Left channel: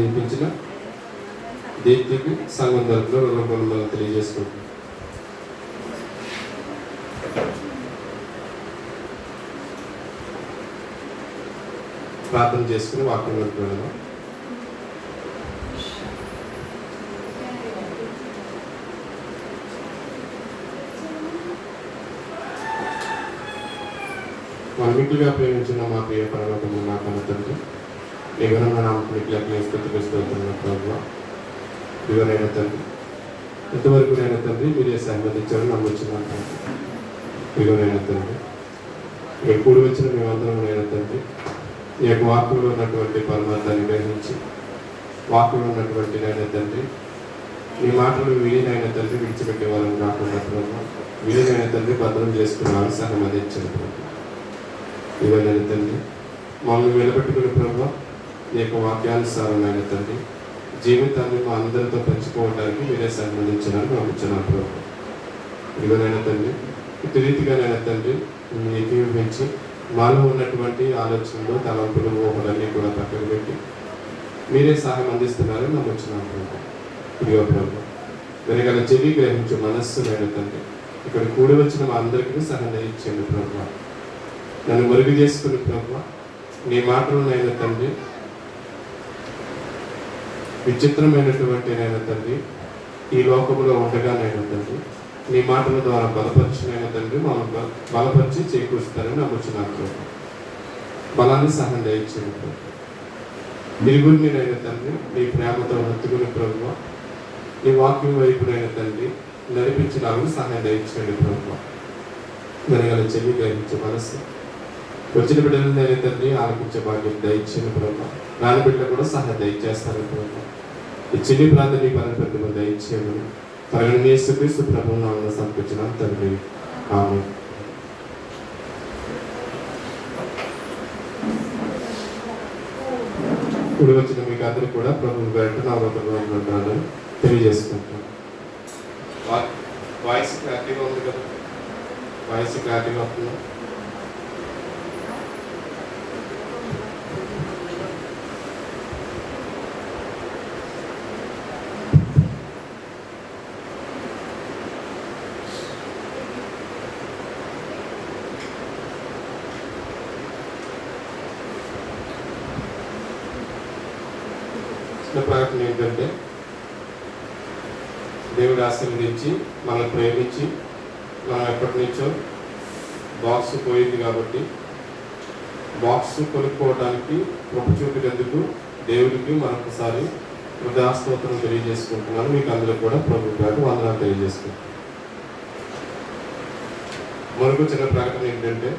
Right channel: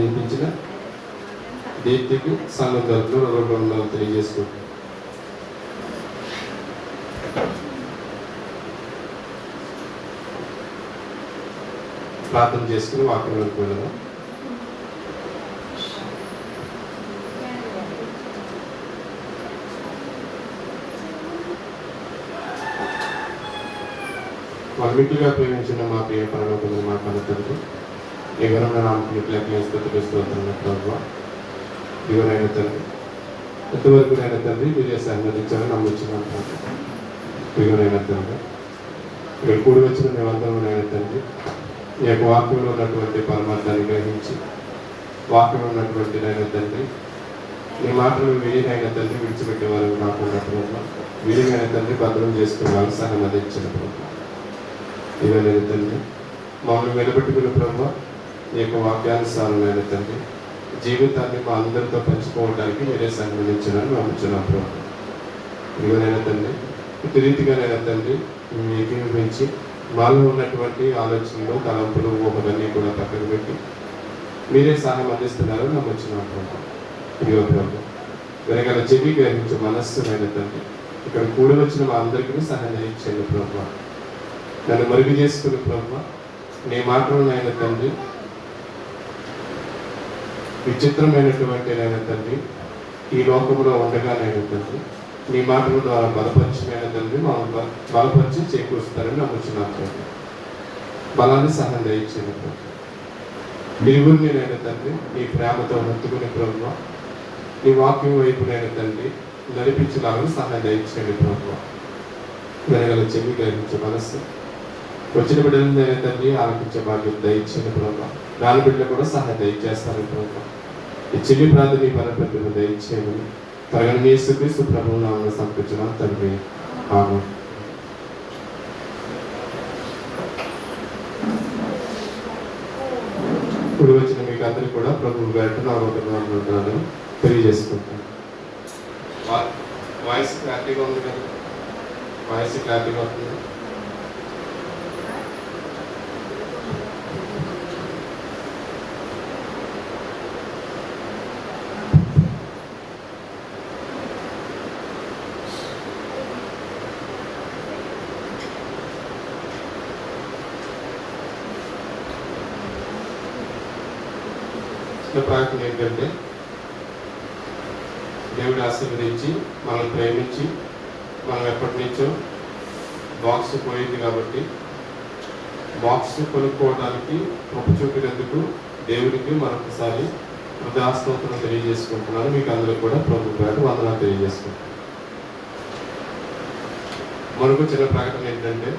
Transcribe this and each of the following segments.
నేర్పించిన దీప్తికి సంఘం తరపున రూపంలో తెలియజేసుకుంటాం. ప్రార్థన చేసుకుని వాక్యంలోకి వెళ్దాం. మన్నిటిగా ప్రేమించిన మా ప్రియ పరలోకము మా కన్న తండ్రి, ఎవరైనా నామకులకి స్థుతిస్తున్న ప్రభావ ఇవరైనా తండ్రి, ఇంతవరకు నైనా తండ్రి మీరే సహకరించారని నమ్ముచున్నాను. ఇవరైనా తండ్రి, ఇక్కడ కూడి వచ్చిన మేమందరం నైనా తండ్రి, ఈ యొక్క వాక్యంలో ఉన్నటువంటి పరమార్థాన్ని గ్రహించి వాక్యంలో ఉన్నటువంటి నైనా తండ్రి ఈ మాటలు విలీనైన తండ్రి విడిచిపెట్టే వాళ్ళని కాకుండా విలీనైన తండ్రి భద్రం చేసుకునే అవసరం అందించిన ప్రభావ ఇవన్నీ తండ్రి మమ్మల్ని నిలబెట్టుకునే ప్రభావ ఈ యొక్క వాక్యానుసారమైన తండ్రి జీవితాన్ని మా అందరితో పంచుకోవడానికి మీరే సంబంధించినారు నమ్ముచున్నాం ప్రభావ. ఇవనైనా తండ్రి ఇటు రీతిగానైనా తండ్రి మీ ఏకీభవించి మాలో ఉన్నటువంటి ఆలోచనలు తలంపులు ఊహలన్నీ కూడా పక్కన పెట్టి మీరే సహాయం అందిస్తున్నారని నమ్ముచున్నాం ప్రభావ. ఇదిగో ప్రభావ వెనకాల చెవి గ్రహించే మనస్సునైన తండ్రి ఇక్కడ కూడి వచ్చిన మా అందరికీ సహాయం ఇచ్చేయండి ప్రభావ. నన్ను మరుగు చేసుకుని ప్రభావ నీ మాటలనైనా తండ్రి విచిత్రమైనటువంటి నైనా తండ్రి ఈ లోకంలో ఉండగానైనా తండ్రి నీ మాటల ద్వారా బలపరిచినైనా తండ్రి మమ్మల్ని బలపరిచి చేకూరుస్తారని నమ్ముచున్నాను. బలాన్ని సహాయం దయచేయండి ప్రభావ. నిలుగురిని నైనా తండ్రి నీ ప్రేమతో ముత్తుకునే ప్రభావ నీ వాక్యం వైపునైనా తండ్రి నడిపించడానికి సహాయం దయచేయండి ప్రభావ. వెనగల చెవి గ్రహించే మనస్సు వచ్చిన బిడ్డలు తండ్రి ఆలపించే భాగ్యం దయచేయండి ప్రభావ. రాని బిడ్డలు కూడా సహాయం దయచేస్తారని ప్రభావ. ఈ చిన్ని ప్రార్థన పరపతిలో దయచేయమని తగిన యేసుక్రీస్తు ప్రభువు నామమున సమర్పించున్నాం తండ్రి. ఆమేన్. ఇప్పుడు వచ్చిన మీకు అందరికీ కూడా ప్రభువు గారి నామమున తెలియజేసుకుంటాను. వాయిస్ క్లారిటీగా ఉంది కదా? వాయిస్ క్లారిటీగా వస్తుంది. ప్రార్థన ఏంటంటే దేవుడు ఆశీర్వదించి మనం ప్రేమించి మనం ఎప్పటి నుంచో బాక్స్ పోయింది కాబట్టి బాక్స్ కొనుక్కోవడానికి కృప చూపినందుకు దేవుడికి మరొకసారి హృదయస్తోత్రం తెలియజేసుకుంటున్నాను. మీకు అందరికీ కూడా ప్రభు గారు వందనాలు తెలియజేసుకుంటున్నాను. మనకు చిన్న ప్రకటన ఏంటంటే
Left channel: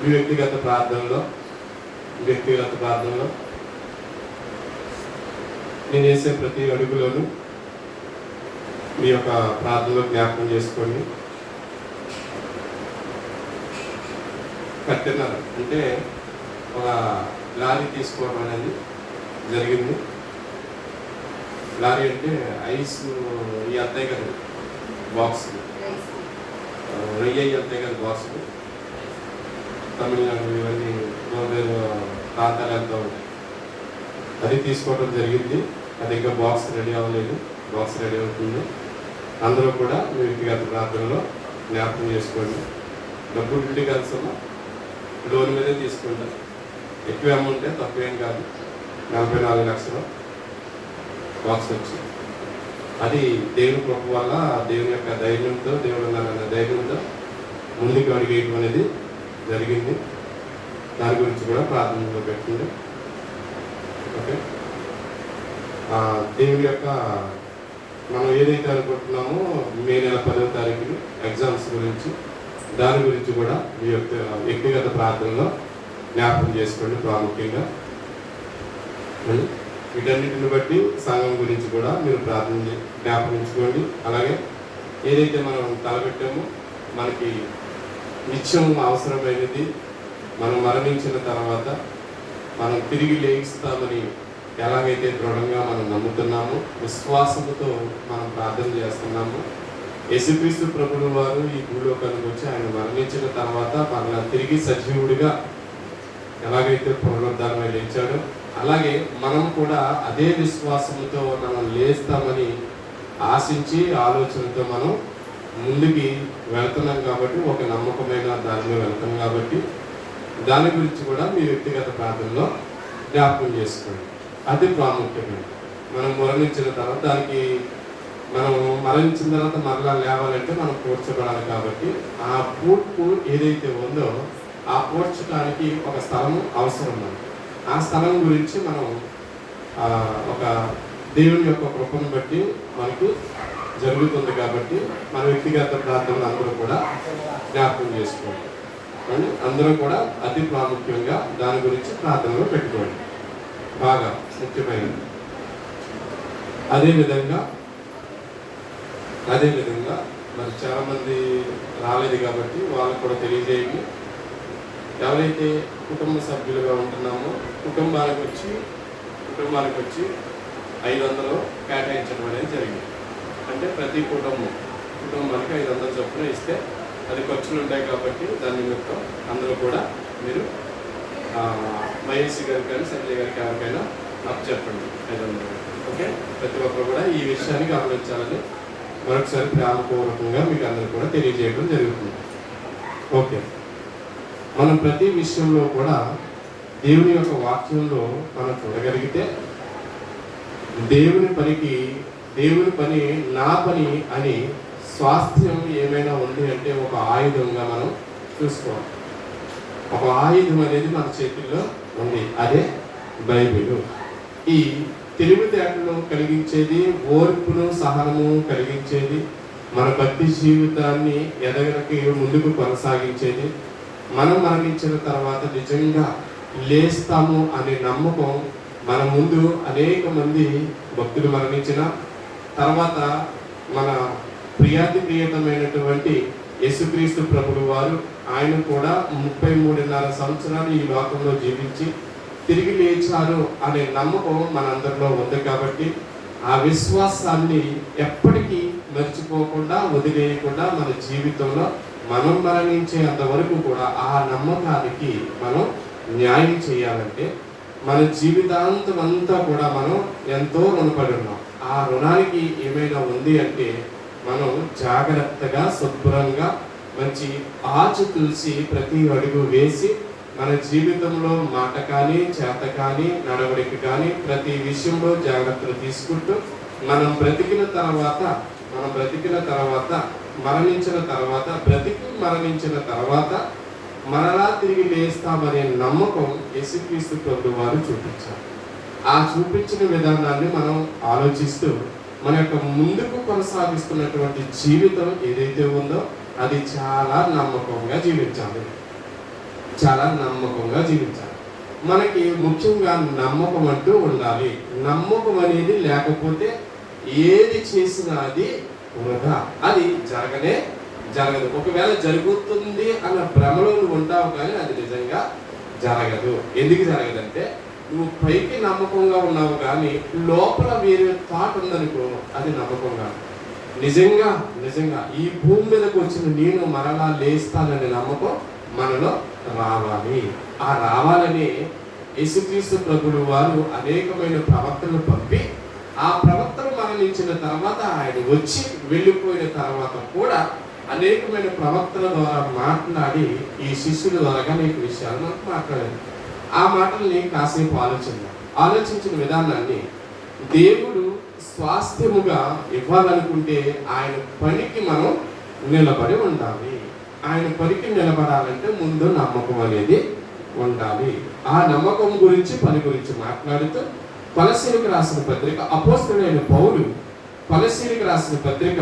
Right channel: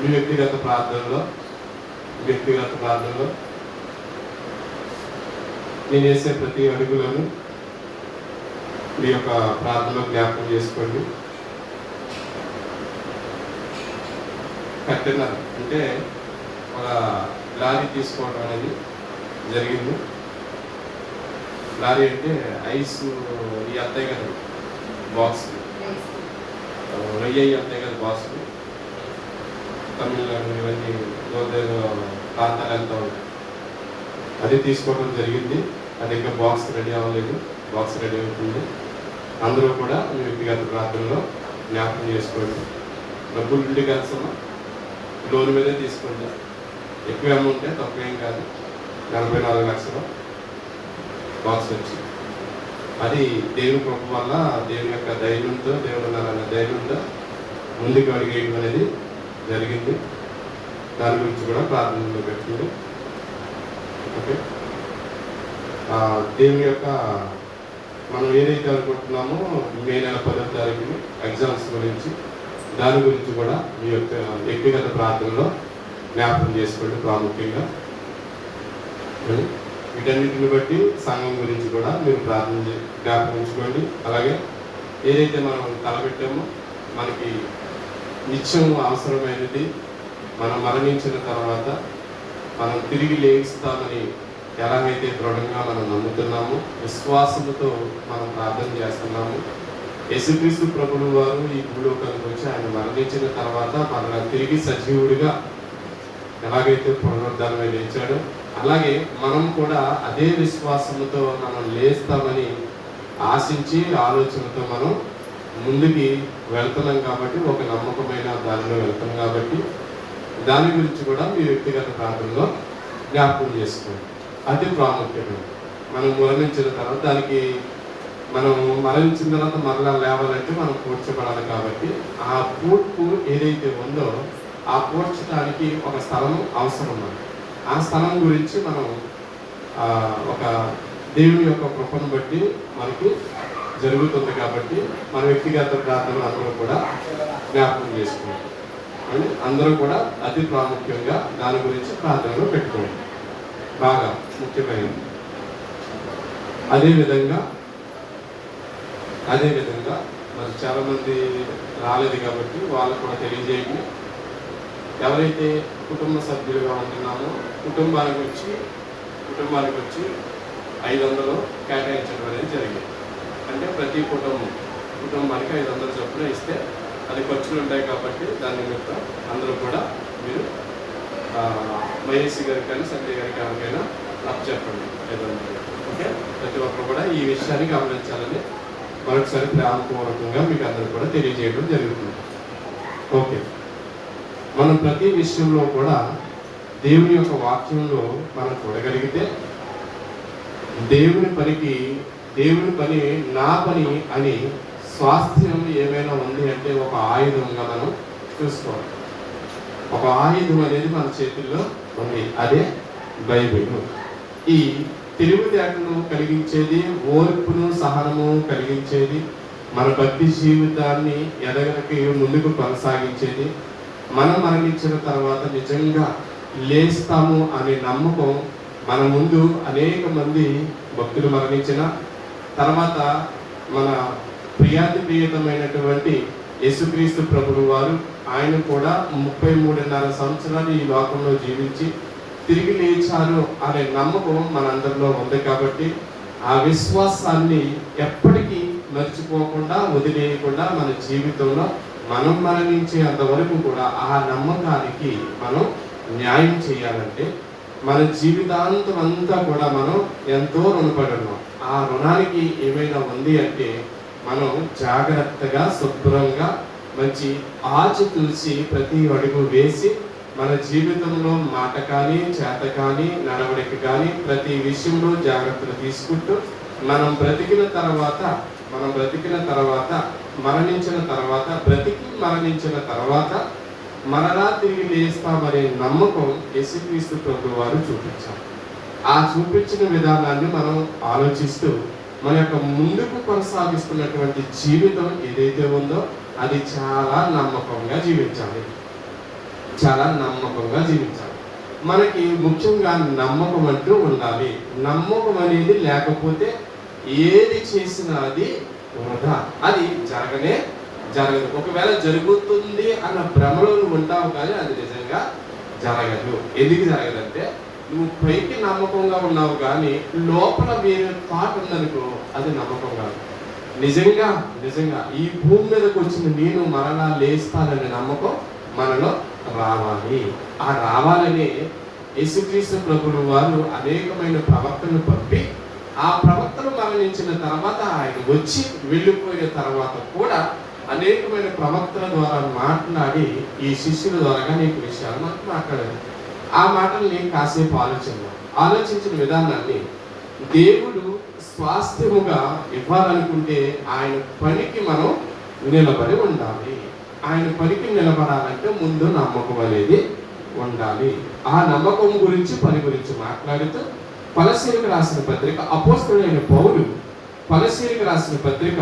మీ వ్యక్తిగత ప్రార్థనలో నేను చేసే ప్రతి అడుగులోనూ మీ యొక్క ప్రార్థనలో జ్ఞాపకం చేసుకోండి. కంటైనర్ అంటే ఒక లారీ తీసుకోవడం అనేది జరిగింది. లారీ అంటే ఐస్ ఇవి అంతాయి కదా బాక్స్, రొయ్యి అంతాయి కదా బాక్స్. తమిళనాడు ఇవన్నీ ప్రాంతాలు వెళ్తూ ఉంటాయి. అది తీసుకోవడం జరిగింది. అది ఇంకా బాక్స్ రెడీ అవ్వలేదు. బాక్స్ రెడీ అవుతుంది. అందరూ కూడా మీ వ్యక్తిగత ప్రార్థనలో జ్ఞాపకం చేసుకోండి. డబ్బులు ఇంటికి వెళ్తాము, లోన్ మీదే తీసుకుంటాం. ఎక్కువ అమౌంట్ తక్కువ ఏం కాదు. 44 లక్షలు బాక్స్ వచ్చింది. అది దేవుని కృప వల్ల దేవుని యొక్క ధైర్యంతో దేవుడు ధైర్యంతో ముందుకు అడిగేయడం అనేది జరిగింది. దాని గురించి కూడా ప్రార్థనలో పెట్టింది. ఓకే, దేవుని యొక్క మనం ఏదైతే అనుకుంటున్నామో మే నెల 10వ తారీఖుని ఎగ్జామ్స్ గురించి దాని గురించి కూడా మీ యొక్క వ్యక్తిగత ప్రార్థనలో జ్ఞాపకం చేసుకోండి. ప్రాముఖ్యంగా వీటన్నిటిని బట్టి సంఘం గురించి కూడా మీరు ప్రార్థన జ్ఞాపకించుకోండి. అలాగే ఏదైతే మనం తలపెట్టామో మనకి నిత్యం అవసరమైనది మనం మరణించిన తర్వాత మనం తిరిగి లేయిస్తామని ఎలాగైతే దృఢంగా మనం నమ్ముతున్నామో విశ్వాసంతో మనం ప్రార్థన చేస్తున్నాము. యేసుక్రీస్తు ప్రభువు వారు ఈ భూలోకానికి వచ్చి ఆయన మరణించిన తర్వాత మన తిరిగి సజీవుడిగా ఎలాగైతే పునరుద్ధారమై లేచాడో అలాగే మనం కూడా అదే విశ్వాసంతో మనం లేస్తామని ఆశించి ఆలోచనతో మనం ముందుకి వెళ్తున్నాం కాబట్టి, ఒక నమ్మకమైన దానిలో వెళ్తాం కాబట్టి దాని గురించి కూడా మీరు వ్యక్తిగత ప్రాంతంలో జ్ఞాపకం చేసుకోండి. అది ప్రాముఖ్యమైన మనం మరణించిన తర్వాత దానికి మనం మరణించిన తర్వాత మరలా లేవాలంటే మనం పూడ్చబడాలి కాబట్టి ఆ పూడ్పు ఏదైతే ఉందో ఆ పూడ్చడానికి ఒక స్థలం అవసరం ఉంది. ఆ స్థలం గురించి మనం ఒక దేవుని యొక్క కృపను బట్టి మనకి జరుగుతుంది కాబట్టి మన వ్యక్తిగత ప్రార్థనలు అందరూ కూడా జ్ఞాపకం చేసుకోండి. అందరూ కూడా అతి ప్రాముఖ్యంగా దాని గురించి ప్రార్థనలో పెట్టుకోండి, బాగా ముఖ్యమైనది. అదేవిధంగా మరి చాలామంది రాలేదు కాబట్టి వాళ్ళకు కూడా తెలియజేయండి. ఎవరైతే కుటుంబ సభ్యులుగా ఉంటున్నామో కుటుంబానికి వచ్చి 500 కేటాయించడం అనేది జరిగింది. అంటే ప్రతి కుటుంబానికి 500 చొప్పున ఇస్తే అది ఖర్చులు ఉంటాయి కాబట్టి దాని నిమిత్తం అందరూ కూడా మీరు వైఎస్సీ గారికి కానీ సంజయ్ గారికి ఎవరికైనా చెప్పండి 500. ఓకే, ప్రతి ఒక్కరు కూడా ఈ విషయాన్ని గమనించాలని మరొకసారి ప్రేమపూర్వకంగా మీకు అందరూ కూడా తెలియజేయడం జరుగుతుంది. ఓకే, మనం ప్రతి విషయంలో కూడా దేవుని యొక్క వాక్యంలో మనం చూడగలిగితే దేవుని పని నా పని అని స్వాస్థ్యం ఏమైనా ఉంది అంటే ఒక ఆయుధంగా మనం చూసుకోవాలి. ఒక ఆయుధం అనేది మన చేతుల్లో ఉంది, అదే బైబిల్. ఈ తెలివితేటను కలిగించేది, ఓర్పును సహనము కలిగించేది, మన భక్తి జీవితాన్ని ఎదగడానికి ముందుకు కొనసాగించేది, మనం మరణించిన తర్వాత నిజంగా లేస్తాము అనే నమ్మకం మన ముందు అనేక మంది భక్తులు మరణించిన తర్వాత మన ప్రియతమైనటువంటి యేసుక్రీస్తు ప్రభువు వారు ఆయన కూడా 33.5 సంవత్సరాలు ఈ లోకంలో జీవించి తిరిగి లేచారు అనే నమ్మకం మనందరిలో ఉంది కాబట్టి ఆ విశ్వాసాన్ని ఎప్పటికీ మర్చిపోకుండా వదిలేయకుండా మన జీవితంలో మనం మరణించే అంతవరకు కూడా ఆ నమ్మకానికి మనం న్యాయం చేయాలంటే మన జీవితాంతం అంతా కూడా మనం ఎంతో రుణపడి ఉన్నాం. ఆ రుణానికి ఏమైనా ఉంది అంటే మనం జాగ్రత్తగా శుభ్రంగా మంచి ఆచితూసి ప్రతి అడుగు వేసి మన జీవితంలో మాట కానీ చేత కానీ నడవడికి కానీ ప్రతి విషయంలో జాగ్రత్తలు తీసుకుంటూ మనం బ్రతికిన తర్వాత మరణించిన తర్వాత మరలా తిరిగి లేస్తామనే నమ్మకం యేసుక్రీస్తు ప్రభువు వారు చూపించారు. ఆ చూపించిన విధానాన్ని మనం ఆలోచిస్తూ మన యొక్క ముందుకు కొనసాగిస్తున్నటువంటి జీవితం ఏదైతే ఉందో అది చాలా నమ్మకంగా జీవించాలి. మనకి ముఖ్యంగా నమ్మకం అంటూ ఉండాలి. నమ్మకం అనేది లేకపోతే ఏది చేసినా అది వృధా, అది జరగదు. ఒకవేళ జరుగుతుంది అన్న భ్రమలో నువ్వు ఉంటావు కానీ అది నిజంగా జరగదు. ఎందుకు జరగదంటే నువ్వు పైకి నమ్మకంగా ఉన్నావు కానీ లోపల వేరే థాట్ ఉందనుకో అది నమ్మకం కాదు. నిజంగా ఈ భూమి మీదకి వచ్చిన నేను మరలా లేస్తాననే నమ్మకం మనలో రావాలి. ఆ రావాలనే యేసుక్రీస్తు ప్రభువు వారు అనేకమైన ప్రవక్తలను పంపి ఆ ప్రవక్తలు మరణించిన తర్వాత ఆయన వచ్చి వెళ్ళిపోయిన తర్వాత కూడా అనేకమైన ప్రవక్తల ద్వారా మాట్లాడి ఈ శిష్యుల ద్వారా అనేక విషయాలు మనకు మాట్లాడారు. ఆ మాటల్ని కాసేపు ఆలోచించిన విధానాన్ని దేవుడు స్వాస్థ్యముగా ఇవ్వాలనుకుంటే ఆయన పనికి మనం నిలబడి ఉండాలి. ఆయన పనికి నిలబడాలంటే ముందు నమ్మకం అనేది ఉండాలి. ఆ నమ్మకం గురించి పని గురించి మాట్లాడుతూ కొలస్సీలకు రాసిన పత్రిక అపోస్తలుడైన పౌలు కొలస్సీలకు రాసిన పత్రిక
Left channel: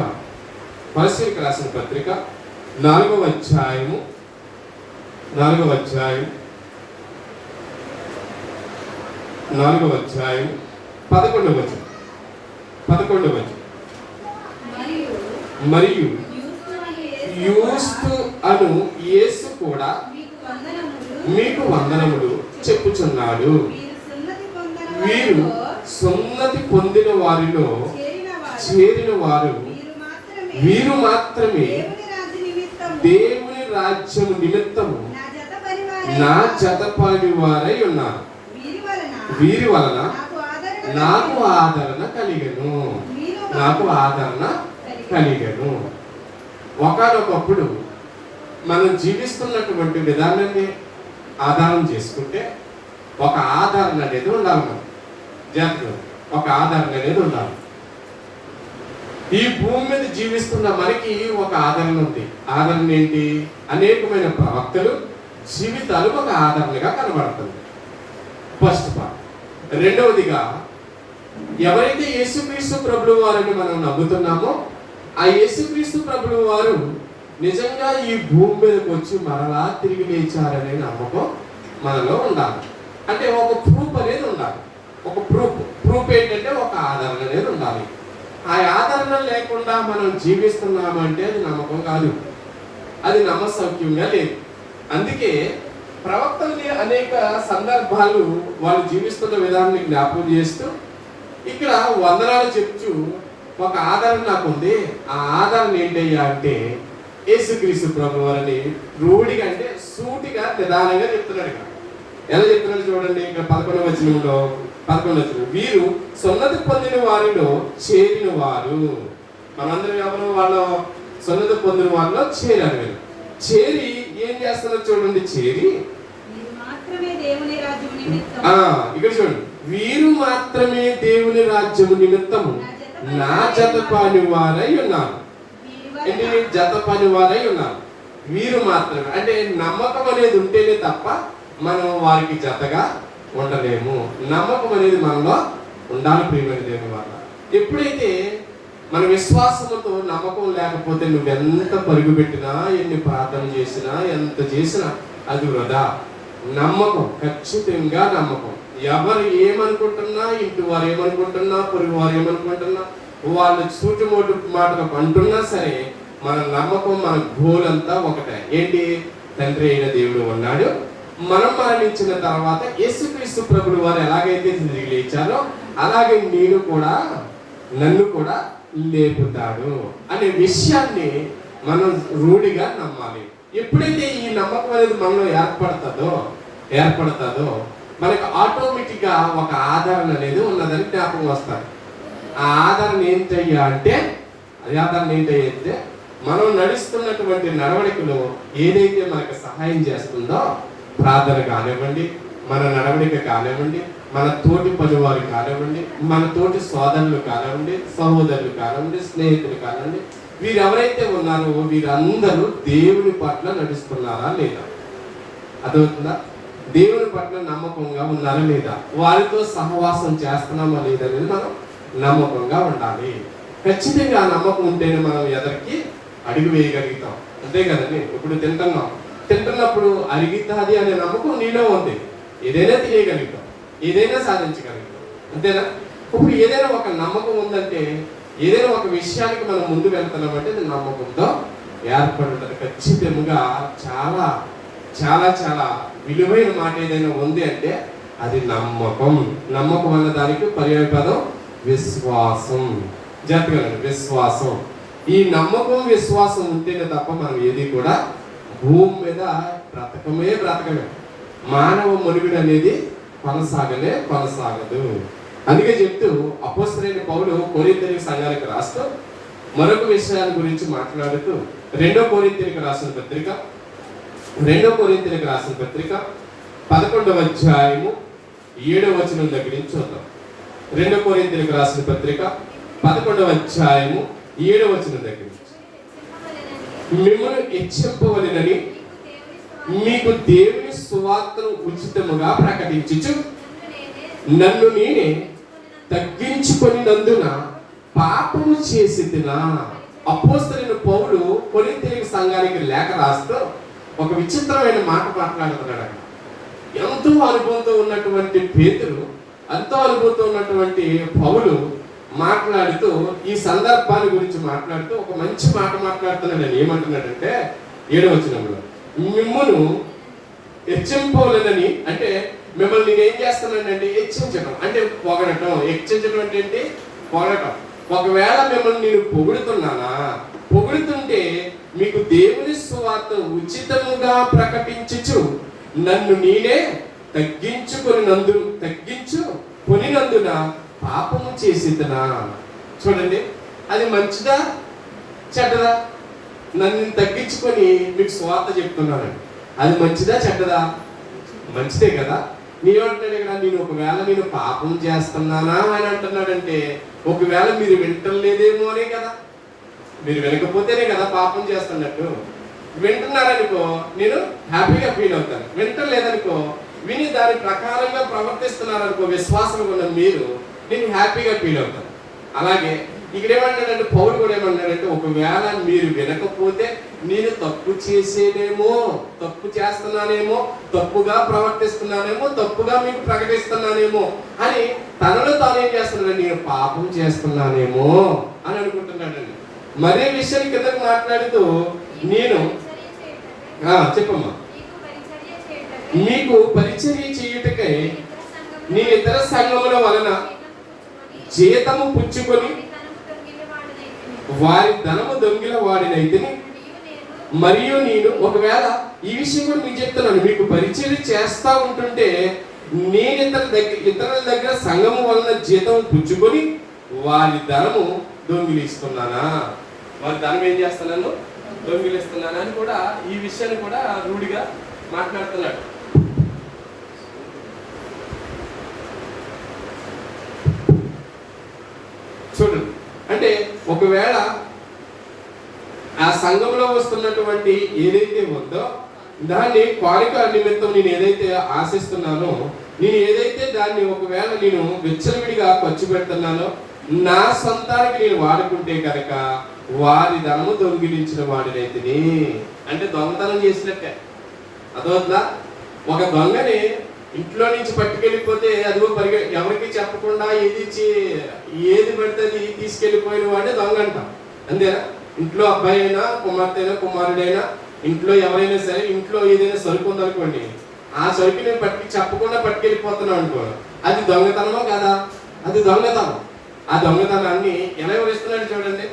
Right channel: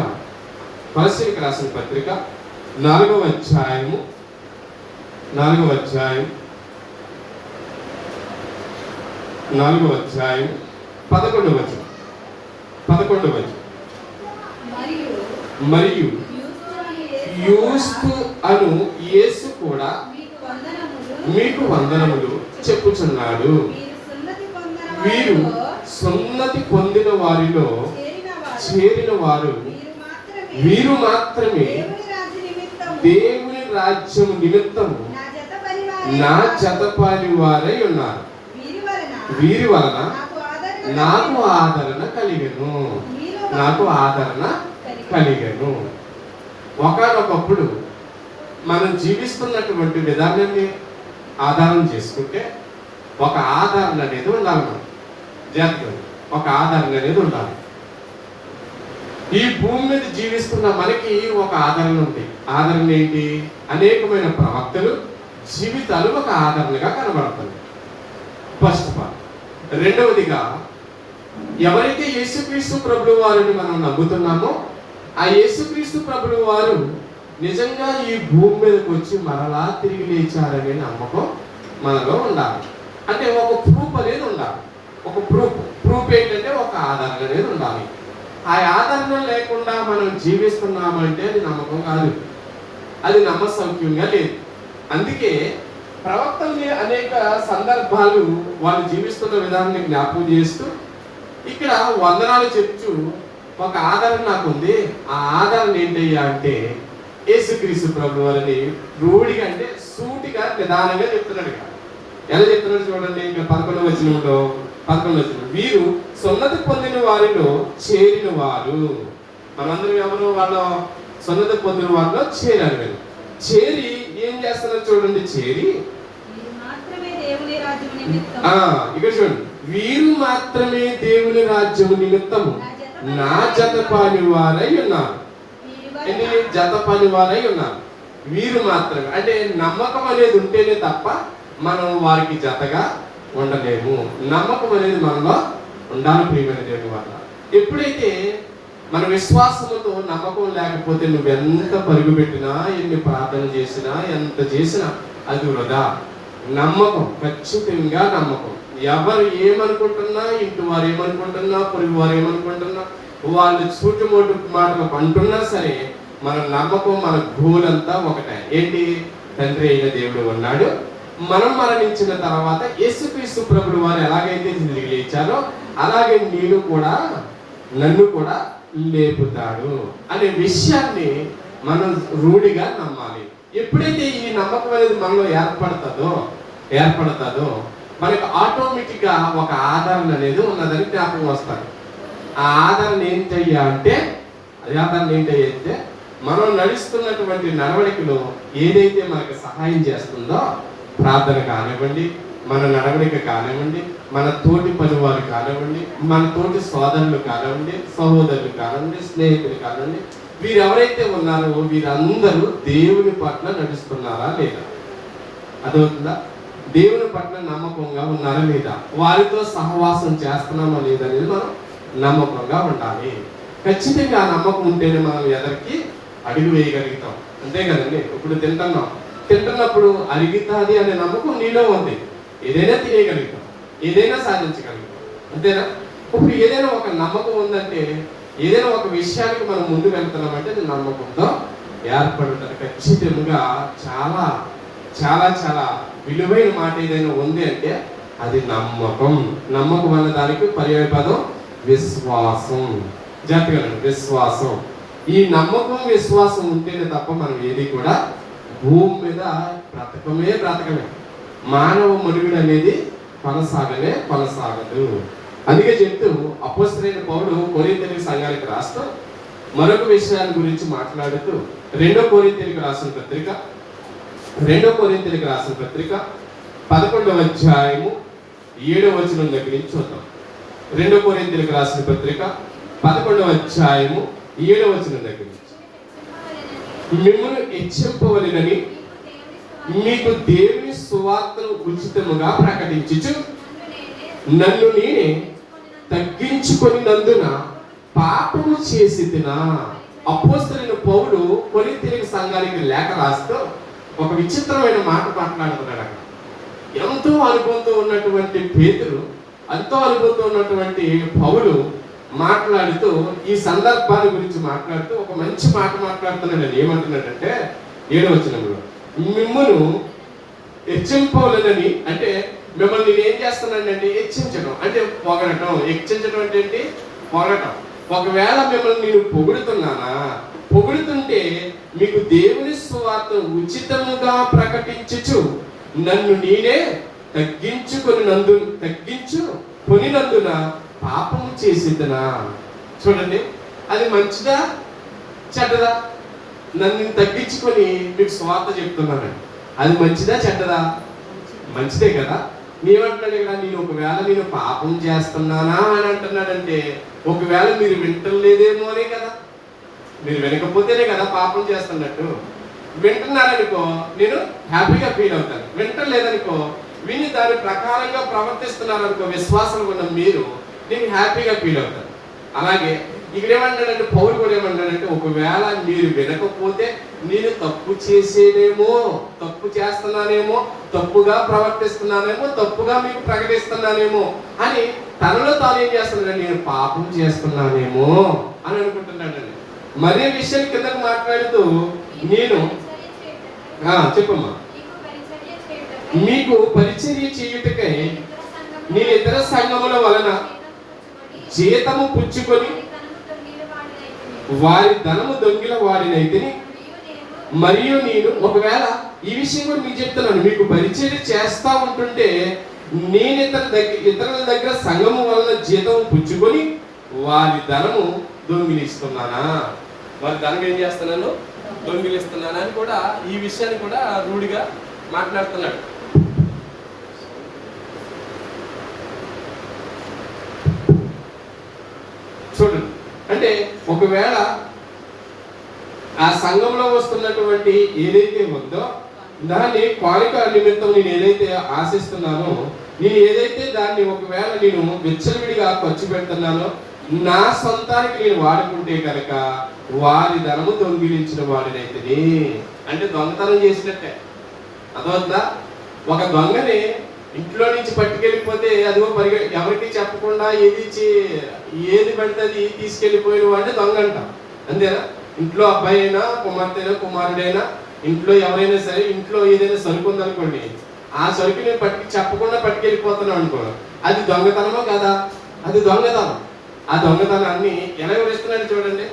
4వ అధ్యాయం 11వ వచనం మరియు యూస్తు అను యేసు కూడా మీకు వందనములు చెప్పుచున్నాడు. వీరు సున్నతి పొందిన వారిలో చేరిన వారు వీరు మాత్రమే దేవుని రాజ్యము నిమిత్తము నా జత పని వారై ఉన్నారు. వీరి వలన నాకు నాకు ఆదరణ కలిగెను. నాకు ఆదరణ కలిగెను. ఒకానొకప్పుడు మనం జీవిస్తున్నటువంటి విధానాన్ని ఆధారం చేసుకుంటే ఒక ఆదరణ అనేది ఉండాలి. మనం జాగ్రత్త, ఒక ఆదరణ అనేది ఉండాలి. ఈ భూమి మీద జీవిస్తున్న మనకి ఒక ఆదరణ ఉంది. ఆదరణ ఏంటి? అనేకమైన ప్రవక్తలు జీవితాలు ఒక ఆదరణగా కనబడుతుంది. First part. రెండవదిగా, ఎవరైతే యేసుక్రీస్తు ప్రభువు వారిని మనం నమ్ముతున్నామో ఆ యేసుక్రీస్తు ప్రభువు వారు నిజంగా ఈ భూమి మీదకి వచ్చి మరలా తిరిగి లేచారనే నమ్మకం మనలో ఉండాలి. అంటే ఒక ప్రూఫ్ అనేది ఉండాలి. ఒక ప్రూఫ్ ఏంటంటే ఒక ఆదరణ అనేది ఉండాలి. ఆ ఆదరణ లేకుండా మనం జీవిస్తున్నామంటే అది నమ్మకం కాదు, అది నమ్మసౌక్యంగా లేదు. అందుకే ప్రవక్తల్ని అనేక సందర్భాలు వాళ్ళు జీవిస్తున్న విధానాన్ని జ్ఞాపకం చేస్తూ ఇక్కడ వందనాలు చెప్తూ ఒక ఆదరణ నాకు ఉంది. ఆ ఆదరణ ఏంటయ్యా అంటే యేసుక్రీస్తు ప్రభువు వారిని రూఢిగా అంటే సూటిగా నిదానంగా చెప్తున్నాడు. ఇక్కడ ఎలా చెప్తున్నాడు చూడండి. ఇక్కడ 11వ వచనం, వీరు సున్నతి పొందిన వారిలో చేరిన వారు. మనందరం ఎవరు? వాళ్ళ సున్నతి పొందిన వారిలో చేరారు. వీరు చేరి ఏం చేస్తున్నారు చూడండి. చేరి ఇక్కడ చూడండి, వీరు మాత్రమే దేవుని రాజ్యము నిమిత్తము నా జత పని వారై ఉన్నారు. జత పని వారై ఉన్నారు. వీరు మాత్రమే అంటే నమ్మకం అనేది ఉంటేనే తప్ప మనం వారికి జతగా ఉండలేము. నమ్మకం అనేది మనలో ఉండాలి. ప్రియమైన దేవుని వల్ల ఎప్పుడైతే మన విశ్వాసంతో నమ్మకం లేకపోతే నువ్వెంత పరుగు పెట్టినా, ఎన్ని ప్రార్థన చేసినా, ఎంత చేసినా అది వృధా. నమ్మకం, ఖచ్చితంగా నమ్మకం. ఎవరు ఏమనుకుంటున్నా, ఇంటి వారు ఏమనుకుంటున్నా, పొరుగు వారు ఏమనుకుంటున్నా, వాళ్ళు సూటిమోటు మాటలు అంటున్నా సరే మన నమ్మకం, మన గోల్ అంతా ఒకటే. ఏంటి? తండ్రి అయిన దేవుడు ఉన్నాడు. మనం మరణించిన తర్వాత యేసుక్రీస్తు ప్రభువు వారు ఎలాగైతే తిరిగి లేచారో అలాగే నన్ను కూడా లేపుతాడు అనే విషయాన్ని మనం రూఢిగా నమ్మాలి. ఎప్పుడైతే ఈ నమ్మకం అనేది మనలో ఏర్పడుతుందో మనకు ఆటోమేటిక్గా ఒక ఆదరణ అనేది ఉన్నదని జ్ఞాపకం వస్తాడు. ఆ ఆదరణ ఏంటయ్యా అంటే మనం నడుస్తున్నటువంటి నడవడికలో ఏదైతే మనకు సహాయం చేస్తుందో, ప్రార్థన కానివ్వండి, మన నడవడిక కానివ్వండి, మన తోటి పనివారు కానివ్వండి, మన తోటి సోదరులు కానివ్వండి, సహోదరులు కానివ్వండి, స్నేహితులు కానివ్వండి, వీరు ఎవరైతే ఉన్నారో వీరందరూ దేవుని పట్ల నడుస్తున్నారా లేదా? అదవుతుందా? దేవుని పట్ల నమ్మకంగా ఉన్నారా లేదా? వారితో సహవాసం చేస్తున్నామా లేదా అనేది మనం నమ్మకంగా ఉండాలి. ఖచ్చితంగా ఆ నమ్మకం ఉంటేనే మనం ఎదరికి అడుగు వేయగలుగుతాం. అంతే కదండి. ఇప్పుడు తింటున్నప్పుడు అరిగితాది అనే నమ్మకం నీలో ఉంది. ఏదైనా తినేయగలుగుతాం, ఏదైనా సాధించగలుగుతాం. అంతేనా? ఇప్పుడు ఏదైనా ఒక నమ్మకం ఉందంటే, ఏదైనా ఒక విషయానికి మనం ముందు వెళ్తున్నామంటే అది నమ్మకంతో ఏర్పడి ఉంటుంది. ఖచ్చితంగా చాలా చాలా చాలా విలువైన మాట ఏదైనా ఉంది అంటే అది నమ్మకం. నమ్మకం అన్న దానికి పర్యాయ పదం విశ్వాసం. జాగ్రత్తగా విశ్వాసం. ఈ నమ్మకం, విశ్వాసం ఉంటేనే తప్ప మనం ఏది కూడా భూమి మీద బ్రతకమే. మానవ మనుగడ అనేది కొనసాగదు. అందుకే చెప్తూ అపోస్తలుడైన పౌలు కొరింథీయుల సంఘానికి రాస్తూ మరొక విషయాల గురించి మాట్లాడుతూ 2 కొరింథీయులకు రాసిన పత్రిక 11వ అధ్యాయము 7వ వచనం దగ్గర నుంచి చూద్దాం. 2 కొరింథీయులకు రాసిన పత్రిక 11వ అధ్యాయము 7వ వచనం దగ్గర నుంచి, మిమ్మల్ని హెచ్చింపవలెనని మీకు దేవుని సువార్తను ఉచితముగా ప్రకటించుచు నన్ను నేనే తగ్గించుకొనినందున పాపము చేసితినా. అపోస్తలుడైన పౌలు కొరింథీయుల సంఘానికి లేఖ రాస్తూ ఒక విచిత్రమైన మాట మాట్లాడుతున్నాడు. ఎంతో అనుభవంతో ఉన్నటువంటి పేతురు, ఎంతో అనుభవంతో ఉన్నటువంటి పౌలు మాట్లాడుతూ ఈ సందర్భాన్ని గురించి మాట్లాడుతూ ఒక మంచి మాట మాట్లాడుతున్నాడు. ఏమంటున్నాడంటే 7వ వచనంలో, మిమ్మల్ని హెచ్చింపలేదని, అంటే మిమ్మల్ని నేను ఏం చేస్తున్నానంటే హెచ్చించడం అంటే పొగడటం. హెచ్చించడం అంటే ఏంటి? పొగడటం. ఒకవేళ మిమ్మల్ని నేను పొగుడుతుంటే మీకు దేవుని సువార్త ఉచితంగా ప్రకటించుచు నన్ను నేనే తగ్గించుకొనినందున పాపము చేసేదనా. చూడండి, అది మంచిదా చెడ్డదా? నన్ను తగ్గించుకొని మీకు స్వార్థ చెప్తున్నానండి. అది మంచిదా చెడ్డదా? మంచిదే కదా. నీవంటున్నాడు ఇక్కడ, నేను పాపం చేస్తున్నానా అని అంటున్నాడంటే ఒకవేళ మీరు వింటలేదేమో అనే కదా. మీరు వినకపోతేనే కదా పాపం చేస్తున్నట్టు. వింటున్నారనుకో నేను హ్యాపీగా ఫీల్ అవుతాను. వింటలేదనుకో, విని దాని ప్రకారంగా ప్రవర్తిస్తున్నారనుకో విశ్వాసం ఉన్న మీరు, నేను హ్యాపీగా ఫీల్ అవుతాను. అలాగే ఇక్కడ ఏమంటాడంటే పౌలు కూడా ఏమంటాడంటే, ఒకవేళ మీరు వినకపోతే నేను తప్పు చేసేదేమో, తప్పు చేస్తున్నానేమో, తప్పుగా ప్రవర్తిస్తున్నానేమో, తప్పుగా మీకు ప్రకటిస్తున్నానేమో అని తనలో తాను ఏం చేస్తున్నాడు, నేను పాపం చేస్తున్నానేమో అని అనుకుంటున్నాడండి. మరే విషయం కిందకు మాట్లాడుతూ నేను చెప్పమ్మా, మీకు పరిచర్య చేయుటకై నీ ఇతర సంఘముల వలన జీతము పుచ్చుకొని వారి ధనము దొంగిల వాడినైతే మరియు నేను, ఒకవేళ ఈ విషయం కూడా మీకు చెప్తున్నాను, మీకు పరిచర్య చేస్తా ఉంటుంటే నేను ఇతరుల దగ్గర సంఘము వలన జీతం పుచ్చుకొని వారి ధనము దొంగిలిస్తున్నానా, వారి ధనం ఏం చేస్తున్నాను, దొంగిలిస్తున్నానా అని కూడా ఈ విషయాన్ని కూడా రూఢిగా మాట్లాడుతున్నాడు. చూడండి, అంటే ఒకవేళ ఆ సంఘంలో వస్తున్నటువంటి ఏదైతే ఉందో దాన్ని కాలిక నిమిత్తం నేను ఏదైతే ఆశిస్తున్నానో, నేను ఏదైతే దాన్ని ఒకవేళ నేను విచ్చలవిడిగా ఖర్చు పెడుతున్నానో, నా సొంతానికి నేను వాడుకుంటే కనుక వారి ధనము దొంగిలించిన వాడినైతే, అంటే దొంగతనం చేసినట్టే. అదవుతుందా? ఒక దొంగని ఇంట్లో నుంచి పట్టుకెళ్ళిపోతే అదిగో ఎవరికి చెప్పకుండా ఏది పడితే అది తీసుకెళ్ళిపోయిన వాడిని దొంగ అంటాం. అంతేనా? ఇంట్లో అబ్బాయి అయినా, కుమార్తె అయినా, కుమారుడైనా, ఇంట్లో ఎవరైనా సరే, ఇంట్లో ఏదైనా సరుకు ఉందనుకోండి, ఆ సరుకు నేను చెప్పకుండా పట్టుకెళ్ళిపోతున్నాం అనుకో, అది దొంగతనమా కాదా? అది దొంగతనం. ఆ దొంగతనాన్ని ఎలా వివరిస్తున్నాడు చూడండి.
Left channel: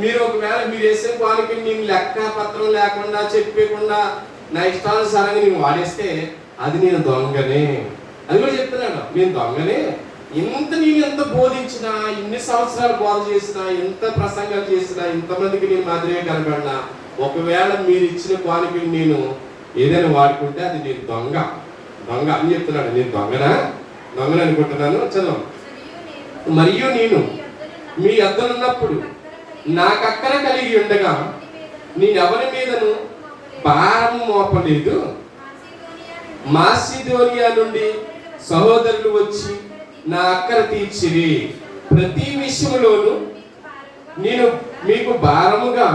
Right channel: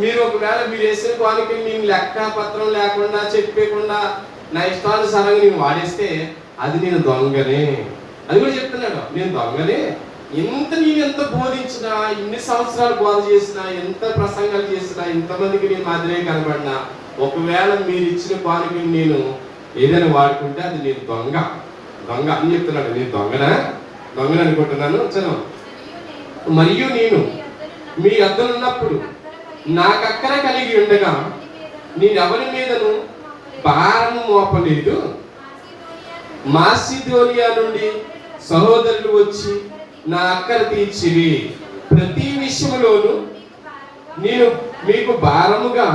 మీరు ఒకవేళ మీరు వేసిన కోనికి నేను లెక్క పత్రం లేకుండా చెప్పకుండా నా ఇష్టానుసారంగా నేను వాడేస్తే అది నేను దొంగనే. అది కూడా చెప్తున్నాడు, నేను దొంగనే. నేను ఎంత బోధించినా, ఇన్ని సంవత్సరాలు బోధ చేసినా, ఎంత ప్రసంగాలు చేసినా, ఇంతమందికి నేను మాదిరే కనబడినా, ఒకవేళ మీరు ఇచ్చిన కోనికి నేను ఏదైనా వాడుకుంటే అది నేను దొంగ అని చెప్తున్నాడు. నేను దొంగనే అనుకుంటున్నాను. చదువు. మరియు నేను మీ యొద్దనున్నప్పుడు నాకు అక్కర కలిగి ఉండగా నేను ఎవరి మీదను భారం మోపలేదు. మాసిదోనియా నుండి సహోదరులు వచ్చి నా అక్కర తీర్చిరి. ప్రతి విషయంలోనూ నేను మీకు భారముగా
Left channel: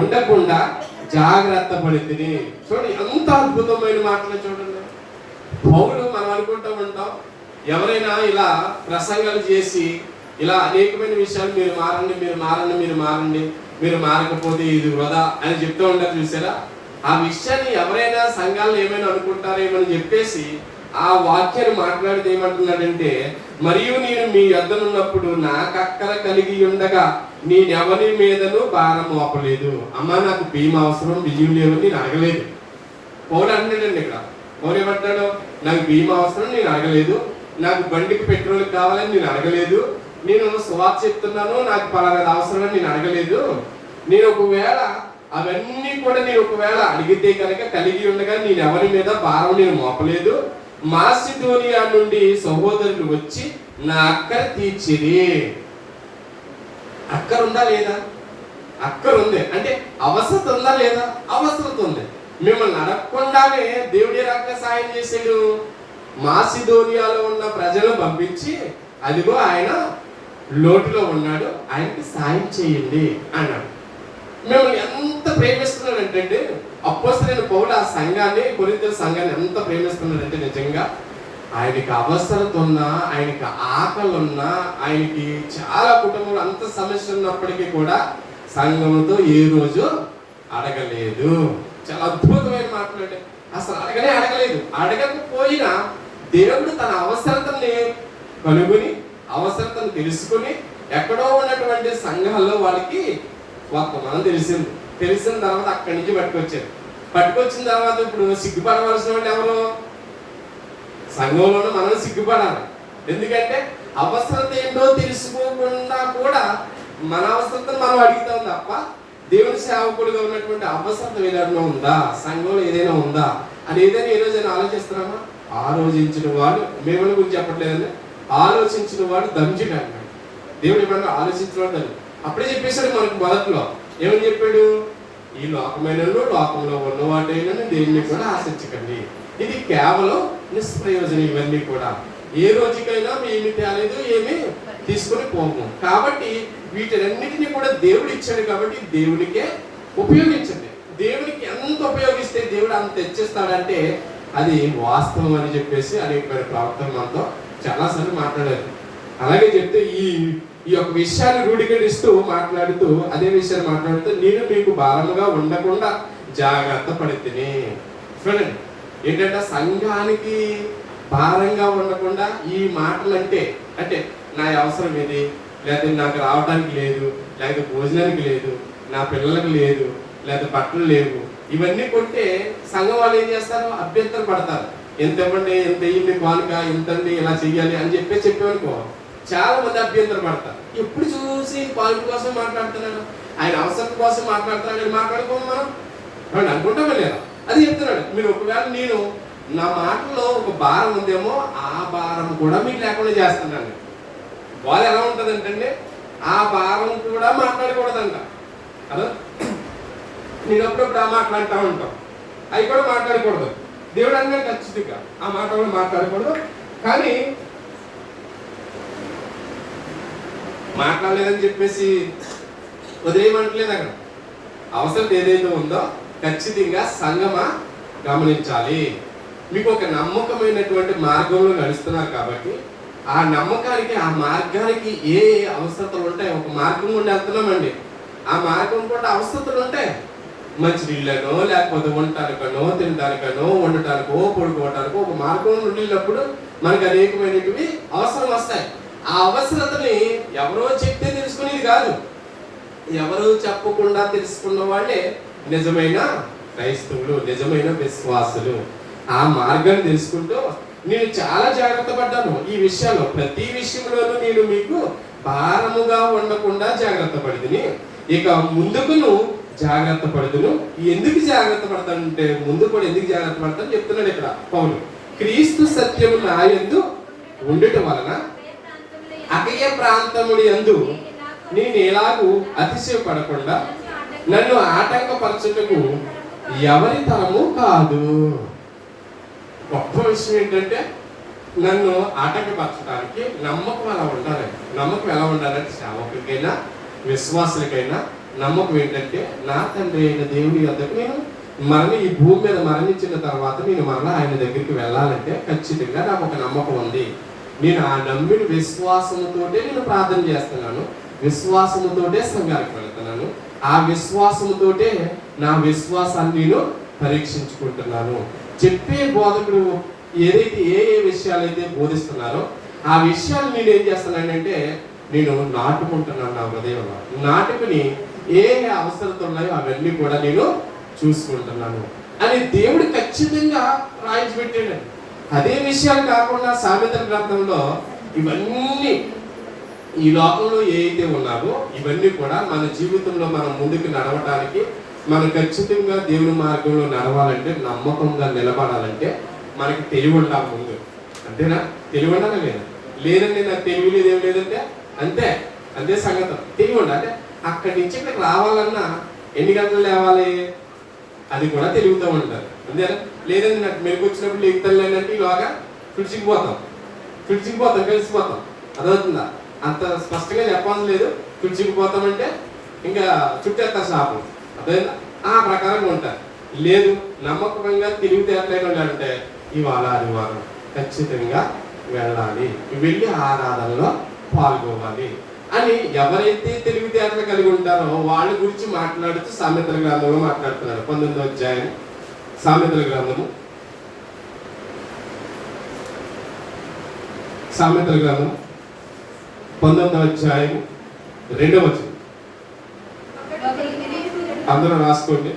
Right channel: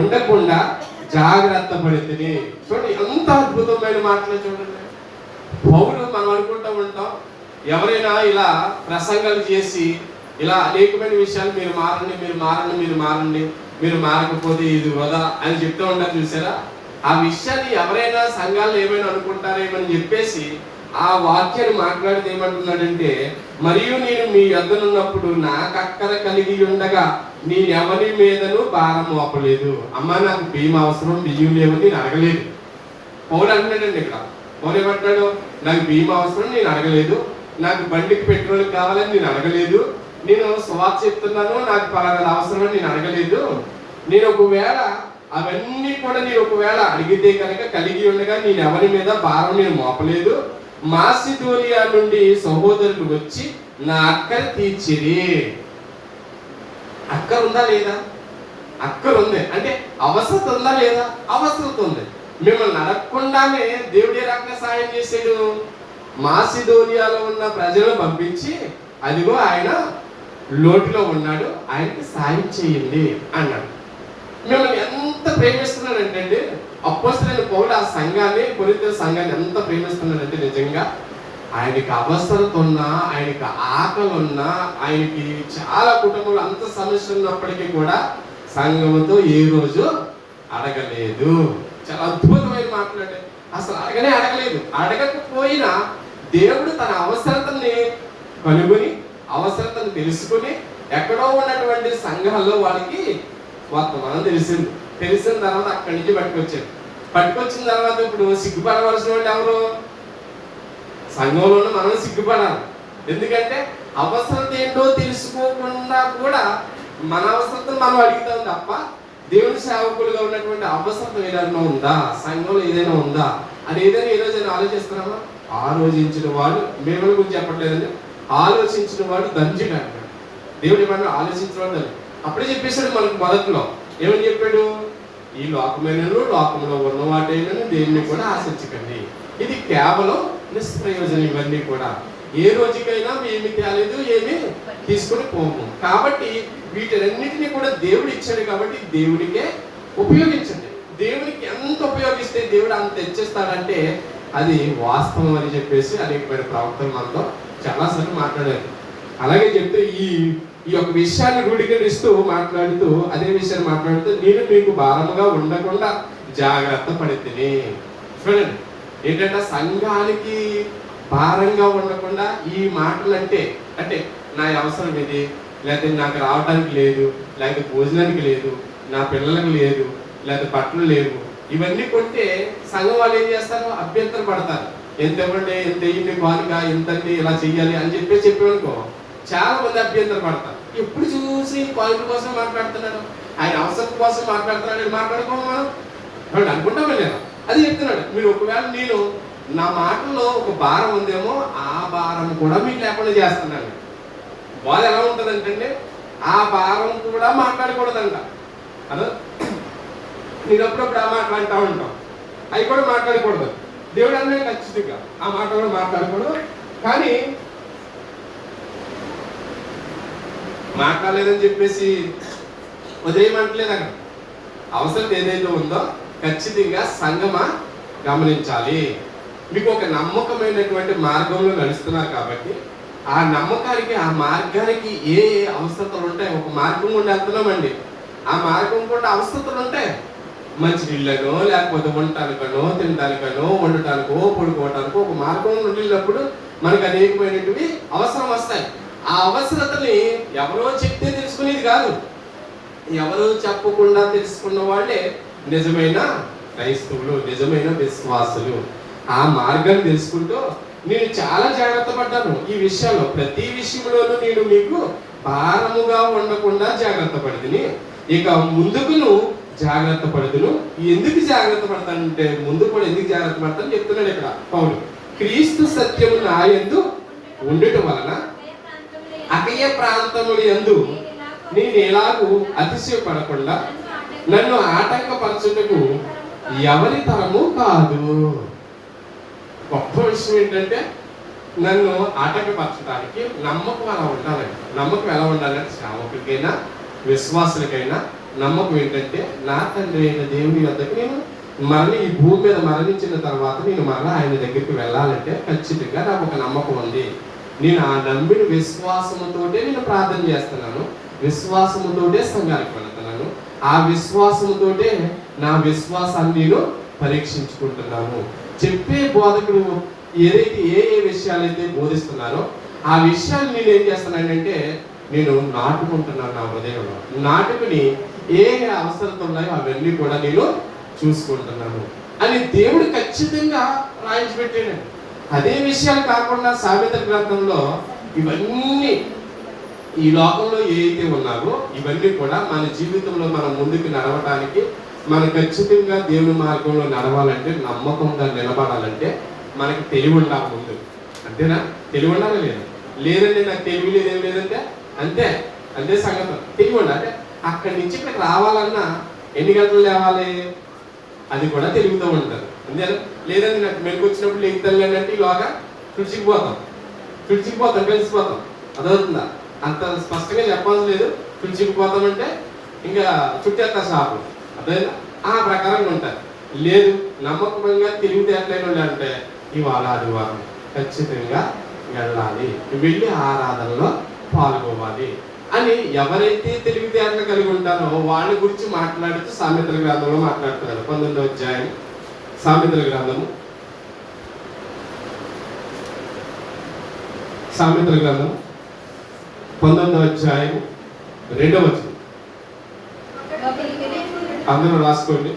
ఉండకుండా జాగ్రత్త పడితే. చూడండి, ఎంత అద్భుతమైన మాటలు చూడండి. పౌలు మనం అనుకుంటూ ఉంటాం, ఎవరైనా ఇలా ప్రసంగాలు చేసి ఇలా అనేకమైన విషయాలు మీరు మారకపోతే ఇది వృధా అని చెప్తూ ఉంటారు చూసారా? ఆ విషయాన్ని ఎవరైనా సంఘాలు ఏమైనా అనుకుంటారేమని చెప్పేసి ఆ వాక్యాన్ని మాట్లాడితే ఏమంటున్నాడంటే, మరియు నేను మీ యొద్దనున్నప్పుడు నాకు అక్కర కలిగి ఉండగా నేనెవరి మీదను భారం మోపలేదు. అమ్మా నాకు బియ్యం అవసరం, బియ్యం లేవు నేను అడగలేదు. పౌలు అంటున్నాడండి ఇక్కడ. పౌలు ఏమంటున్నాడు, నాకు బియ్యం అవసరం నేను అడగలేదు, నాకు బండికి పెట్రోల్ కావాలని నేను అడగలేదు, నేను సువార్త చెప్తున్నాను నాకు పలానా అవసరం అని నేను అడగలేదు. నేను ఒకవేళ అవన్నీ కూడా నేను ఒకవేళ అడిగితే కనుక కలిగి ఉండగా నేను ఎవరి మీద భారం నేను మోపలేదు. మాసిదోనియా నుండి సహోదరులు వచ్చి నా అక్కర తీర్చిరి. అక్కర ఉందా లేదా? అక్కర ఉంది. అంటే అవసరత ఉందా లేదా? అవసరత ఉంది. మిమ్మల్ని అడగకుండానే దేవుడు ఏ రకంగా సాయం చేశాడు? మాసిదోనియాలో ఉన్న ప్రజలను పంపించి, అదిగో ఆయన లోటులో ఉన్నాడు, ఆయనకి సాయం చేయండి అన్నాడు. మిమ్మల్ని ఎంత ప్రేమిస్తున్నాడంటే అపోస్తలుడైన పౌలు ఆ సంఘాన్ని, కొరింథీ సంఘాన్ని ఎంత ప్రేమిస్తున్నాడంటే నిజంగా ఆయనకి అవసరత ఉన్నా, ఆయనకి ఆకలి ఉన్నా, ఆయనకి చాలా కుటుంబంలో అంత సమస్య ఉన్నప్పటికీ కూడా సంఘంతో ఏ రోజు అడగలేదు. చాలా అద్భుతమైన మాట్లాడే, అసలు అడగలేదు. అడగకపోయినా దేవుడు తన అవసరతని కనుగొని, అవసరతను తెలుసుకుని, ఎక్కడో ఉన్నటువంటి సంఘాల్లో వాళ్ళకి వర్తమానం తెలిసిన తర్వాత అక్కడి నుంచి పట్టుకొచ్చిన తర్వాత ఇప్పుడు సిగ్గుపడవలసిన వాళ్ళు ఎవరు? సంఘంలోనూ మనం సిగ్గుపడాలి. ఎందుకంటే అవసరత ఏంటో తెలుసుకోకుండా కూడా మన అవసరతను మనం అడుగుతాం తప్ప దేవుని సేవకులుగా ఉన్నటువంటి అవసరత ఏదైనా ఉందా, సంఘంలో ఏదైనా ఉందా అని ఏదైనా ఏ రోజైనా ఆలోచిస్తున్నామా? ఆలోచించిన వాడు, మేము గురించి చెప్పట్లేదండి, ఆలోచించిన వాడు ధన్యుడు అన్నాడు దేవుడు. ఏమన్నా ఆలోచించిన వాడు ధన్యుడు. అప్పుడే చెప్పేశాడు మనకు మొదట్లో. ఏమని చెప్పాడు? ఈ లోకమైన లోకంలో ఉన్న వాటేమని దేన్ని కూడా ఆశించకండి, ఇది కేవలం నిష్ప్రయోజనం. ఇవన్నీ కూడా ఏ రోజుకైనా ఏమి తేలేదు, ఏమి తీసుకుని పోము. కాబట్టి వీటిలన్నిటినీ కూడా దేవుడు ఇచ్చాడు కాబట్టి దేవుడికే ఉపయోగించండి. దేవుడికి ఎంత ఉపయోగిస్తే దేవుడు అంత తెచ్చిస్తాడంటే అది వాస్తవం అని చెప్పేసి అనేకమైన ప్రవర్తన మనతో చాలాసార్లు మాట్లాడారు. అలాగే చెప్తే ఈ యొక్క విషయాన్ని రూఢీకరిస్తూ మాట్లాడుతూ అదే విషయాన్ని మాట్లాడుతూ నేను మీకు భారముగా ఉండకుండా జాగ్రత్త పడితేనే. చూడండి ఏంటంటే సంఘానికి భారంగా ఉండకుండా ఈ మాటలు అంటే నా అవసరం ఇది, లేకపోతే నాకు రావడానికి లేదు, లేకపోతే భోజనానికి లేదు, నా పిల్లలకు లేదు, లేకపోతే బట్టలు లేవు, ఇవన్నీ కొంటే సంఘం వాళ్ళు ఏం చేస్తారు? అభ్యంతరం పడతారు. ఎంత ఇవ్వండి, ఎంత ఇవ్వండి, కానుక ఎంతండి, ఇలా చెయ్యాలి అని చెప్పేవనుకో చాలా మంది అభ్యంతరం పడతారు. ఎప్పుడు చూసి కానుక కోసం మాట్లాడుతున్నాడు, ఆయన అవసరం కోసం మాట్లాడుతున్నాడు, మాట్లాడుకోండి మనం అనుకుంటామే లేదా? అది చెప్తున్నాడు. మీరు ఒకవేళ నేను నా మాటల్లో ఒక భారం ఉందేమో ఆ భారం కూడా మీకు లేకుండా చేస్తున్నాను. వాళ్ళు ఎలా ఉంటుందంటే ఆ భారం కూడా మాట్లాడకూడదంట. అదో నేను అప్పుడప్పుడు ఆ మాట్లాడుతూ ఉంటాం, అవి కూడా మాట్లాడకూడదు. దేవుడు అన్నీ ఖచ్చితంగా ఆ మాట కూడా మాట్లాడకూడదు. కానీ మాట్లాడలేదని చెప్పేసి వదిలేయమంటలేదు. అక్కడ అవసరం ఏదైతే ఉందో ఖచ్చితంగా సంఘమా గమనించాలి. మీకు ఒక నమ్మకమైనటువంటి మార్గంలో నడుస్తున్నారు కాబట్టి ఆ నమ్మకానికి, ఆ మార్గానికి ఏ అవసరతలు ఉంటాయి? ఒక మార్గం గుండా వెళ్తున్నామండి, ఆ మార్గం కూడా అవసరతలు ఉంటాయి. మంచి నీళ్ళనో, లేకపోతే ఉండటానికనో, తినడానికనో, వండటానికో, పడుకోవటానికో ఒక మార్గం వెళ్ళినప్పుడు మనకు అనేకమైనవి అవసరం వస్తాయి. ఆ అవసరతని ఎవరో చెప్తే తెలుసుకునేది కాదు, ఎవరో చెప్పకుండా తెలుసుకున్న వాళ్ళే నిజమైన క్రైస్తవులు, నిజమైన విశ్వాసులు. ఆ మార్గం తెలుసుకుంటూ నేను చాలా జాగ్రత్త పడ్డాను ఈ విషయాల్లో. ప్రతి విషయంలోనూ నేను మీకు భారముగా ఉండకుండా జాగ్రత్త పడిదిని, ఇక ముందుకును జాగ్రత్త పడుదును. ఎందుకు జాగ్రత్త పడతానంటే ముందు కూడా ఎందుకు జాగ్రత్త పడతాను చెప్తున్నాడు ఇక్కడ పౌలు. క్రీస్తు సత్యము నా యందు ఉండటం వలన అకయ ప్రాంతములు యందు నేను ఎలాగూ అతిశయపడకుండా నన్ను ఆటంకపరచుటకు ఎవరి తరము కాదు. గొప్ప విషయం ఏంటంటే నన్ను ఆటంకపరచడానికి నమ్మకం ఎలా ఉండాలి. నమ్మకం ఎలా ఉండాలంటే సేవకులకైనా విశ్వాసులకైనా నమ్మకం ఏంటంటే నా తండ్రి అయిన దేవుని వద్దకు నేను ఈ భూమి మీద మరణించిన తర్వాత నేను మరలా ఆయన దగ్గరికి వెళ్ళాలంటే ఖచ్చితంగా నాకు ఒక నమ్మకం ఉంది. నేను ఆ నమ్మిన విశ్వాసముతోటే నేను ప్రార్థన చేస్తున్నాను, విశ్వాసముతోటే సంఘానికి వెళ్తున్నాను, ఆ విశ్వాసముతోటే నా విశ్వాసాన్ని నేను పరీక్షించుకుంటున్నాను. చెప్పే బోధకులు ఏదైతే ఏ విషయాలైతే బోధిస్తున్నారో ఆ విషయాలు నేను ఏం చేస్తున్నానంటే నేను నాటుకుంటున్నాను నా హృదయంలో. నాటుకుని ఏ అవసరతలు ఉన్నాయో అవన్నీ కూడా నేను చూసుకుంటున్నాను అని దేవుడు ఖచ్చితంగా రాయించి పెట్టాడు. అదే విషయాలు కాకుండా సామెతల గ్రంథంలో ఇవన్నీ ఈ లోకంలో ఏదైతే ఉన్నారో ఇవన్నీ కూడా మన జీవితంలో మనం ముందుకు నడవటానికి, మనం ఖచ్చితంగా దేవుని మార్గంలో నడవాలంటే, నమ్మకంగా నిలబడాలంటే మనకి తెలివి ఉండాలి ముందు. అంతేనా? తెలివి ఉండాలి లేదా? లేదండి నాకు తెలివి లేదు, ఏం లేదంటే అంతే సంగతి. తెలివి ఉండాలి. అంటే అక్కడి నుంచి ఇక్కడికి రావాలన్నా ఎన్ని గంటలు లేవాలి అది కూడా తెలివితో ఉంటారు. అంతేనా? లేదండి నాకు మెలకు వచ్చినప్పుడు లేకుతాను అంటే ఈలోగా ఫ్రిడ్జ్కి పోతాం కలిసిపోతాం. అదవుతుందా? అంత స్పష్టంగా చెప్పాల్సి లేదు. ఫ్రిడ్జ్కి పోతామంటే ఇంకా చుట్టేస్తా షాపు, అదేనా? ఆ ప్రకారంగా ఉంటారు. లేదు నమ్మకంగా తెలివితేటలైన వాళ్ళు అంటే ఇవాళ ఆదివారం ఖచ్చితంగా వెళ్ళాలి, వెళ్ళి ఆరాధనలో పాల్గొవాలి అని ఎవరైతే తెలివితేటలు కలిగి ఉంటారో వాళ్ళ గురించి మాట్లాడుతూ సామెతల గ్రంథంలో మాట్లాడుతున్నారు. 19వ అధ్యాయం సామెతల గ్రంథం 19వ అధ్యాయం 2వ వచనం. అందరూ రాసుకోండి.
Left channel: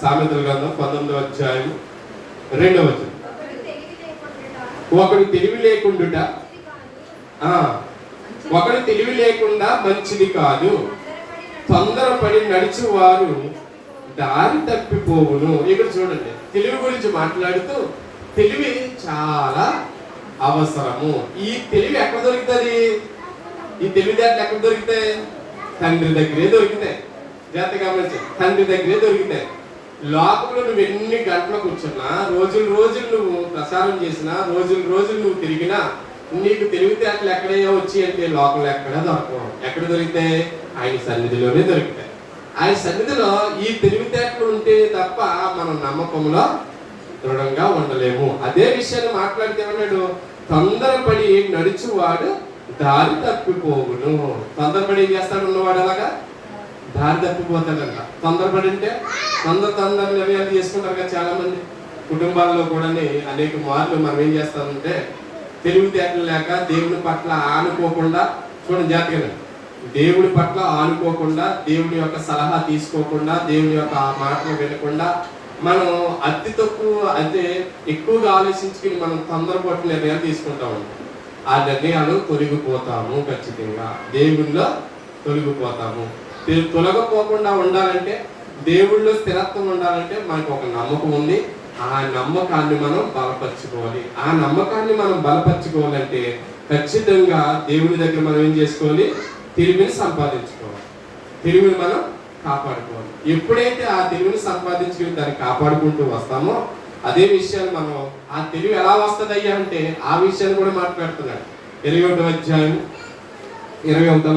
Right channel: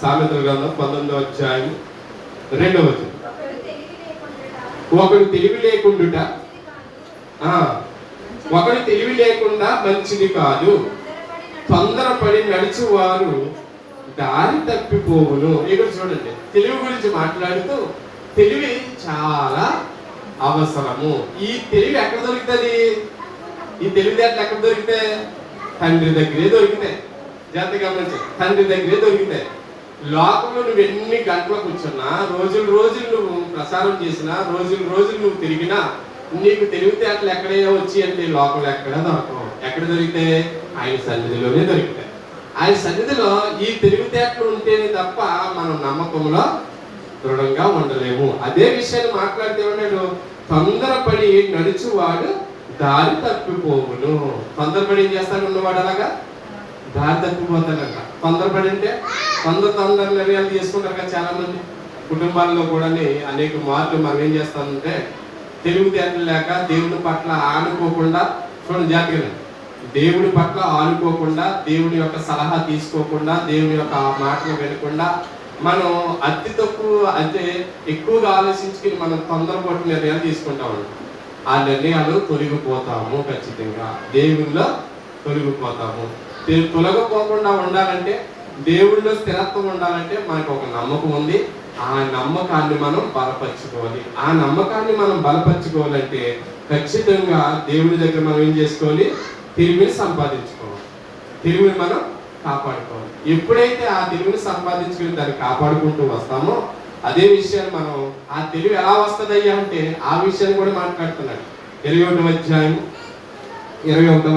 సామెతల గ్రంథం 19వ అధ్యాయం 2వ వచనం. ఒకడు తెలివి లేకుండుట ఒకడు తెలివి లేకుండా మంచిది కాదు. తొందరపడి నడిచేవారు దారి తప్పిపోవును. ఇక్కడ చూడండి, తెలివి గురించి మాట్లాడుతూ తెలివి చాలా అవసరము. ఈ తెలివి ఎక్కడ దొరుకుతుంది? ఈ తెలివితేటలు ఎక్కడ దొరుకుతాయి? తండ్రి దగ్గరే దొరుకుతాయి. జాగ్రత్త గమనించి, తండ్రి దగ్గరే దొరుకుతాయి. లోకంలో నువ్వు ఎన్ని గంటలు కూర్చున్నా, రోజులు నువ్వు ప్రసారం చేసినా, రోజులు నువ్వు తిరిగినా నీకు తెలివితేటలు ఎక్కడే వచ్చి అంటే లోకంలో ఎక్కడ దొరకవు. ఎక్కడ దొరికితే ఆయన సన్నిధిలోనే దొరుకుతాయి. ఆయన సన్నిధిలో ఈ తెలివితేటలు ఉంటే తప్ప మనం నమ్మకంలో దృఢంగా ఉండలేము. అదే విషయాన్ని మాట్లాడితే ఏమన్నాడు? తొందరపడి నడుచువాడు దారి తప్పిపోవును. తొందరపడి ఏం చేస్తాడు? ఉన్నవాడు అలాగా దారి తప్పిపోతాడంట. తొందరపడి అంటే తొందర నిర్ణయాలు చేసుకుంటారు కదా చాలా మంది కుటుంబాల్లో కూడా. అనేక మార్లు మనం ఏం చేస్తామంటే తెలివితేటలు లేక దేవుని పట్ల ఆనుకోకుండా, చూడండి జాగ్రత్తగా, దేవుడి పట్ల ఆనుకోకుండా, దేవుని యొక్క సలహా తీసుకోకుండా, దేవుని యొక్క మాటలు వినకుండా మనం అతి తక్కువ అంటే ఎక్కువగా ఆలోచించుకుని మనం తొందరపడి నిర్ణయాలు తీసుకుంటామండి. ఆ నిర్ణయాలు తొలగిపోతాము. ఖచ్చితంగా దేవుళ్ళో తొలగిపోతాము. తొలగిపోకుండా ఉండాలంటే, దేవుళ్ళో స్థిరత్వం ఉండాలంటే మనకు ఒక నమ్మకం ఉంది. ఆ నమ్మకాన్ని మనం బలపరచుకోవాలి. ఆ నమ్మకాన్ని మనం బలపరచుకోవాలంటే ఖచ్చితంగా దేవుడి దగ్గర మనం ఏం చేసుకోవాలి? తెలివిని సంపాదించుకోవాలి. తెలివిని మనం కాపాడుకోవాలి. ఎప్పుడైతే ఆ తెలివిని సంపాదించుకుని దాన్ని కాపాడుకుంటూ వస్తామో అదే విషయాన్ని మనం ఆ తెలివి ఎలా వస్తుంది అయ్యా అంటే ఆ విషయాన్ని కూడా మాట్లాడుతున్నాడు. 21వ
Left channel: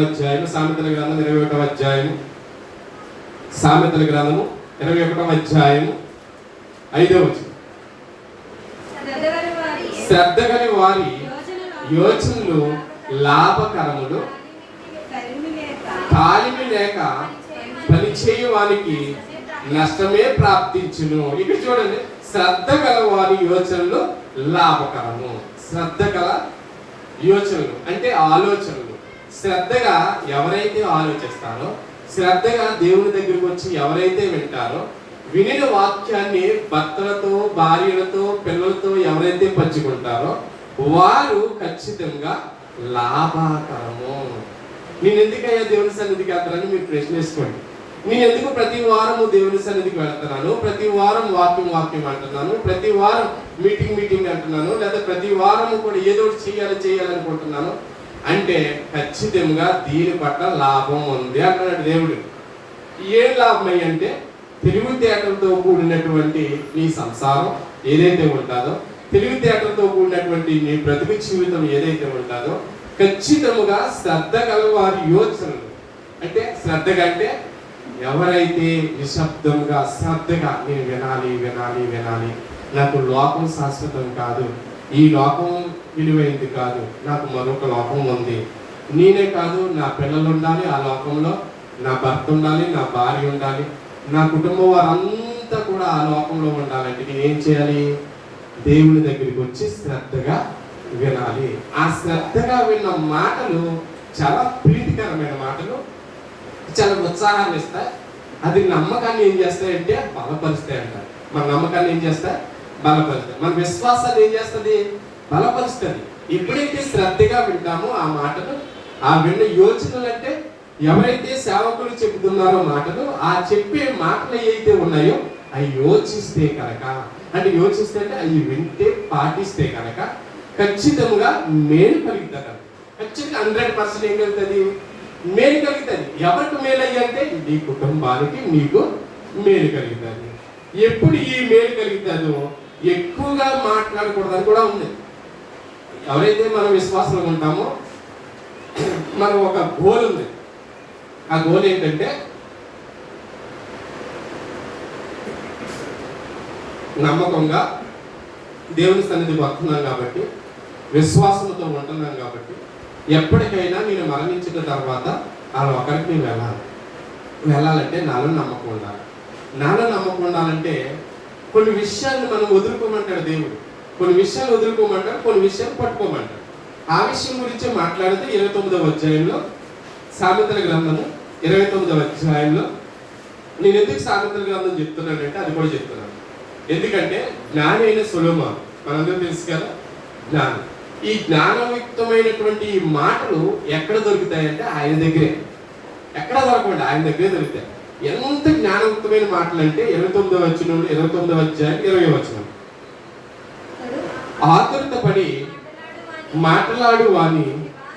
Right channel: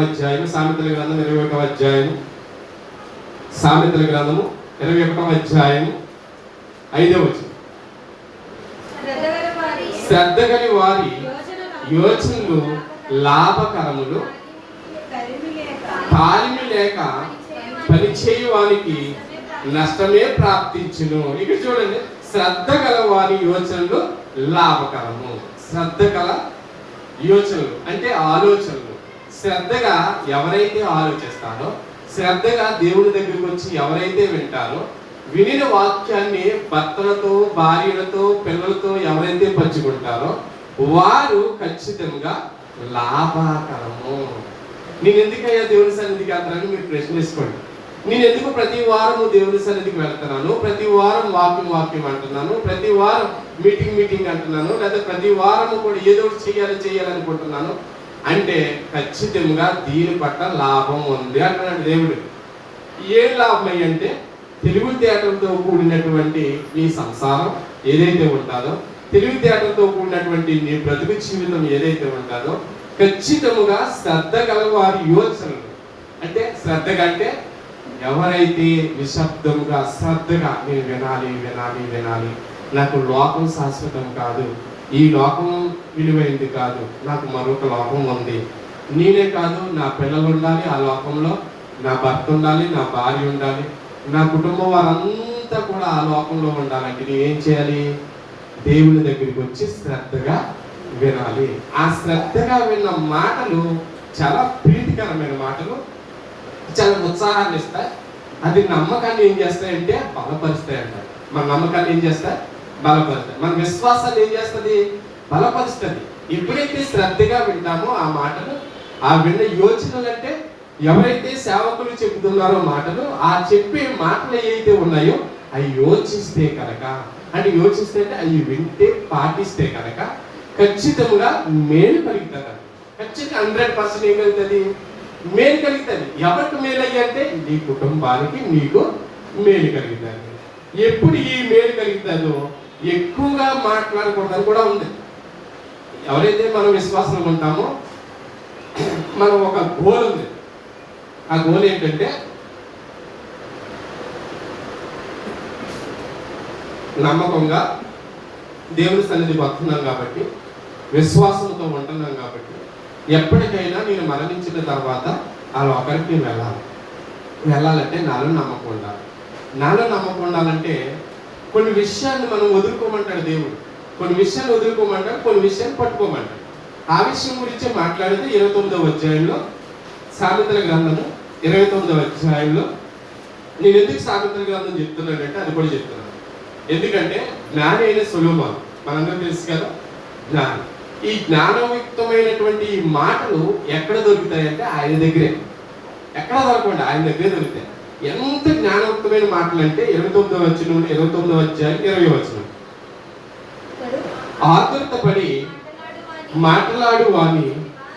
అధ్యాయం సామెతల గ్రంథం 21వ అధ్యాయం సామెతల గ్రంథము 21వ అధ్యాయం 5వ వచనం. శ్రద్ధ గల వారి యోచనలు లాభకరములు, తాలిమి లేక పనిచేయు వానికి నష్టమే ప్రాప్తించును. ఇక్కడ చూడండి, శ్రద్ధ గల వారి యోచనలు లాభకరము. శ్రద్ధ గల యోచనలు అంటే ఆలోచనలు. శ్రద్ధగా ఎవరైతే ఆలోచిస్తారో, శ్రద్ధగా దేవుని దగ్గరికి వచ్చి ఎవరైతే వింటారో, వినిన వాక్యాన్ని భర్తలతో, భార్యలతో, పిల్లలతో ఎవరైతే పంచుకుంటారో వారు ఖచ్చితంగా లాభకరము. నేను ఎందుకయ్యా దేవుని సన్నిధికి వెళ్తానని మీరు ప్రశ్నించుకోండి. నేను ఎందుకు ప్రతి వారము దేవుని సన్నిధికి వెళ్తున్నాను, ప్రతి వారం వాక్యం అంటున్నాను, ప్రతి వారం మీటింగ్ అంటున్నాను, లేదా ప్రతి వారము కూడా ఏదో ఒకటి చేయాలనుకుంటున్నాను అంటే ఖచ్చితంగా దీని పట్ల లాభం ఉంది అంటున్నాడు దేవుడు. ఏం లాభం అంటే తెలివితేటలతో కూడినటువంటి నీ సంసారం ఏదైతే ఉంటుందో, తెలివితేటలతో కూడినటువంటి నీ బ్రతుకు జీవితం ఏదైతే ఉంటుందో ఖచ్చితంగా శ్రద్ధ గల వారి యోచనలు. అంటే శ్రద్ధగా అంటే ఎవరైతే నిశ్శబ్దంగా శ్రద్ధగా నేను వినాలి, నాకు లోకం శాశ్వతం కాదు, ఈ లోకం విలువైంది కాదు, నాకు మరొక లోకం ఉంది, నేనే కాదు నా పిల్లలు ఉండాలి, ఆ లోకంలో నా భర్త ఉండాలి, నా భార్య ఉండాలి, నా కుటుంబం వారంతా కూడా ఆ లోకంలో ఉండాలంటే నేను ఏం చేయాలి? దేవుని దగ్గరికి వచ్చి శ్రద్ధగా వినాలి. ఆ శ్రద్ధగా విన్న మాటలు చాలా ప్రీతికరమైన మాటలు, చాలా ఉత్సాహాన్ని ఇస్తాయి. అది నమ్మకాన్ని ఏం చేస్తాయంటే బలపరుస్తాయి అంటారు. మన నమ్మకాన్ని ఏం చేస్తాయి? బలపరుస్తాయి. మన విశ్వాసాన్ని ఏం చేస్తుంది? బలపరుస్తుంది. ఎప్పుడైతే శ్రద్ధగా వింటామో ఆ మాటలు, ఆ విన్న యోచనలు అంటే ఎవరైతే సేవకులు చెబుతున్నారో మాటలు, ఆ చెప్పే మాటలు ఏవైతే ఉన్నాయో అవి యోచిస్తే కనుక, అంటే యోచిస్తే అంటే అవి వింటే పాటిస్తే కనుక ఖచ్చితంగా మేలు కలుగుతుంది. ఖచ్చితంగా 100% ఏం కలుగుతుంది? మేలు కలుగుతుంది. ఎవరికి మేలు అయ్యంటే నీ కుటుంబానికి, నీకు మేలు కలుగుతుంది. ఎప్పుడు ఈ మేలు కలుగుతుందో ఎక్కువగా మాట్లాడకూడదని కూడా ఉంది. ఎవరైతే మనం విశ్వాసం ఉంటామో మనం ఒక గోల్ ఉంది. ఆ గోల్ ఏంటంటే నమ్మకంగా దేవుని సన్నిధికి వస్తున్నాను కాబట్టి, విశ్వాసంతో ఉంటున్నాను కాబట్టి ఎప్పటికైనా నేను మరణించిన తర్వాత ఆ లోకానికి వెళ్ళాలంటే నాలో నమ్మకం ఉండాలి. నాలో నమ్మకం ఉండాలంటే కొన్ని విషయాన్ని మనం వదులుకోమంటాడు దేవుడు, కొన్ని విషయాలు వదులుకోమంటాడు, కొన్ని విషయాలు పట్టుకోమంటాడు. ఆ విషయం గురించి మాట్లాడితే 29వ అధ్యాయంలో సామెతల గ్రంథము 29వ అధ్యాయంలో నేను ఎందుకు సామెతల గ్రంథం చెప్తున్నానంటే అది కూడా చెప్తున్నాను. ఎందుకంటే జ్ఞాని అయిన సొలొమోను, మనందరూ తెలుసు కదా, జ్ఞానం. ఈ జ్ఞానయుక్తమైనటువంటి ఈ మాటలు ఎక్కడ దొరుకుతాయంటే ఆయన దగ్గరే. ఎక్కడ దొరకండి, ఆయన దగ్గరే దొరుకుతాయి. ఎంత జ్ఞానయుక్తమైన మాటలు అంటే 29వ అధ్యాయం 20వ వచనం. ఆతురతపడి మాట్లాడు వాని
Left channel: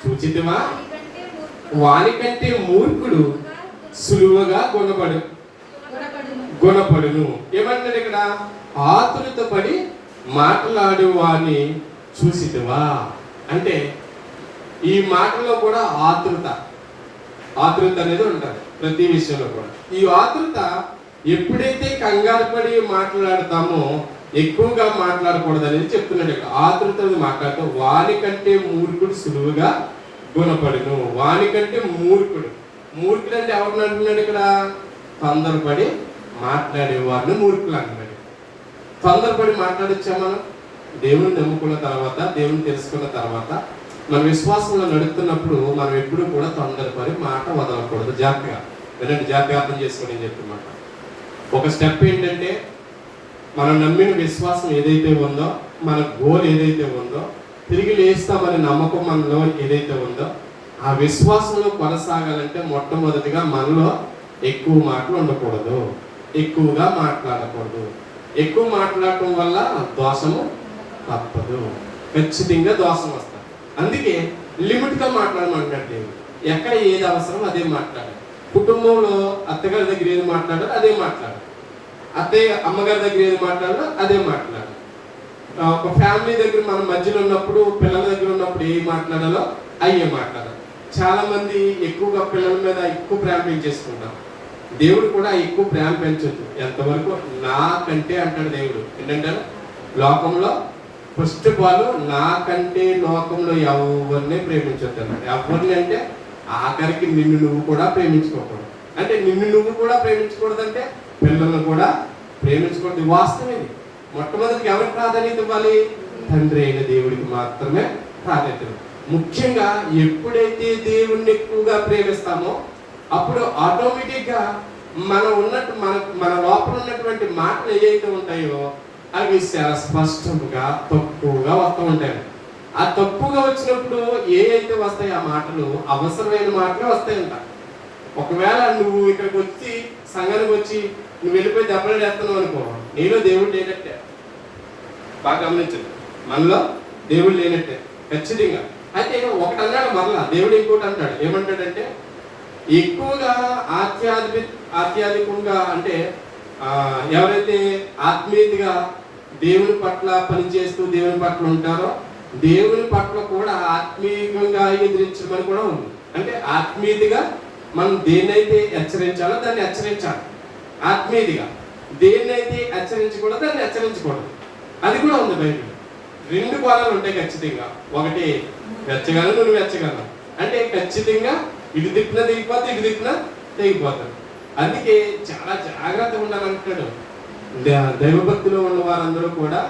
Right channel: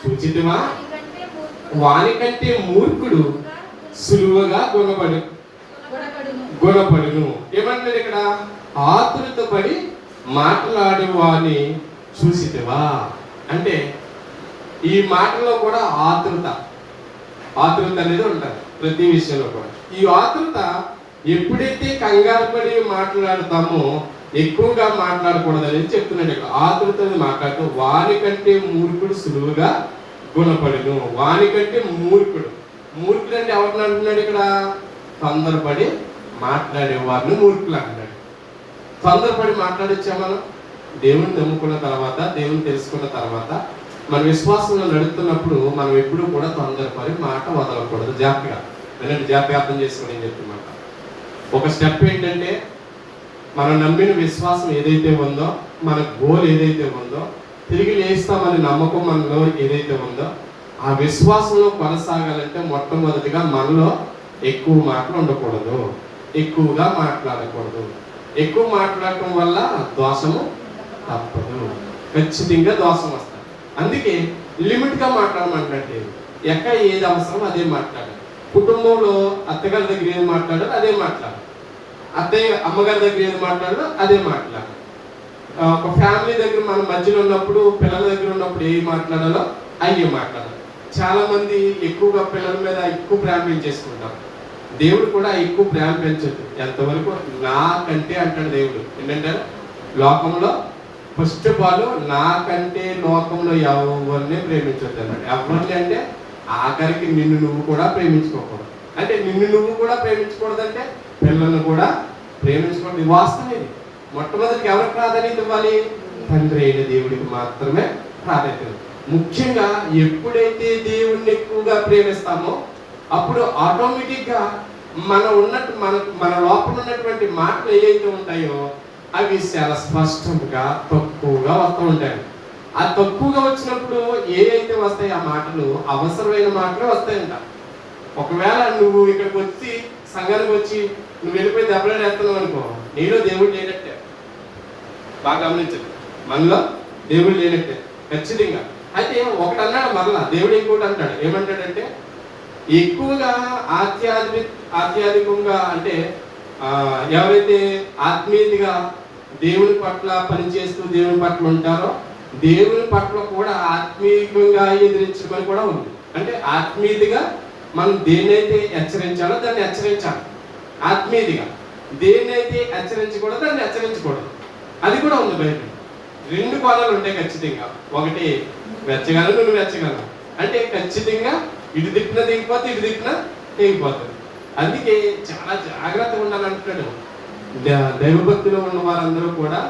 చూచితివా, వానికంటే మూర్ఖుడు సులువుగా గుణపడును. ఏమంటాడు ఇక్కడ? ఆతురతపడి మాట్లాడు వాని చూసితివా అంటే ఈ మాటలో కూడా ఆతృత అనేది ఉంటుంది ప్రతి విషయంలో కూడా. ఈ ఆతృత ఎప్పుడైతే కంగారు పడి మాట్లాడతామో ఎక్కువగా మాట్లాడకూడదు అనేది చెప్తున్నాడు ఇక్కడ. ఆతృత మాట్లాడుతూ వానికంటే మూర్ఖుడు సులువుగా గుణపడును. వానికంటే మూర్ఖుడు అంటే ఎవరిని అంటున్నాడు ఇక్కడ? తొందరపడి మాట్లాడే వారిని మూర్ఖులు అంటున్నాడు. తొందరపడి మాట్లాడొచ్చా మనం? దేవుని నమ్ముకున్న తర్వాత, దేవుని తెలుసుకున్న తర్వాత, మన విశ్వాసంలో నడుస్తున్నప్పుడు మనం ఎప్పుడూ కూడా తొందరపడి మాట వదలకూడదు. జాగ్రత్తగా అర్థం చేసుకుని నేను చెప్తున్నమాట. ఒక స్టెప్ ఏంటంటే, మనం నమ్మిన విశ్వాసం ఏదైతే ఉందో, మన గోల్ ఏదైతే ఉందో, తిరిగి లేస్తామని నమ్మకం మనలో ఏదైతే ఉందో, ఆ విశ్వాసంలో కొనసాగాలంటే మొట్టమొదటిగా మనలో ఎక్కువ మాటలు ఉండకూడదు, ఎక్కువగా మాట్లాడకూడదు. ఎక్కువ మాట్లాడటం వల్ల దోషము తప్పదు, ఖచ్చితంగా దోషం వస్తుంది. అందుకే లిమిట్గా మాట్లాడమంటే ఎక్కడ ఏది అవసరం అదే మాట్లాడాలి. కుటుంబంలో అత్తగారి దగ్గర ఏది మాట్లాడాలో అదే మాట్లాడాలి, అమ్మగారి దగ్గర ఏది మాట్లాడాలో అదే మాట్లాడాలి. ఒక ఫ్యామిలీ దగ్గర మనం మధ్యలో ఉన్నప్పుడు, పిల్లల దగ్గర ఉన్నప్పుడు ఏది మాట్లాడాలో అయ్యే మాట్లాడాలి. చాలా మంది ఎక్కువగా పిల్లల మీద ఎక్కువ ప్రేమ పెంచేసుకుంటాం. దేవుడు కూడా ఎక్కువ ప్రేమ పెంచొద్దు. ఎంతవరకు నాకంటే అంటాడు దేవుడు. ఏంటంటే లోకంలో ఫస్ట్ ఆఫ్ ఆల్ నాకంటే లోకంలో ఎవరిని ప్రేమించొద్దు అన్నాడు. ఎవరిని అంటే ఆఖరికి నిన్ను నువ్వు కూడా ప్రేమించుకోకూడదు. అంటే నిన్ను నువ్వు కూడా ప్రేమించకూడదు అంటే పిల్లలను కూడా ప్రేమించకూడదు. వాస్తవం ఇది. మొట్టమొదటికి ఎవరికి ప్రాధాన్యత ఇవ్వాలి? తండ్రి అయిన దేవుడికి మాత్రమే ప్రాధాన్యత. ముఖ్యంగా ఎప్పుడైతే దేవుణ్ణి ఎక్కువగా ప్రేమిస్తామో అప్పుడు ఆటోమేటిక్గా మన లోపల ఉన్నటువంటి మాటలు ఏవైతే ఉంటాయో అవి చాలా స్పష్టంగా తక్కువగా వస్తూ ఉంటాయి. ఆ తక్కువగా వచ్చినప్పుడు ఏవైతే వస్తాయి ఆ మాటలు అవసరమైన మాటలు వస్తాయంట. ఒకవేళ నువ్వు ఇక్కడికి వచ్చి సంఘానికి వచ్చి నువ్వు వెళ్ళిపోయి దెబ్బలు వేస్తున్నావు అనుకో, నీలో దేవుడు లేనట్టే. బాగా గమనించండి, మనలో దేవుడు లేనట్టే ఖచ్చితంగా. అయితే ఒకటి అన్నాడు మరలా దేవుడు, ఇంకోటి అంటాడు. ఏమంటాడంటే ఎక్కువగా ఆధ్యాత్మికంగా అంటే ఎవరైతే ఆత్మీయతగా దేవుని పట్ల పనిచేస్తూ దేవుని పట్ల ఉంటారో దేవుని పట్ల కూడా ఆత్మీయంగా ఎదిరించడం కూడా ఉంది. అంటే ఆత్మీయతగా మనం దేన్నైతే హెచ్చరించాలో దాన్ని హెచ్చరించాలి. ఆత్మీయతగా దేన్నైతే హెచ్చరించకూడదు దాన్ని హెచ్చరించకూడదు. అది కూడా ఉంది బయట. రెండు కోణాలు ఉంటాయి ఖచ్చితంగా. ఒకటి వెచ్చగలను, నువ్వు వెచ్చగలను అంటే ఖచ్చితంగా ఇటు దిక్కున తెగిపోతే ఇటు దిక్కున తెగిపోతుంది. అందుకే చాలా జాగ్రత్తగా ఉండాలంటాడు. దైవభక్తిలో ఉన్న వారందరూ కూడా,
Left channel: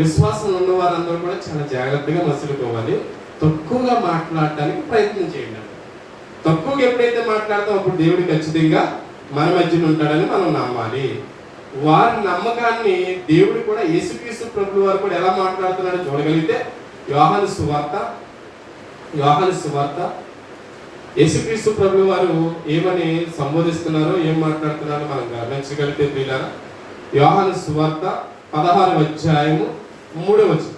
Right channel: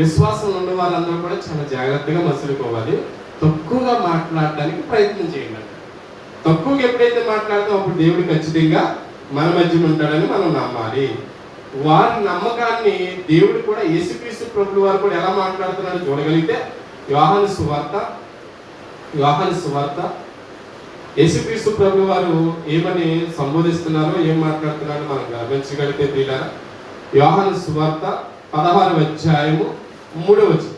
విశ్వాసం ఉన్న వారందరూ కూడా చాలా జాగ్రత్తగా మసులుకోవాలి. తక్కువగా మాట్లాడటానికి ప్రయత్నం చేయండి. తక్కువగా ఎప్పుడైతే మాట్లాడతామో అప్పుడు దేవుడు ఖచ్చితంగా మన మధ్యన ఉంటాడని మనం నమ్మాలి. వారి నమ్మకాన్ని దేవుడు కూడా, యేసుక్రీస్తు ప్రభువు వారు కూడా ఎలా మాట్లాడుతున్నాడో చూడగలిగితే యోహాను సువార్త యేసుక్రీస్తు ప్రభువు వారు ఏమని సంబోధిస్తున్నారో, ఏం మాట్లాడుతున్నారో మనం గమనించగలిగితే ప్రియులారా, యోహాను సువార్త 16వ అధ్యాయము 3వ వచనం.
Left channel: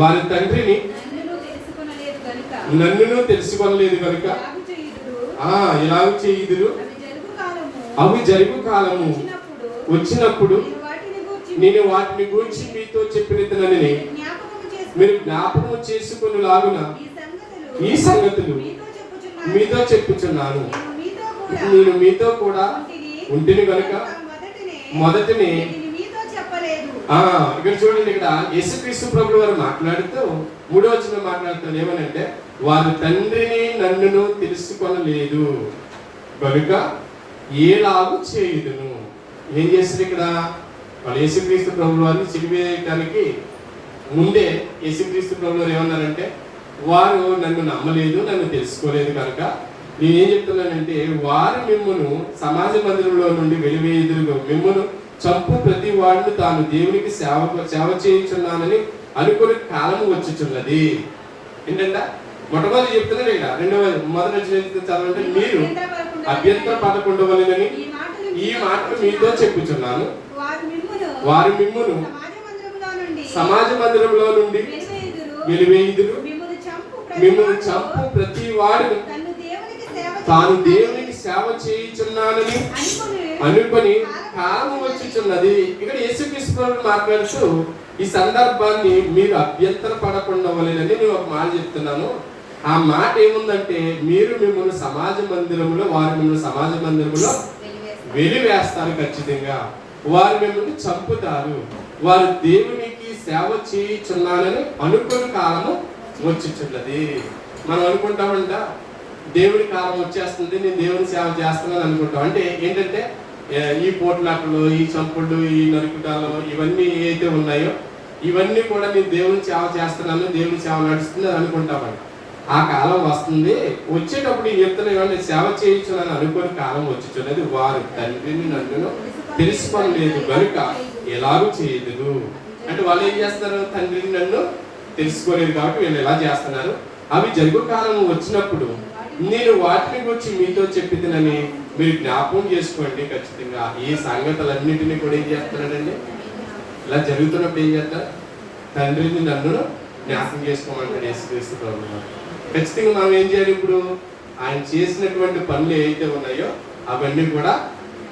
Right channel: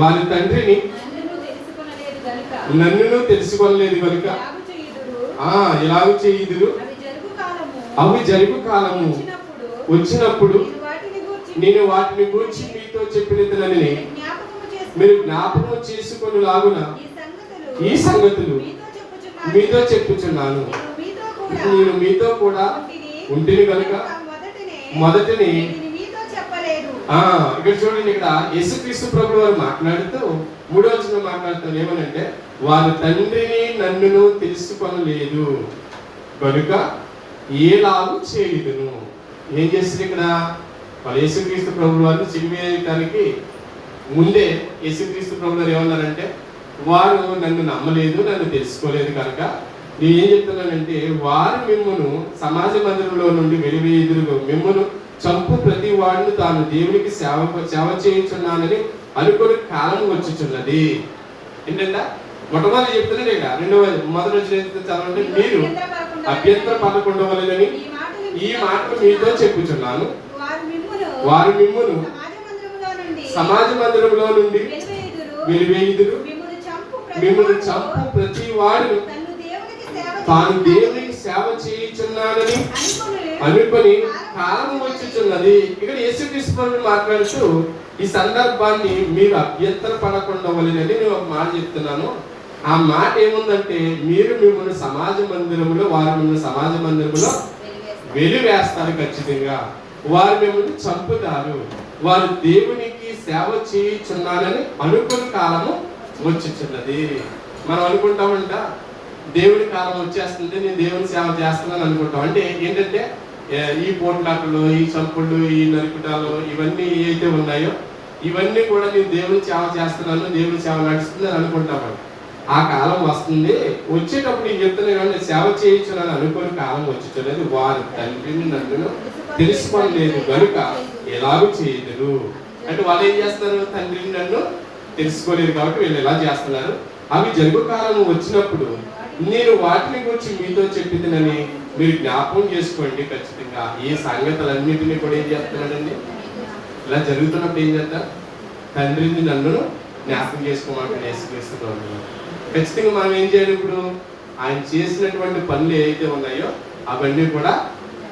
వారి తండ్రిని నన్ను తెలుసుకొనలేదు కనుక ఇలాగ చేయుదురు. అవి జరుగు కాలము వచ్చినప్పుడు నేను వాటిని గురించి మీతో చెప్పినదని మీరు జ్ఞాపకం చేసుకుని లాగున ఈ సంగతులు మీతో చెప్పుచున్నాను. నేను మీతో కూడా ఉంటిని కనుక మొదటిని ఇక్కడ చూడండి. ఇక్కడ యేసుక్రీస్తు ప్రభువు వారు మాట్లాడుతూ 3వ వచనం మాట్లాడుతారు. ఏమనంటే వారి తండ్రిని నన్ను తెలుసుకొనలేదు కనుక ఏలాగు చేయుదును. ఏం చేసింది ఇక్కడ? వాళ్ళు యేసుక్రీస్తు ప్రభువు వారిని సిలువేయడానికి ముందే యేసుక్రీస్తు ప్రభువు వారు ఏమన్నారంటే, వారు నన్ను నమ్మలేదు, నన్ను తెలుసుకోలేదు కనుక నేను ఏం చెప్తున్నానంటే వారు మిమ్మును సమాజ మందిరంలో నుండి వెలివేయుదురుగా, మిమ్మును చంపు ప్రతి వాడిని తాను దేవునికి సేవ చేయించున్నానని అనుకుని కాలం వచ్చుచున్నది. ఏంటంటే మొట్టమొదటి చెప్తున్నాడు ఇక్కడ, మొదటి చదవండి. మీరు అభ్యంతర పడకుండా వలనని ఈ మాటలు మీతో చెప్పుచున్నాను. వారు మిమ్మును సమాజ మందిరంలో నుండి వెలివేయుదురు. మిమ్మును చంపు ప్రతి వాడు తాను దేవునికి సేవ చేయుచున్నానని అనుకొని కాలం వచ్చుచున్నది. ఇక్కడ యేసుక్రీస్తు ప్రభువు మాట్లాడుతూ ఈ సందర్భాన్ని మీరు అభ్యంతర పడకుండా వలెనని నేను ఒక మాట చెప్తున్నాను. ఆ మాట ఏముందంటే, మీరు మిమ్మల్ని సమాజ మందిరంలో, వారు మిమ్మల్ని సమాజ మందిరంలో వెలివేస్తారు. ఖచ్చితంగా వారు మిమ్మల్ని చంపుతారు. వారు దేవునికి సేవ చేయుచున్నానని అనుకున్న కాలము వచ్చుచున్నది. మనం అనుకుంటామంట దేవుని కాలం వచ్చేస్తుంది, నేను దేవుని సేవ చేస్తున్నాను అనుకుంటాం. అంటే ఏంటంటే ఈ పోట్లాటలు, ఈ చంపుళ్ళు, ఈ నరుకుటాలు, ఇవన్నీ ఏవైతే ఉన్నాయో ఇవన్నీ కూడా నేను దేవుని సేవ చేస్తున్నాను, దేవుని సేవ నడుస్తుంది అని అనుకుంటామంట. ఆ కాలం వస్తుంది, వచ్చేటప్పుడు ఈ చెప్తున్నాను సేవ చేయించున్నాను అనుకుని కాలం వచ్చుచున్నది. వారు తండ్రిని నన్ను తెలుసుకోలేదు కనుక ఎలాగూ చేయదురు. అంటే వాళ్ళు ఏం చేస్తారు, తండ్రిని నన్ను తెలుసుకోలేదు కాబట్టి వీళ్ళు ఎలా చేస్తున్నారు. అవి జరుగు కాలం వచ్చినప్పుడు నేను వాటిని గురించి మీతో చెప్పిదినని మీరు జ్ఞాపకం చేసుకోండి. ఖచ్చితంగా ఈ సంగతులన్నింటినీ కూడా ఏం చేస్తున్నాడండి, ఇలా జరుగుతున్నప్పుడు ఏం చేస్తారు, తండ్రిని నన్ను జ్ఞాపకం చేసుకోమంటాడు యేసుక్రీస్తుతో. ఖచ్చితంగా మనం ఏం చేయాలి, ఇప్పుడు ఆయన చేసినటువంటి పనులు ఏవైతే ఉన్నాయో అవన్నీ కూడా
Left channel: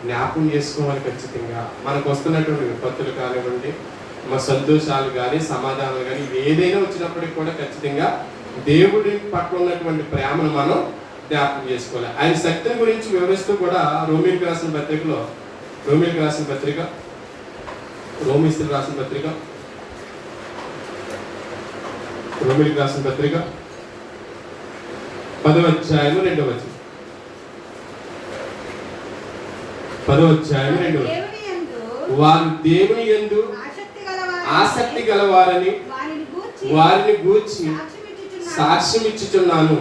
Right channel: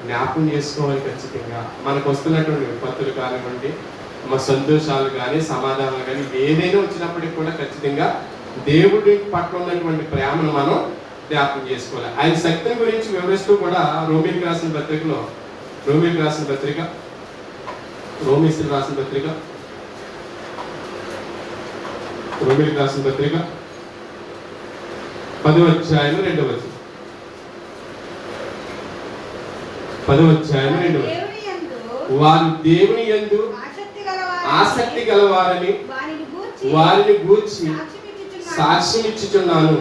జ్ఞాపకం చేసుకోవాలి. ఖచ్చితంగా మనకు వస్తున్నటువంటి విపత్తులు కానివ్వండి, మన సంతోషాలు కానీ, సమాధానాలు కానీ, ఏదైనా వచ్చినప్పటికీ కూడా ఖచ్చితంగా దేవుడి పట్ల ఉన్నటువంటి ప్రేమను మనం జ్ఞాపకం చేసుకోవాలి. ఆయన శక్తిని గురించి వివరిస్తూ కూడా రోమీలకు రాసిన పత్రికలో, రోమీలకు రాసిన పత్రిక 10వ అధ్యాయం 2వ వచనం. 10వ అధ్యాయం 2వ వచనం. వారు దేవుని యందు ఆసక్తి గలవారని వారిని గూర్చి సాక్ష్యం ఇచ్చుచున్నాను.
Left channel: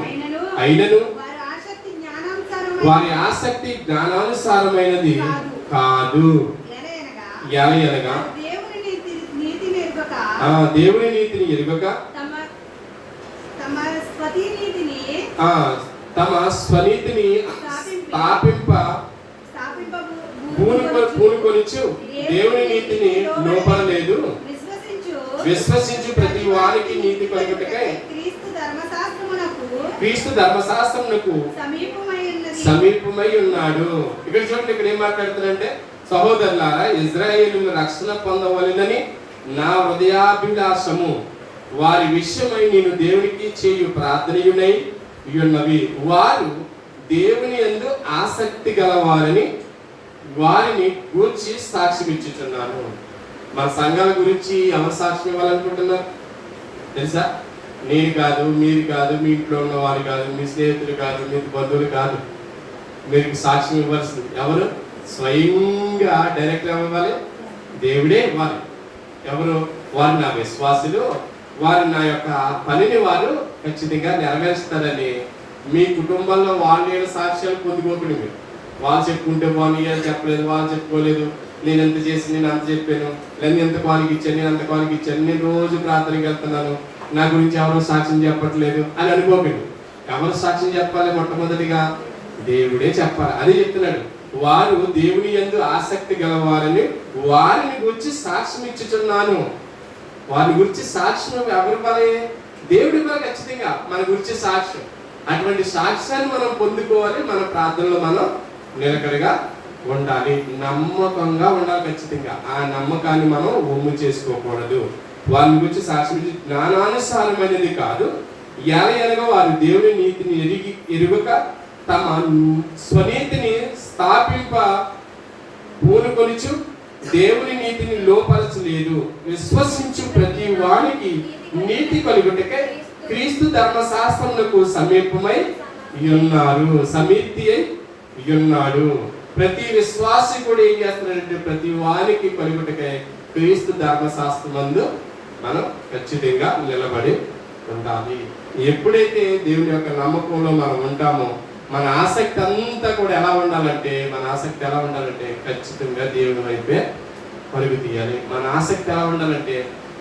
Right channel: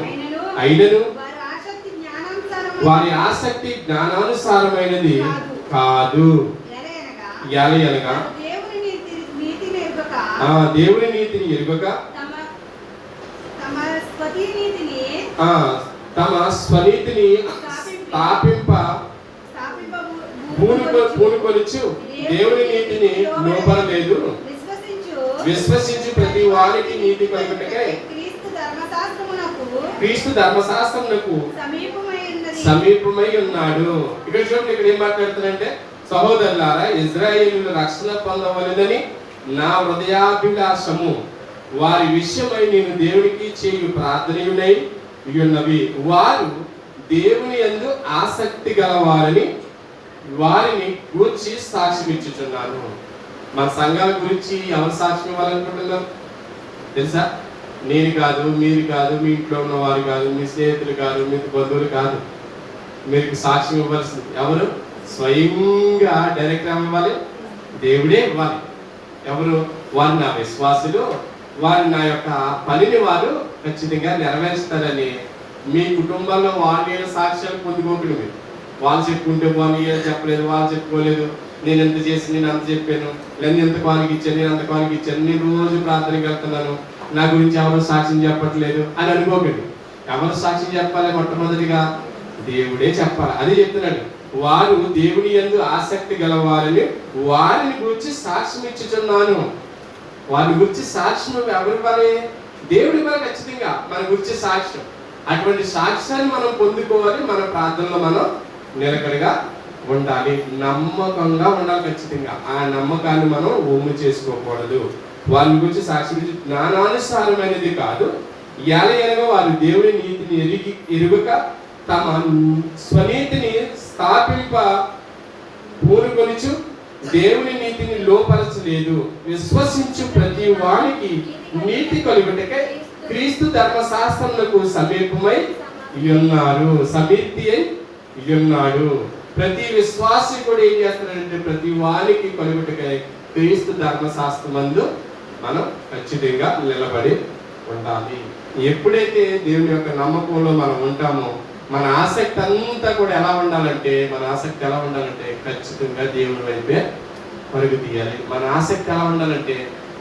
అయినను వారి ఆసక్తి జ్ఞానానుసారమైనది కాదు. ఎలయనగా దేవుని నీతిని ఎరుగక తమ స్వనీతిని స్థాపింప పూనుకొనుచు దేవుని నీతిని లోపడలేదు. విశ్వసించు ప్రతి వారికి నీతి కలుగుటకై క్రీస్తు ధర్మశాస్త్రమునకు సమీపమై ఉన్నాడు. ఇక్కడ చూడండి, ఇక్కడ ఏం మాట్లాడుతున్నారంటే, సహోదరులారా, ఇశ్రాయేలును రక్షణ పొందవలెనని నా హృదయాభిలాషము, వారి విషయమై నేను దేవునికి చేయు ప్రార్థనయునై ఉన్నవి. వారు దేవుని యందు ఆసక్తి గలవారని వారిని గూర్చి సాక్ష్యం ఇచ్చుచున్నాను. మన సంఘాల గురించి ఎవరు సాక్ష్యం ఇవ్వాలనుకుంటున్నారు తెలుసా? నేను కాదు, మీరు కాదు, మీ ఇంట్లో ఉన్న వారు కాదు, మీ స్నేహితులు కాదు, మీ బంధువులు కాదు. మీరు సాక్ష్యం ఇవ్వాల్సింది ఎవరు? స్వయంగా డైరెక్ట్ ఇవ్వాలి, దేవుడే ఇవ్వాలి. ఎవరు? వారు నా విశ్వాసులు, వారు నా యొక్క పనిని వారు ఖచ్చితంగా నెరవేరుస్తారని మీ కుటుంబంలో వాళ్ళ సాక్ష్యాలు పొందుకోకండి. మీరు వాళ్ళు చెప్పుకుంటే పోనీ, చెప్పలేదు, వాళ్ళు చెప్పుకోలేదు, నేను ఎంత చేసి నేను అంత చెప్పాను, నేను ఎంత కానికి ఇచ్చాను, నేను అంత కానికి ఇచ్చాను, నేను రోజు ప్రార్థనకి వెళ్తున్నాను, నా గురించి ఎవరు సాక్ష్యం చెప్పట్లేదు అని అనుకోకండి. ఎవరు సాక్ష్యం చెప్పాలి? మొట్టమొదటిగా దేవుడే చెప్పాలి. అది చెప్తున్నాడు, వారు దేవుని యందు ఆసక్తి గలవారని వారిని గురించి సాక్ష్యం ఇచ్చుచున్నాను. వారి గురించి సాక్ష్యం ఎవరు ఇవ్వాలి? దేవుడి ఇవ్వాలి. ఖచ్చితంగా మన గురించి సాక్ష్యం. అటువంటి సాక్ష్యాన్ని మనం పొందుకోవాలి. మన ప్రార్థనలో మనం నిలకడగా ఉండాలి, నమ్మకంగా ఉండాలి. ఖచ్చితంగా ఆ నమ్మకాన్ని మనం ఒమ్ము చేసుకోకూడదు. వారి గురించి సాక్ష్యం జ్ఞానానుసారమైనది కాదు, ఎలయనగా వారు దేవుని నీతిని ఎరుగక తమ స్వనీతిని స్థాపింప పూనుకొనుచు దేవుని నీతిని లోపరచలేదు. విశ్వసించు ప్రతి వానికి నీతి కలుగుటకై క్రీస్తు ధర్మశాస్త్రమునకు సమీపమై ఉన్నారు, సమీర్తి అయి ఉన్నాడు. ప్రతి విశ్వాసి కూడా ఏం చేస్తున్నాడంటే, ప్రతి వానికి కలుగుటకై క్రీస్తు ధర్మశాస్త్రమందు మనం ఖచ్చితంగా నిలబడి ఉండాలి. ఎప్పుడైతే దేవుని యొక్క నమ్మకంలో మనం ఉంటామో, మన ఆసక్తి అంతా కూడా ఎలా ఉండాలంటే, ఖచ్చితంగా దేవుని వైపే పరుగు తీయాలి. మన ఆసక్తి ఎలా ఉండాలంటే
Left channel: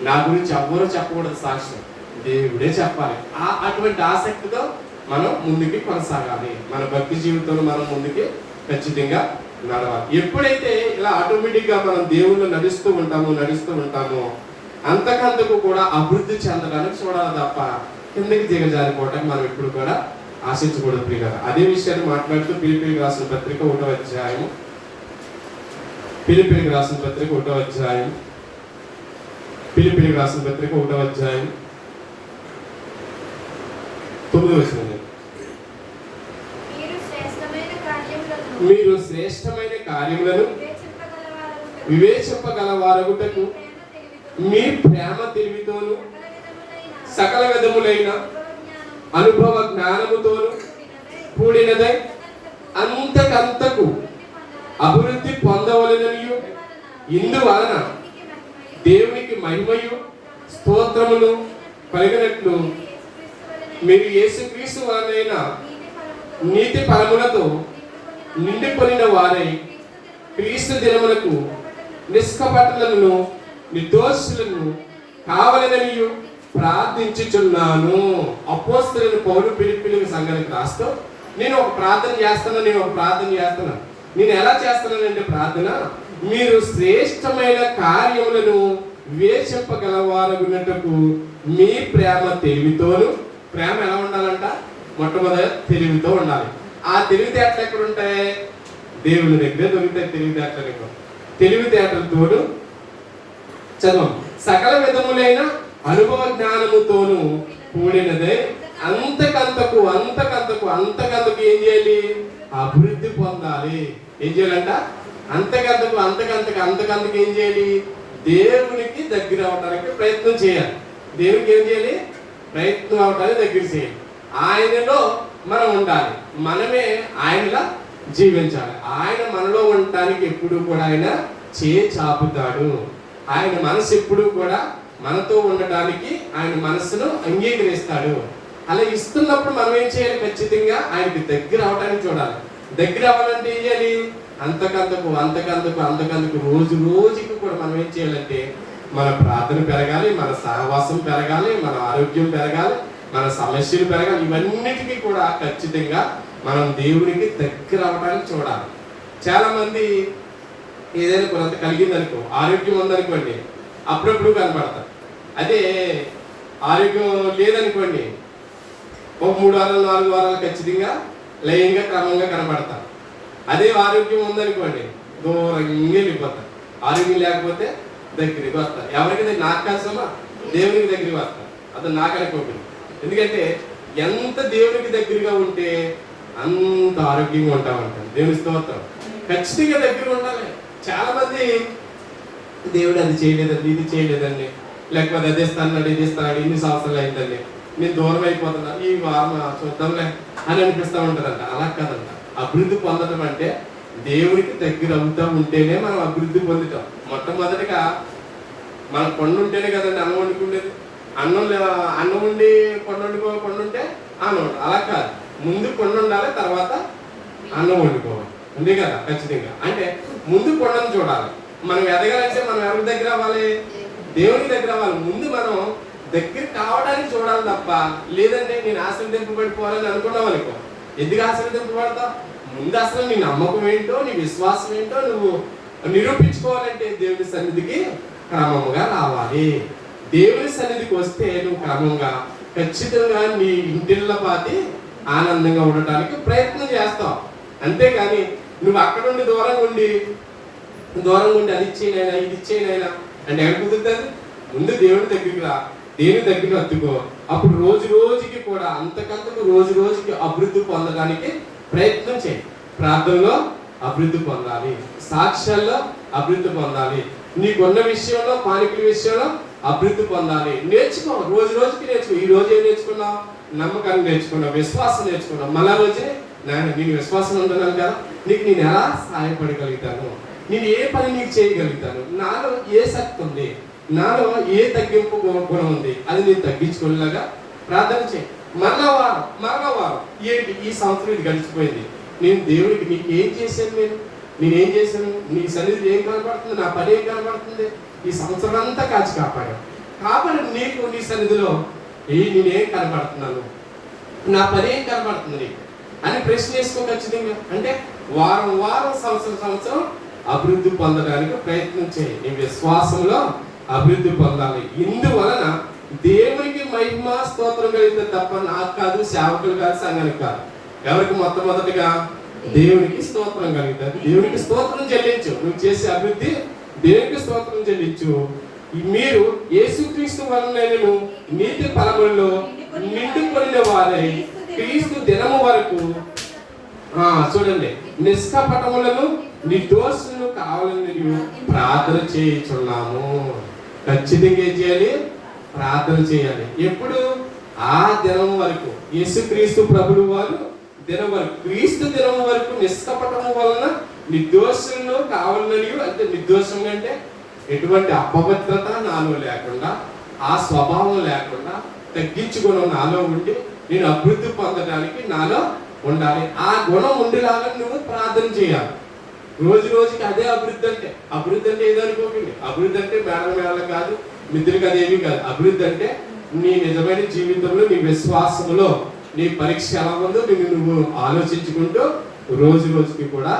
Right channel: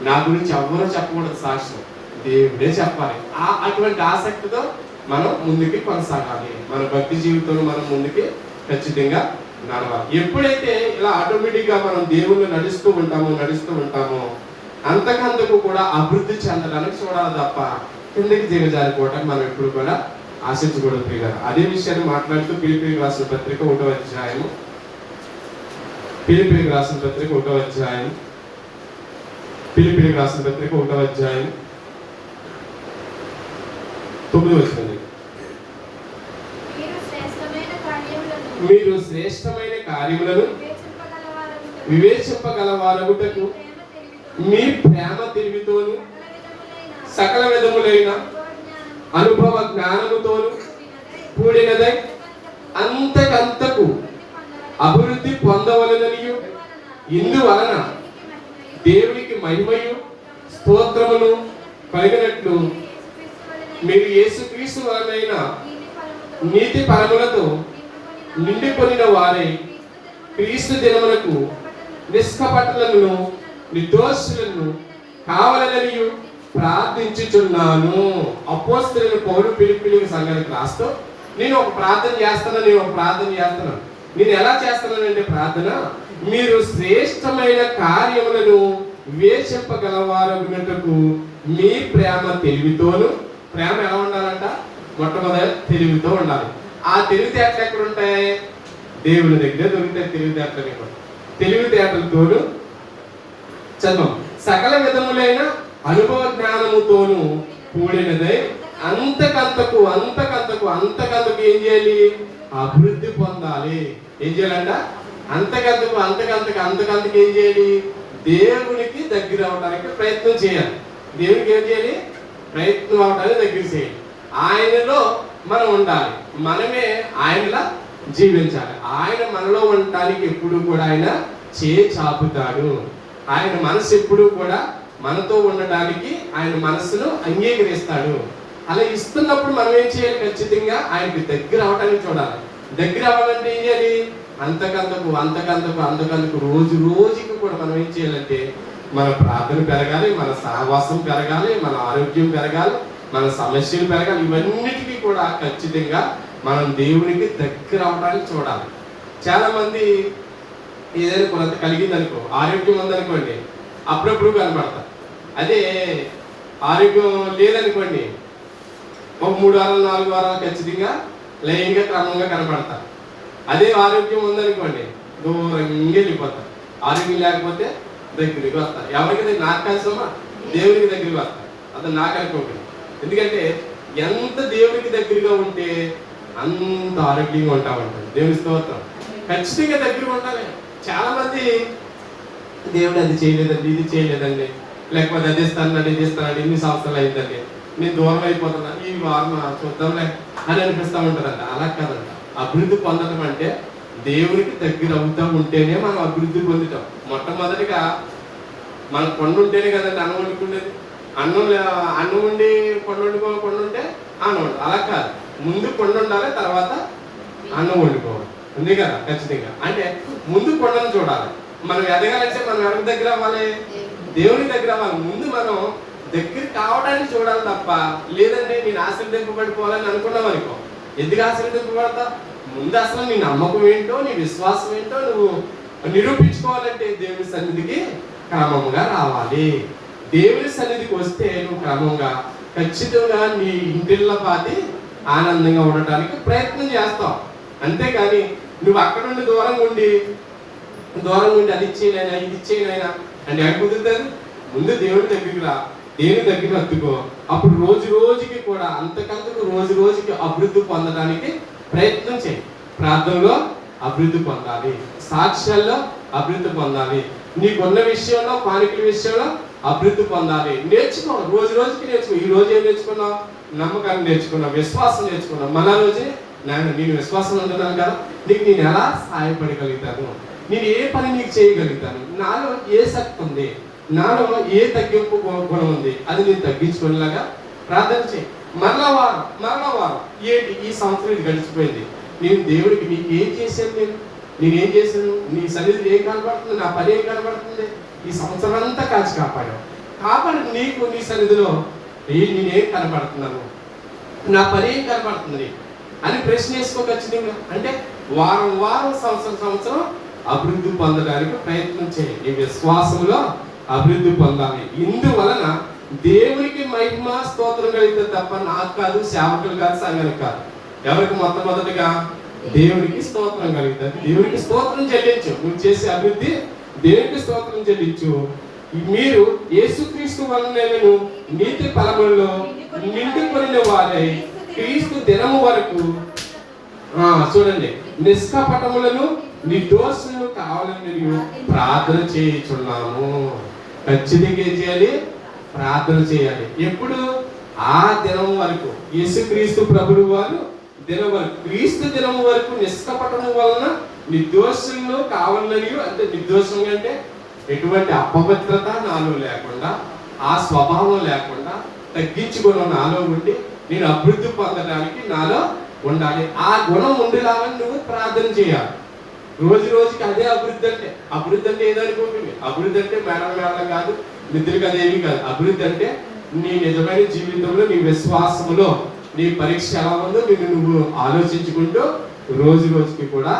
నా గురించి ఎవ్వరూ చెప్పకూడదు, సాక్ష్యం దేవుడే చెప్పాలి. అటువంటి ఆసక్తితో మనం ముందుకి కొనసాగాలి. మన భక్తి జీవితంలో మనం ముందుకి ఖచ్చితంగా నడవాలి. ఎప్పుడైతే ఇలా ఆటోమేటిక్గా మనం దేవుళ్ళు నడుస్తూ ఉంటామో అంతకంతకు కూడా అభివృద్ధి చెందడానికి చూడాలి తప్ప కిందకి దిగజారిపోవటానికి మనం ఎప్పుడు కూడా ఆశించకూడదు ప్రియులారా. అదే విషయాన్ని మాట్లాడుతూ ఫిలిప్పీయులకు రాసిన పత్రిక 1వ అధ్యాయం, ఫిలిప్పీయులకు రాసిన పత్రిక 1వ అధ్యాయం, ఫిలిప్పీయులకు రాసిన పత్రిక 1వ అధ్యాయం 9వ వచనం. మీరు శ్రేష్టమైన కార్యములను వివేచింపగలవారగుటకు మీ ప్రేమ తెలివితోను సకల విధములైన అనుభవ జ్ఞానముతోను కూడినదై అంతకంతకు అభివృద్ధి పొందవలననియు ఇందువలన దేవునికి మహిమయు స్తోత్రమును కలిగినట్లు మీరు యేసుక్రీస్తు వలనైన నీతి పరములతో నిండికొనిన వారై క్రీస్తు దినమునకు నిష్కపటులను నిర్దోషులను కావాలననియు ప్రార్థించుచున్నాను. అపోస్తలుడైన పౌలు ఫిలిప్పీయులకు సంఘానికి రాస్తూ నేను ఒక ప్రార్థన చేస్తున్నాను. నేను ఎలా చేస్తున్నానంటే ప్రార్థన, మీరు శ్రేష్టమైన కార్యములను వివేచింపగలవారగునటకు మీ ప్రేమ తెలివితోను. ప్రేమ ఎలా ఉండాలంట? మొట్టమొదటి తెలివితో ఉండాలి. ఆ తెలివితేటలు ఎక్కడ ఉంటాయి? దేవుని దగ్గర దొరుకుతాయి. తెలివితేటలతోను చదవం సకల విధములైన అనుభవ జ్ఞానముతోను కూడినదై అంతకంతకు ఏం చేయాలి? అభివృద్ధి పొందాలి. ఏం చేయాలంట? అంతకంతకు ఏం చేయాలి? దేవునికి దగ్గర అవడానికి ప్రయత్నం చేయాలి. దేవునికి ఏం చేయాలి? ప్రయత్నం అవడానికి దగ్గర చేయాలి. ఆయనలో మనం ఉండాలి, మనమే ఆయనలా జీవించాలి. ఆయన మనలో ఉండటానికి ఎప్పుడు కూడా ఆయన చాపుతాడు. ఆయన మనసు ఎప్పుడు కూడా మనతో ఉండటానికి ఆయన మనసును అంగీకరిస్తాడు. అలా ఇస్తున్నప్పుడు మనం ఏం చేయాలి? ఖచ్చితంగా ఆయనకి దగ్గర అవడానికి చూడాలి. దగ్గర అవ్వాలంటే ఏం చేయాలి? అంతకంతకు రోజు రోజుకి కూడా మనం ఏం చేయాలంటే మన ప్రార్థన పెరగాలి, మన సహవాసం పెరగాలి, మన ఆరోగ్యం పెరగాలి, మన సమస్యలు పెరగాలి. ఇవన్నిటికీ కూడా ఖచ్చితంగా మనం దేవునికి దగ్గర అవడానికి చూడాలి. చాలా మంది ఏదైనా కొంత కలిగిందనుకో, ఆరోగ్యం ఉందనుకోండి, అప్పుడప్పుడు కనపడతారు. అదే ఆరోగ్యం లేదనుకోండి, ఒక 3 వారాలు 4 వారాలు ఖచ్చితంగా లయంగా క్రమంగా కనపడతారు. అదే ఆరోగ్యం ఉందనుకోండి, దూరంగా వెళ్ళిపోతారు. ఆరోగ్యం లేకపోతే దగ్గరికి వస్తారు. ఎవరికి? నాకు కష్టమా? దేవునికి దగ్గరికి వస్తారు. అతను నాకు అనుకోకండి. ఎందుకంటే ఎంత దేవునికి దగ్గరగా ఉంటే అంత ఆరోగ్యంగా ఉంటామంటారు. దేవుని స్తోత్రం. ఖచ్చితంగా దగ్గర ఉండాలి. చాలా మంది దేవుడు అది చేయలేదండి, ఇది చేయలేదండి, లేకపోతే అది ఇస్తానండి, ఇది ఇస్తానండి, ఇన్ని సంవత్సరాలు అయిందండి, నేను దూరం అయిపోతున్నా, ఈ వారం చూద్దాంలే అని అనిపిస్తూ ఉంటారంట. అలా కాదంట. అభివృద్ధి పొందడం అంటే దేవునికి దగ్గర అవుతూ ఉంటేనే మనం అభివృద్ధి పొందుతాం. మొట్టమొదటిగా మనం కొండ ఉంటేనే కదండి అన్నం వండుకునేది. అన్నం ఉండి కొండ ఉంటే అన్నం వండు. అలా కాదు, ముందు కొండ ఉండాలి, తర్వాత అన్నం వండుకోవాలి. అంతే కదా? ఖచ్చితంగా. అంటే ముందు కొండను చూడాలి. మనం ఎదగాలంటే మనం ఎవరికి దగ్గర అవ్వాలి? దేవునికి దగ్గర అవ్వాలి. ముందు మనం దగ్గర కావడానికి చూడాలి తప్ప, లేదంటే నేను ఆశీర్వదింపబడిపోవాలని అనుకున్నావు అనుకో, ఎందుకు ఆశీర్వదింపబడతావు? ముందు అసలు నీ నమ్మకం ఏంటో, నీ విశ్వాసం ఏంటో నువ్వు నిరూపించుకోవాలంటే దేవుని సన్నిధికి క్రమంగా రావాలి. దేవుని సన్నిధికి వస్తే నువ్వు క్రమంగా ఖచ్చితంగా నీ ఇంటిళ్ళ పాతి ఆనందంగా ఉండటానికి ప్రయత్నం చేస్తావు. అంతేకాని నువ్వు అక్కడ నుండి దూరంగా ఉండి అది ఇచ్చేనైనా ఇది ఇచ్చేనైనా అంటే ఎక్కడ కుదురుతుంది? ముందు దేవుడి దగ్గరికి రా, దేవుని దగ్గరికి అద్దుకో. అప్పుడు రోజు రోజుకి కూడా రోజు రోజుకి అభివృద్ధి పొందడానికి ప్రయత్నం చేయి. ప్రార్థనలో అభివృద్ధి పొందాలి, సాక్ష్యాల్లో అభివృద్ధి పొందాలి, నీకున్న విషయంలో కానుకల విషయంలో అభివృద్ధి పొందాలి. నేర్చుకో, రోజు రోజుకి నేర్చుకో. ఈ రోజు ఏం నేర్చుకున్నావు? నమ్మకాన్ని నేర్చుకున్నావు, విశ్వాసం నేర్చుకున్నావు. మళ్ళా రోజునే నేను విశ్వాసం ఉంటున్నాను కదా, నీకు నేను ఎలా సహాయపడగలుగుతాను, నేను ఏ పని నీకు చేయగలుగుతాను, నాలో ఏ శక్తి ఉంది, నాలో ఏ తగ్గింపు గుణం ఉంది, అది నేను తగ్గించుకునేలాగా ప్రార్థన చేయి. మరలా వారం ఏంటి ఈ సంవత్సరం ఇది గడిచిపోయింది, నేను దేవుడికి నీకు ఏం చేశాను, నేనేం చేశాను, నీ సన్నిధి ఏం కనబడుతుంది, నా పని ఏం కనబడుతుంది, ఈ సంవత్సరం అంతా కాచి కాపాడావు. కాబట్టి నీకు నీ సన్నిధిలో నేనేం కనబడుతున్నాను, నా పని ఏం కనబడుతుంది అని ప్రశ్న వేసుకో ఖచ్చితంగా. అంటే వారం వారం సంవత్సరం సంవత్సరం అభివృద్ధి పొందడానికి ప్రయత్నం చేయి. నీ విశ్వాసంలో అభివృద్ధి పొందాలి. ఇందువలన దేవునికి మహిమ స్తోత్రం కలిగితే తప్ప నాకు కాదు, సేవకులు కాదు, సంఘానికి కాదు. ఎవరికి మొట్టమొదటిగా దేవునికి స్తోత్రం కలిగితే దేవునికి స్తోత్రం చెల్లించు. నువ్వు చేసే అభివృద్ధి దేవునికి స్తోత్రం చెల్లించు. మీరు యేసుక్రీస్తు వలన నీతి ఫలములలో నిండుకొనిన వారై క్రీస్తు దినము వరకు చూడండి నిష్కపటములను నిర్దోషులను కావాలని ప్రార్థన చేయించున్నాము. ఖచ్చితంగా ఏం చేయాలి? ప్రార్థన చేయాలి. ఎప్పుడు? ఆ దినం వరకు, యేసుక్రీస్తు ప్రభువు వారు దినం వరకు, క్రీస్తు దినం వరకు నిష్కపటము వలన నిర్దోషులను కావాలని. అంటే నిర్దోషం అంటే ఎటువంటి అపవిత్రత నాలో లేకుండా, ఆ స్వభావం లేకుండా తగ్గించుకున్న నాలో ఉండి నేను అభివృద్ధి పొందడానికి నాలో ఉండాలి. ఆ గుణం ఉండేలాగా నువ్వు ప్రార్థన చేయాలి. రోజు రోజుకి అదే అభివృద్ధి అంటే. అభివృద్ధి అంటే ఏదనుకోకండి, అభివృద్ధి అంటే మేడం కాదు, మిత్రులకి అదేమీ కాదు. అభివృద్ధి అంటే నీ నిజమైన జీవితంలో, నీ విశ్వాసంలో నీ పరీక్ష ఎలా ఉందో నువ్వు ఆలోచించుకుంటూ రోజు రోజుకి కూడా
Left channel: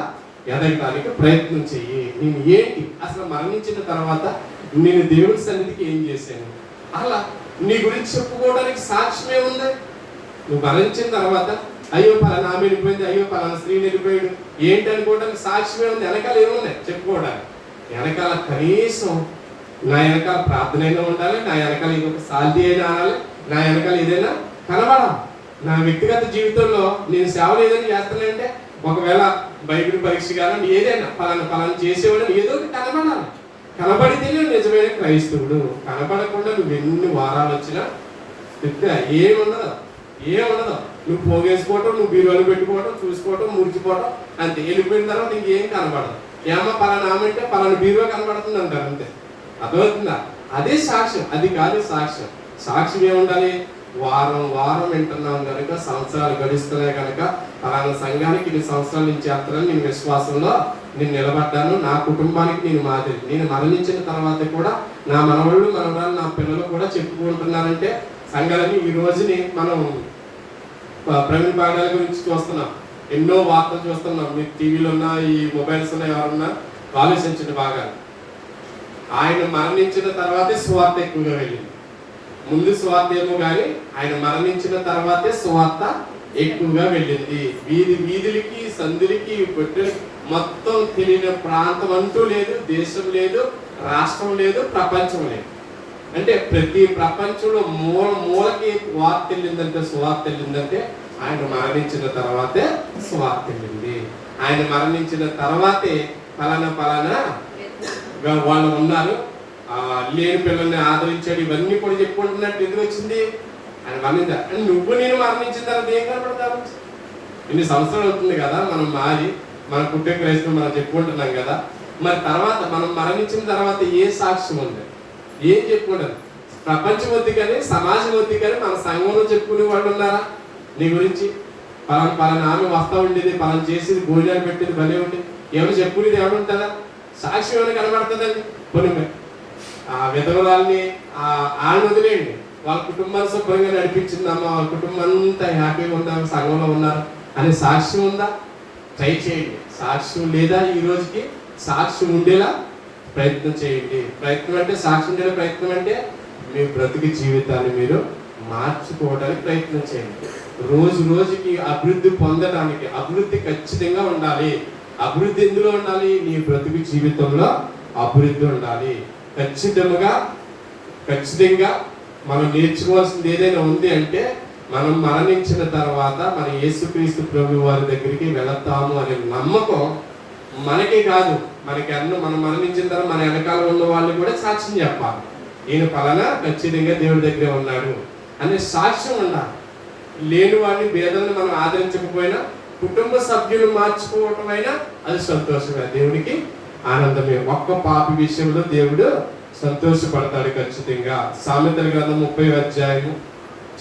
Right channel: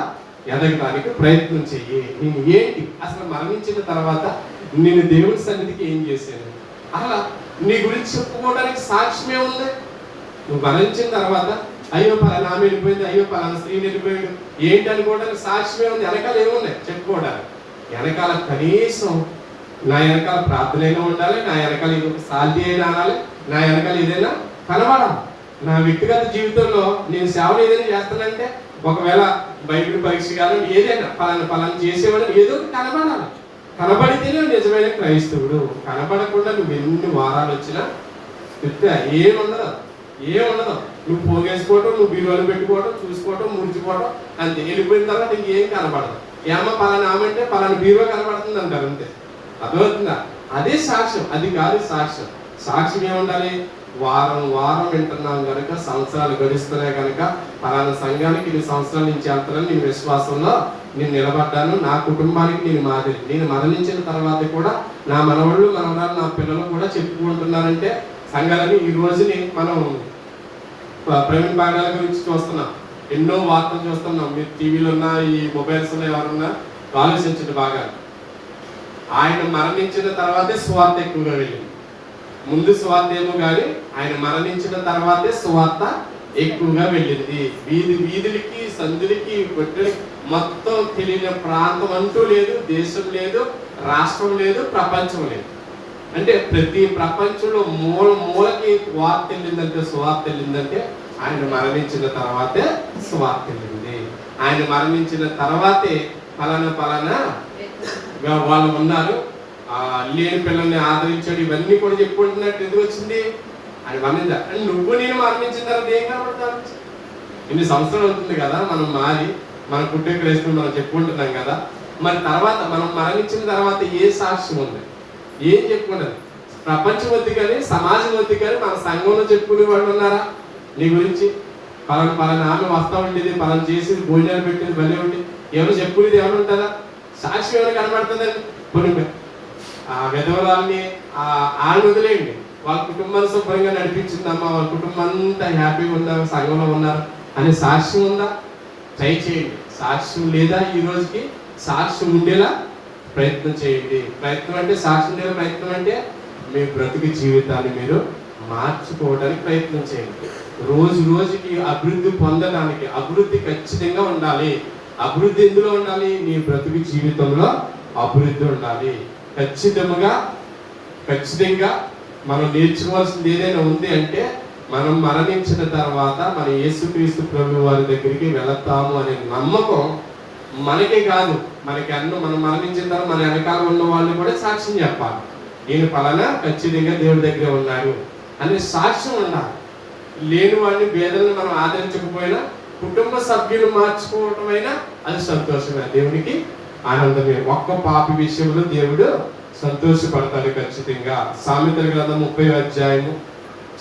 ఎదగడానికి ప్రయత్నం చెయ్యి. నేను ఏంటి, అసలు మరణించిన తర్వాత నేను దేవుని సన్నిధికి ఏం చేశాను, అలా నీ గురించి చెప్పుకోవడానికి సాక్ష్యమే ఉంది. నువ్వు మరణించిన తర్వాత అయ్యో పలానా ఆమె వెళ్ళిపోయింది, అయ్యో పలానా స్త్రీ వెళ్ళిపోయాడు ఏంటి అనుకోవడానికి సాక్ష్యమే ఉంది. వెనకాల ఏమున్నాయి చెప్పుకోవడానికి? వెనకాల కనీసం నా వెనకాల ప్రార్థన అయినా ఉండాలి, నా వెనకాల ఇంకొక సాల్తీ అయినా అనాలి, నా వెనకాల ఏదైనా కనబడాలి. నా వ్యక్తిగత జీవితంలో నేను సేవలు ఏదైనా చేస్తానంటే, ఒకవేళ బైబిల్ పరీక్ష కానీ ఏదైనా పలానా చేసేవాడు ఏదో ఒకటి కనబడాలి. కనబడితేనే నిజమైన క్రైస్తవుడు. కనబడకుండా నువ్వు ఎన్ని వారాలు వచ్చినా ఏముండదు. నువ్వు పోగేసుకోవటం, నువ్వు బీరువాలు పెట్టుకోవటం, చూసుకోవటం, మురిచిపోవటం, అంతే. వెళ్ళిపోయిన తర్వాత ఇంకేం కనబడదు. ఏమో పలానా ఆమెంటే పలానా బీరువా కనబడుతుంది అంటారు, అంతే. అర్థమవుతుందా? అదే సాక్ష్యం, అది కాదు సాక్ష్యం. సాక్ష్యం ఏముండాలి? వారం వారం వింటున్నాం కనుక, సంవత్సరాలు గడుస్తున్నాయి కనుక, పలానా సంఘానికి ఇన్ని సంవత్సరాల నుంచి వెళ్తున్నాను, నేను విశ్వాసంలో నేను నిలబడ్డాను, నా కుటుంబానికి నేను మాదిరి. నేను మరణించిన తర్వాత కూడా నా మనవాళ్ళు మనవరాలు నా పిల్లలు కూడా చెప్పుకుంటున్నారంటే సంఘాలని. ఈ రోజుని మనం ప్రవీణ్ బాగాల గురించి చూస్తున్నాం, ఎన్నో వార్తలు చూస్తున్నాం. మీరు టీవీలో ఉన్న, ఈ మొబైల్స్ ఉన్న, ఎవరున్నా ఆలోచించండి బాగా. ఆయన మరణించిన తర్వాతే సువార్త ఎక్కువగా వెళ్ళింది. ముందు సువార్త ఏమో కానీ ఆయన మరణించిన తర్వాతే సువార్త ఎక్కువగా వెళ్ళింది. వీధులకి, సందులకి, పెట్టెలకి మొత్తం తెలియని ప్రాంతం అంటూ లేదు, దేశం లేదు, రాష్ట్రం లేదు, ప్రపంచం లేదు. అంటే ప్రతి ప్రపంచంలో మూలకి వార్త వెళ్ళిందంటే, సువార్త వెళ్ళిందంటే ఆయన మరణించిన తర్వాతే సువార్త వెళ్ళింది. ఆయన మరణించిన తర్వాతే పలానా వాళ్ళు ఉన్నారు, లేని పిల్లల్ని ఆదరించాడు, ఇవన్నీ కూడా చెప్పుకుంటున్నట్టు ఎందుకు వచ్చింది? ఆయన మరణించా. నువ్వు నేను మరణించిన తర్వాత ఏం కనబడతాను? ఇన్ని సంవత్సరాలు అవుతుంది కదా మనం మారి, మన పుట్టే క్రైస్తవులు మనం చెప్పుకుంటున్నాం కదా. మరి తర్వాత మనం మరణించిన తర్వాత ఏ సాక్ష్యం ఉంది? ఏం చెప్పుకుంటారు? ప్రపంచం వద్దు కానీ, సమాజం వద్దు కానీ, మన సంఘంలో చెప్పుకునే వాళ్ళు ఉన్నారా నీ గురించి? పలానా ఆమె వస్తా ఉండేది, పలానా చేసేది, భోజనాలు పెట్టేది, భలే ఉండేది, ఏమైనా చెప్పుకునేది ఏమైనా ఉంటుందా? సాక్ష్యం ఏమైనా కనబడుతుందండి? కొన్ని విధవరాల్ని ఆళ్ళు వదిలేయండి, వాళ్ళ కుటుంబాన్ని శుభ్రంగా నడిపించిందమ్మా, వాళ్ళ కుటుంబం అంతా హ్యాపీగా ఉన్నారు, సంఘంలో ఉన్నారు అనే సాక్ష్యం ఉందా? ట్రై చేయండి. సాక్ష్యం లేదా ఈ రోజుకి? సాక్ష్యం ఉండేలా ప్రయత్నం చేయండి. ప్రయత్నం అంటే సాక్ష్యం ఉండేలా ప్రయత్నం అంటే మీ బ్రతికి జీవితాన్ని మీరు మార్చుకోవడానికి ప్రయత్నం చేయండి. రోజు రోజుకి అభివృద్ధి పొందడానికి, అభివృద్ధి ఖచ్చితంగా ఉండాలి. అభివృద్ధి ఎందులో ఉండాలి? నీ బ్రతుకు జీవితంలో అభివృద్ధి ఉండాలి. ఖచ్చితంగా మనం నేర్చుకోవాల్సింది ఏదైనా ఉంది అంటే, మనం మరణించిన తర్వాత మన యేసుక్రీస్తు ప్రభువు వారి దగ్గరికి వెళతాము అనే నమ్మకం మనకే కాదు, మనం మరణించిన తర్వాత మన వెనకాల ఉన్న వాళ్ళు కూడా సాక్ష్యం చెప్పాలి. ఈయన పలానా ఖచ్చితంగా దేవుడి దగ్గర ఉన్నాడు అనే సాక్ష్యం ఉండాలి. లేని వాడిని, పేదలను మనం ఆదరించకపోయినా, కుటుంబ సభ్యులు మార్చుకోవటమైనా అది సంతోషమే, దేవునికి ఆనందమే. ఒక్క పాపి విషయంలో దేవుడు సంతోషపడతాడు ఖచ్చితంగా. సామెతల గ్రంథం 30వ అధ్యాయము,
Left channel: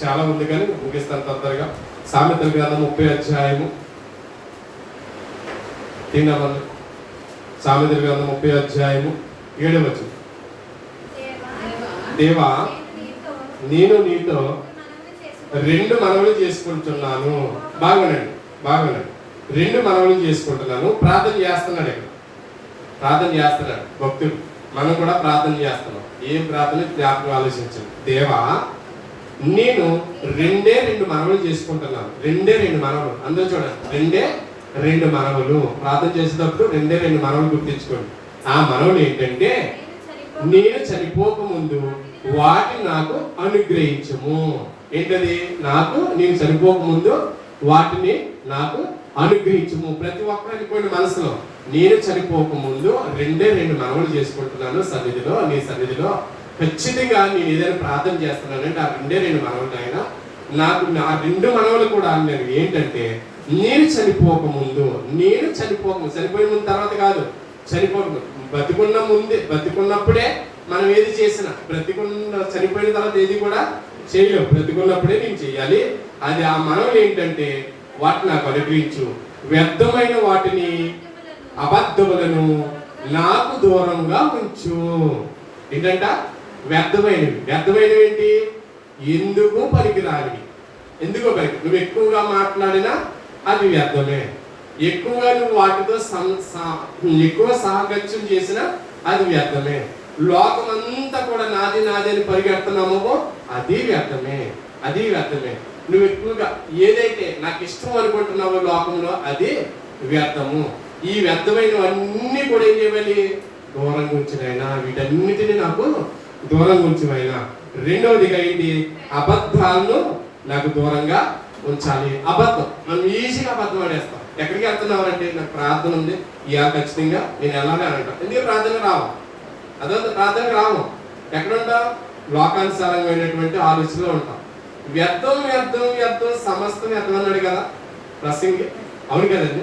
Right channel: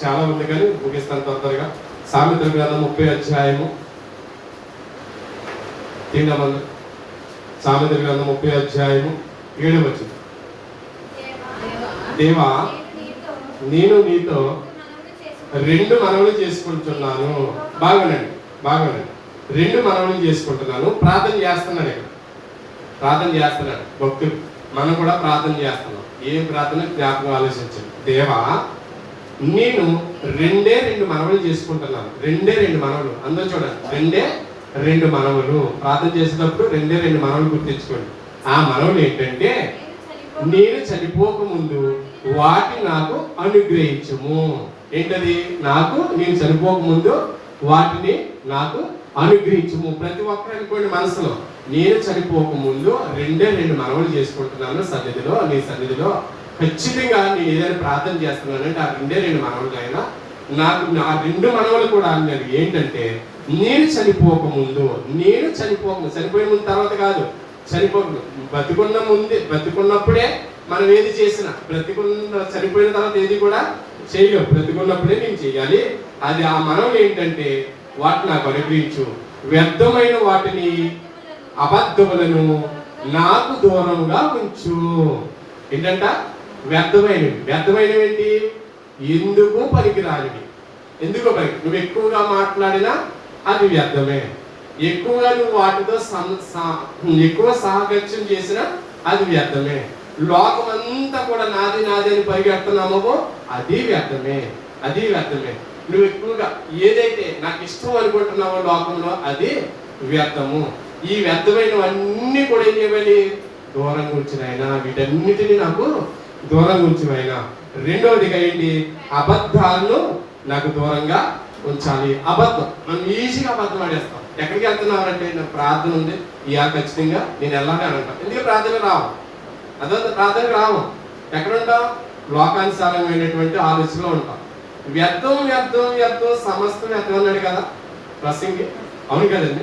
చాలా ఉంది కానీ ముగిస్తాను తొందరగా. సామెతల గ్రంథం 30వ అధ్యాయము 3వ సామెతల గ్రంథం 30 అధ్యాయము 7వ వచనం. దేవా నేను నీతో 2 మనవులు చేసుకుంటున్నాను. బాగునండి 2 మనవులు చేసుకుంటున్నాను. ప్రార్థన చేస్తున్నాడు ఇక్కడ, ప్రార్థన చేస్తున్నాడు భక్తుడు. మనం కూడా ప్రార్థన చేస్తున్నాం. ఏం ప్రార్థన? జ్ఞాపకం ఆలోచించండి. దేవా నేను 2 మనవులు చేసుకుంటున్నాను. 2 మనవులు. అందరూ చూడండి, 2 మనవులు. ప్రార్థన చేసేటప్పుడు 2 మనవులు గుర్తించుకోండి. ఆ మనవులు ఏంటంటే, నేను చనిపోకముందు వాటిని నాకు అనుగ్రహించుము. ఏంటది? నేను చనిపోకముందు వాటిని నాకు అనుగ్రహించుము. ప్రతి ఒక్కరు అనుకోండి మనసులో, నేను చనిపోకముందు 2 మనవులు చేసుకుంటున్నాను సన్నిధిలో, నీ సన్నిధిలో. ఖచ్చితంగా నేను ఏదైనా ప్రార్థన చేస్తున్నానంటే ఆ 2 మనవులు ఆయన నాకు, ఆ 2 మనవులు కూడా అన్నారు ఏంటంటే, నేను చనిపోకముందు, చనిపోయిన ముందు తర్వాత కాదు, బతికున్నప్పుడే మనం ఏది చేసినా, చనిపోయిన తర్వాత ఏది కూడా చేయలేవు. బ్రతికున్నప్పుడే నేను చేయాలి. అది ఆ మనవులు ఏంటంటే, వాటిని నాకు అనుగ్రహించు, వ్యర్థమైన వాటిని, అబద్ధములను నాకు దూరంగా ఉంచు. ఏంటంట? వ్యర్థమైనవి ఏంటి? ఎందుకు పనికిరానివి. నువ్వు ఎక్కువగా మాట్లాడినా అది వ్యర్థమే. ఎక్కువగా నువ్వు వాటితో ఎక్కువ సాహగత్యం చేసినా అది వ్యర్థమే. లోకమంతా కూడా నాది అని పరిగెడుతున్నామో అది వ్యర్థమే. నువ్వు ఎక్కువగా ఏదైతే నాకు ఇష్టం అనుకుంటున్నావో లోకంలో అది వ్యర్థము. ఈ వ్యర్థమైనవన్నీ కూడా ఏం చేయాలి? దూరంగా ఉంచినైనా, వీటన్నిటిని నాకు దూరంగా ఉంచినైనా. రెండవదిగా ఏంటి? అబద్ధాలను నాకు దూరంగా ఉంచాలి. మనం ఈజీగా అబద్ధం ఆడేస్తాం. ఎక్కడికి వెళ్తున్నామంటే, నాకు ప్రార్థన ఉంది, ఇవాళ ఖచ్చితంగా నేను వెళ్ళాలి అని అంటాం. ఎందుకంటే ప్రార్థనకు రావు. ఎక్కడ ఉంటాం? లోకానుసారమైనటువంటి ఆలోచనలో ఉంటాం. వ్యర్థం సమస్తం వ్యర్థం అన్నాడు కదా ప్రసంగి. అవును కదండి?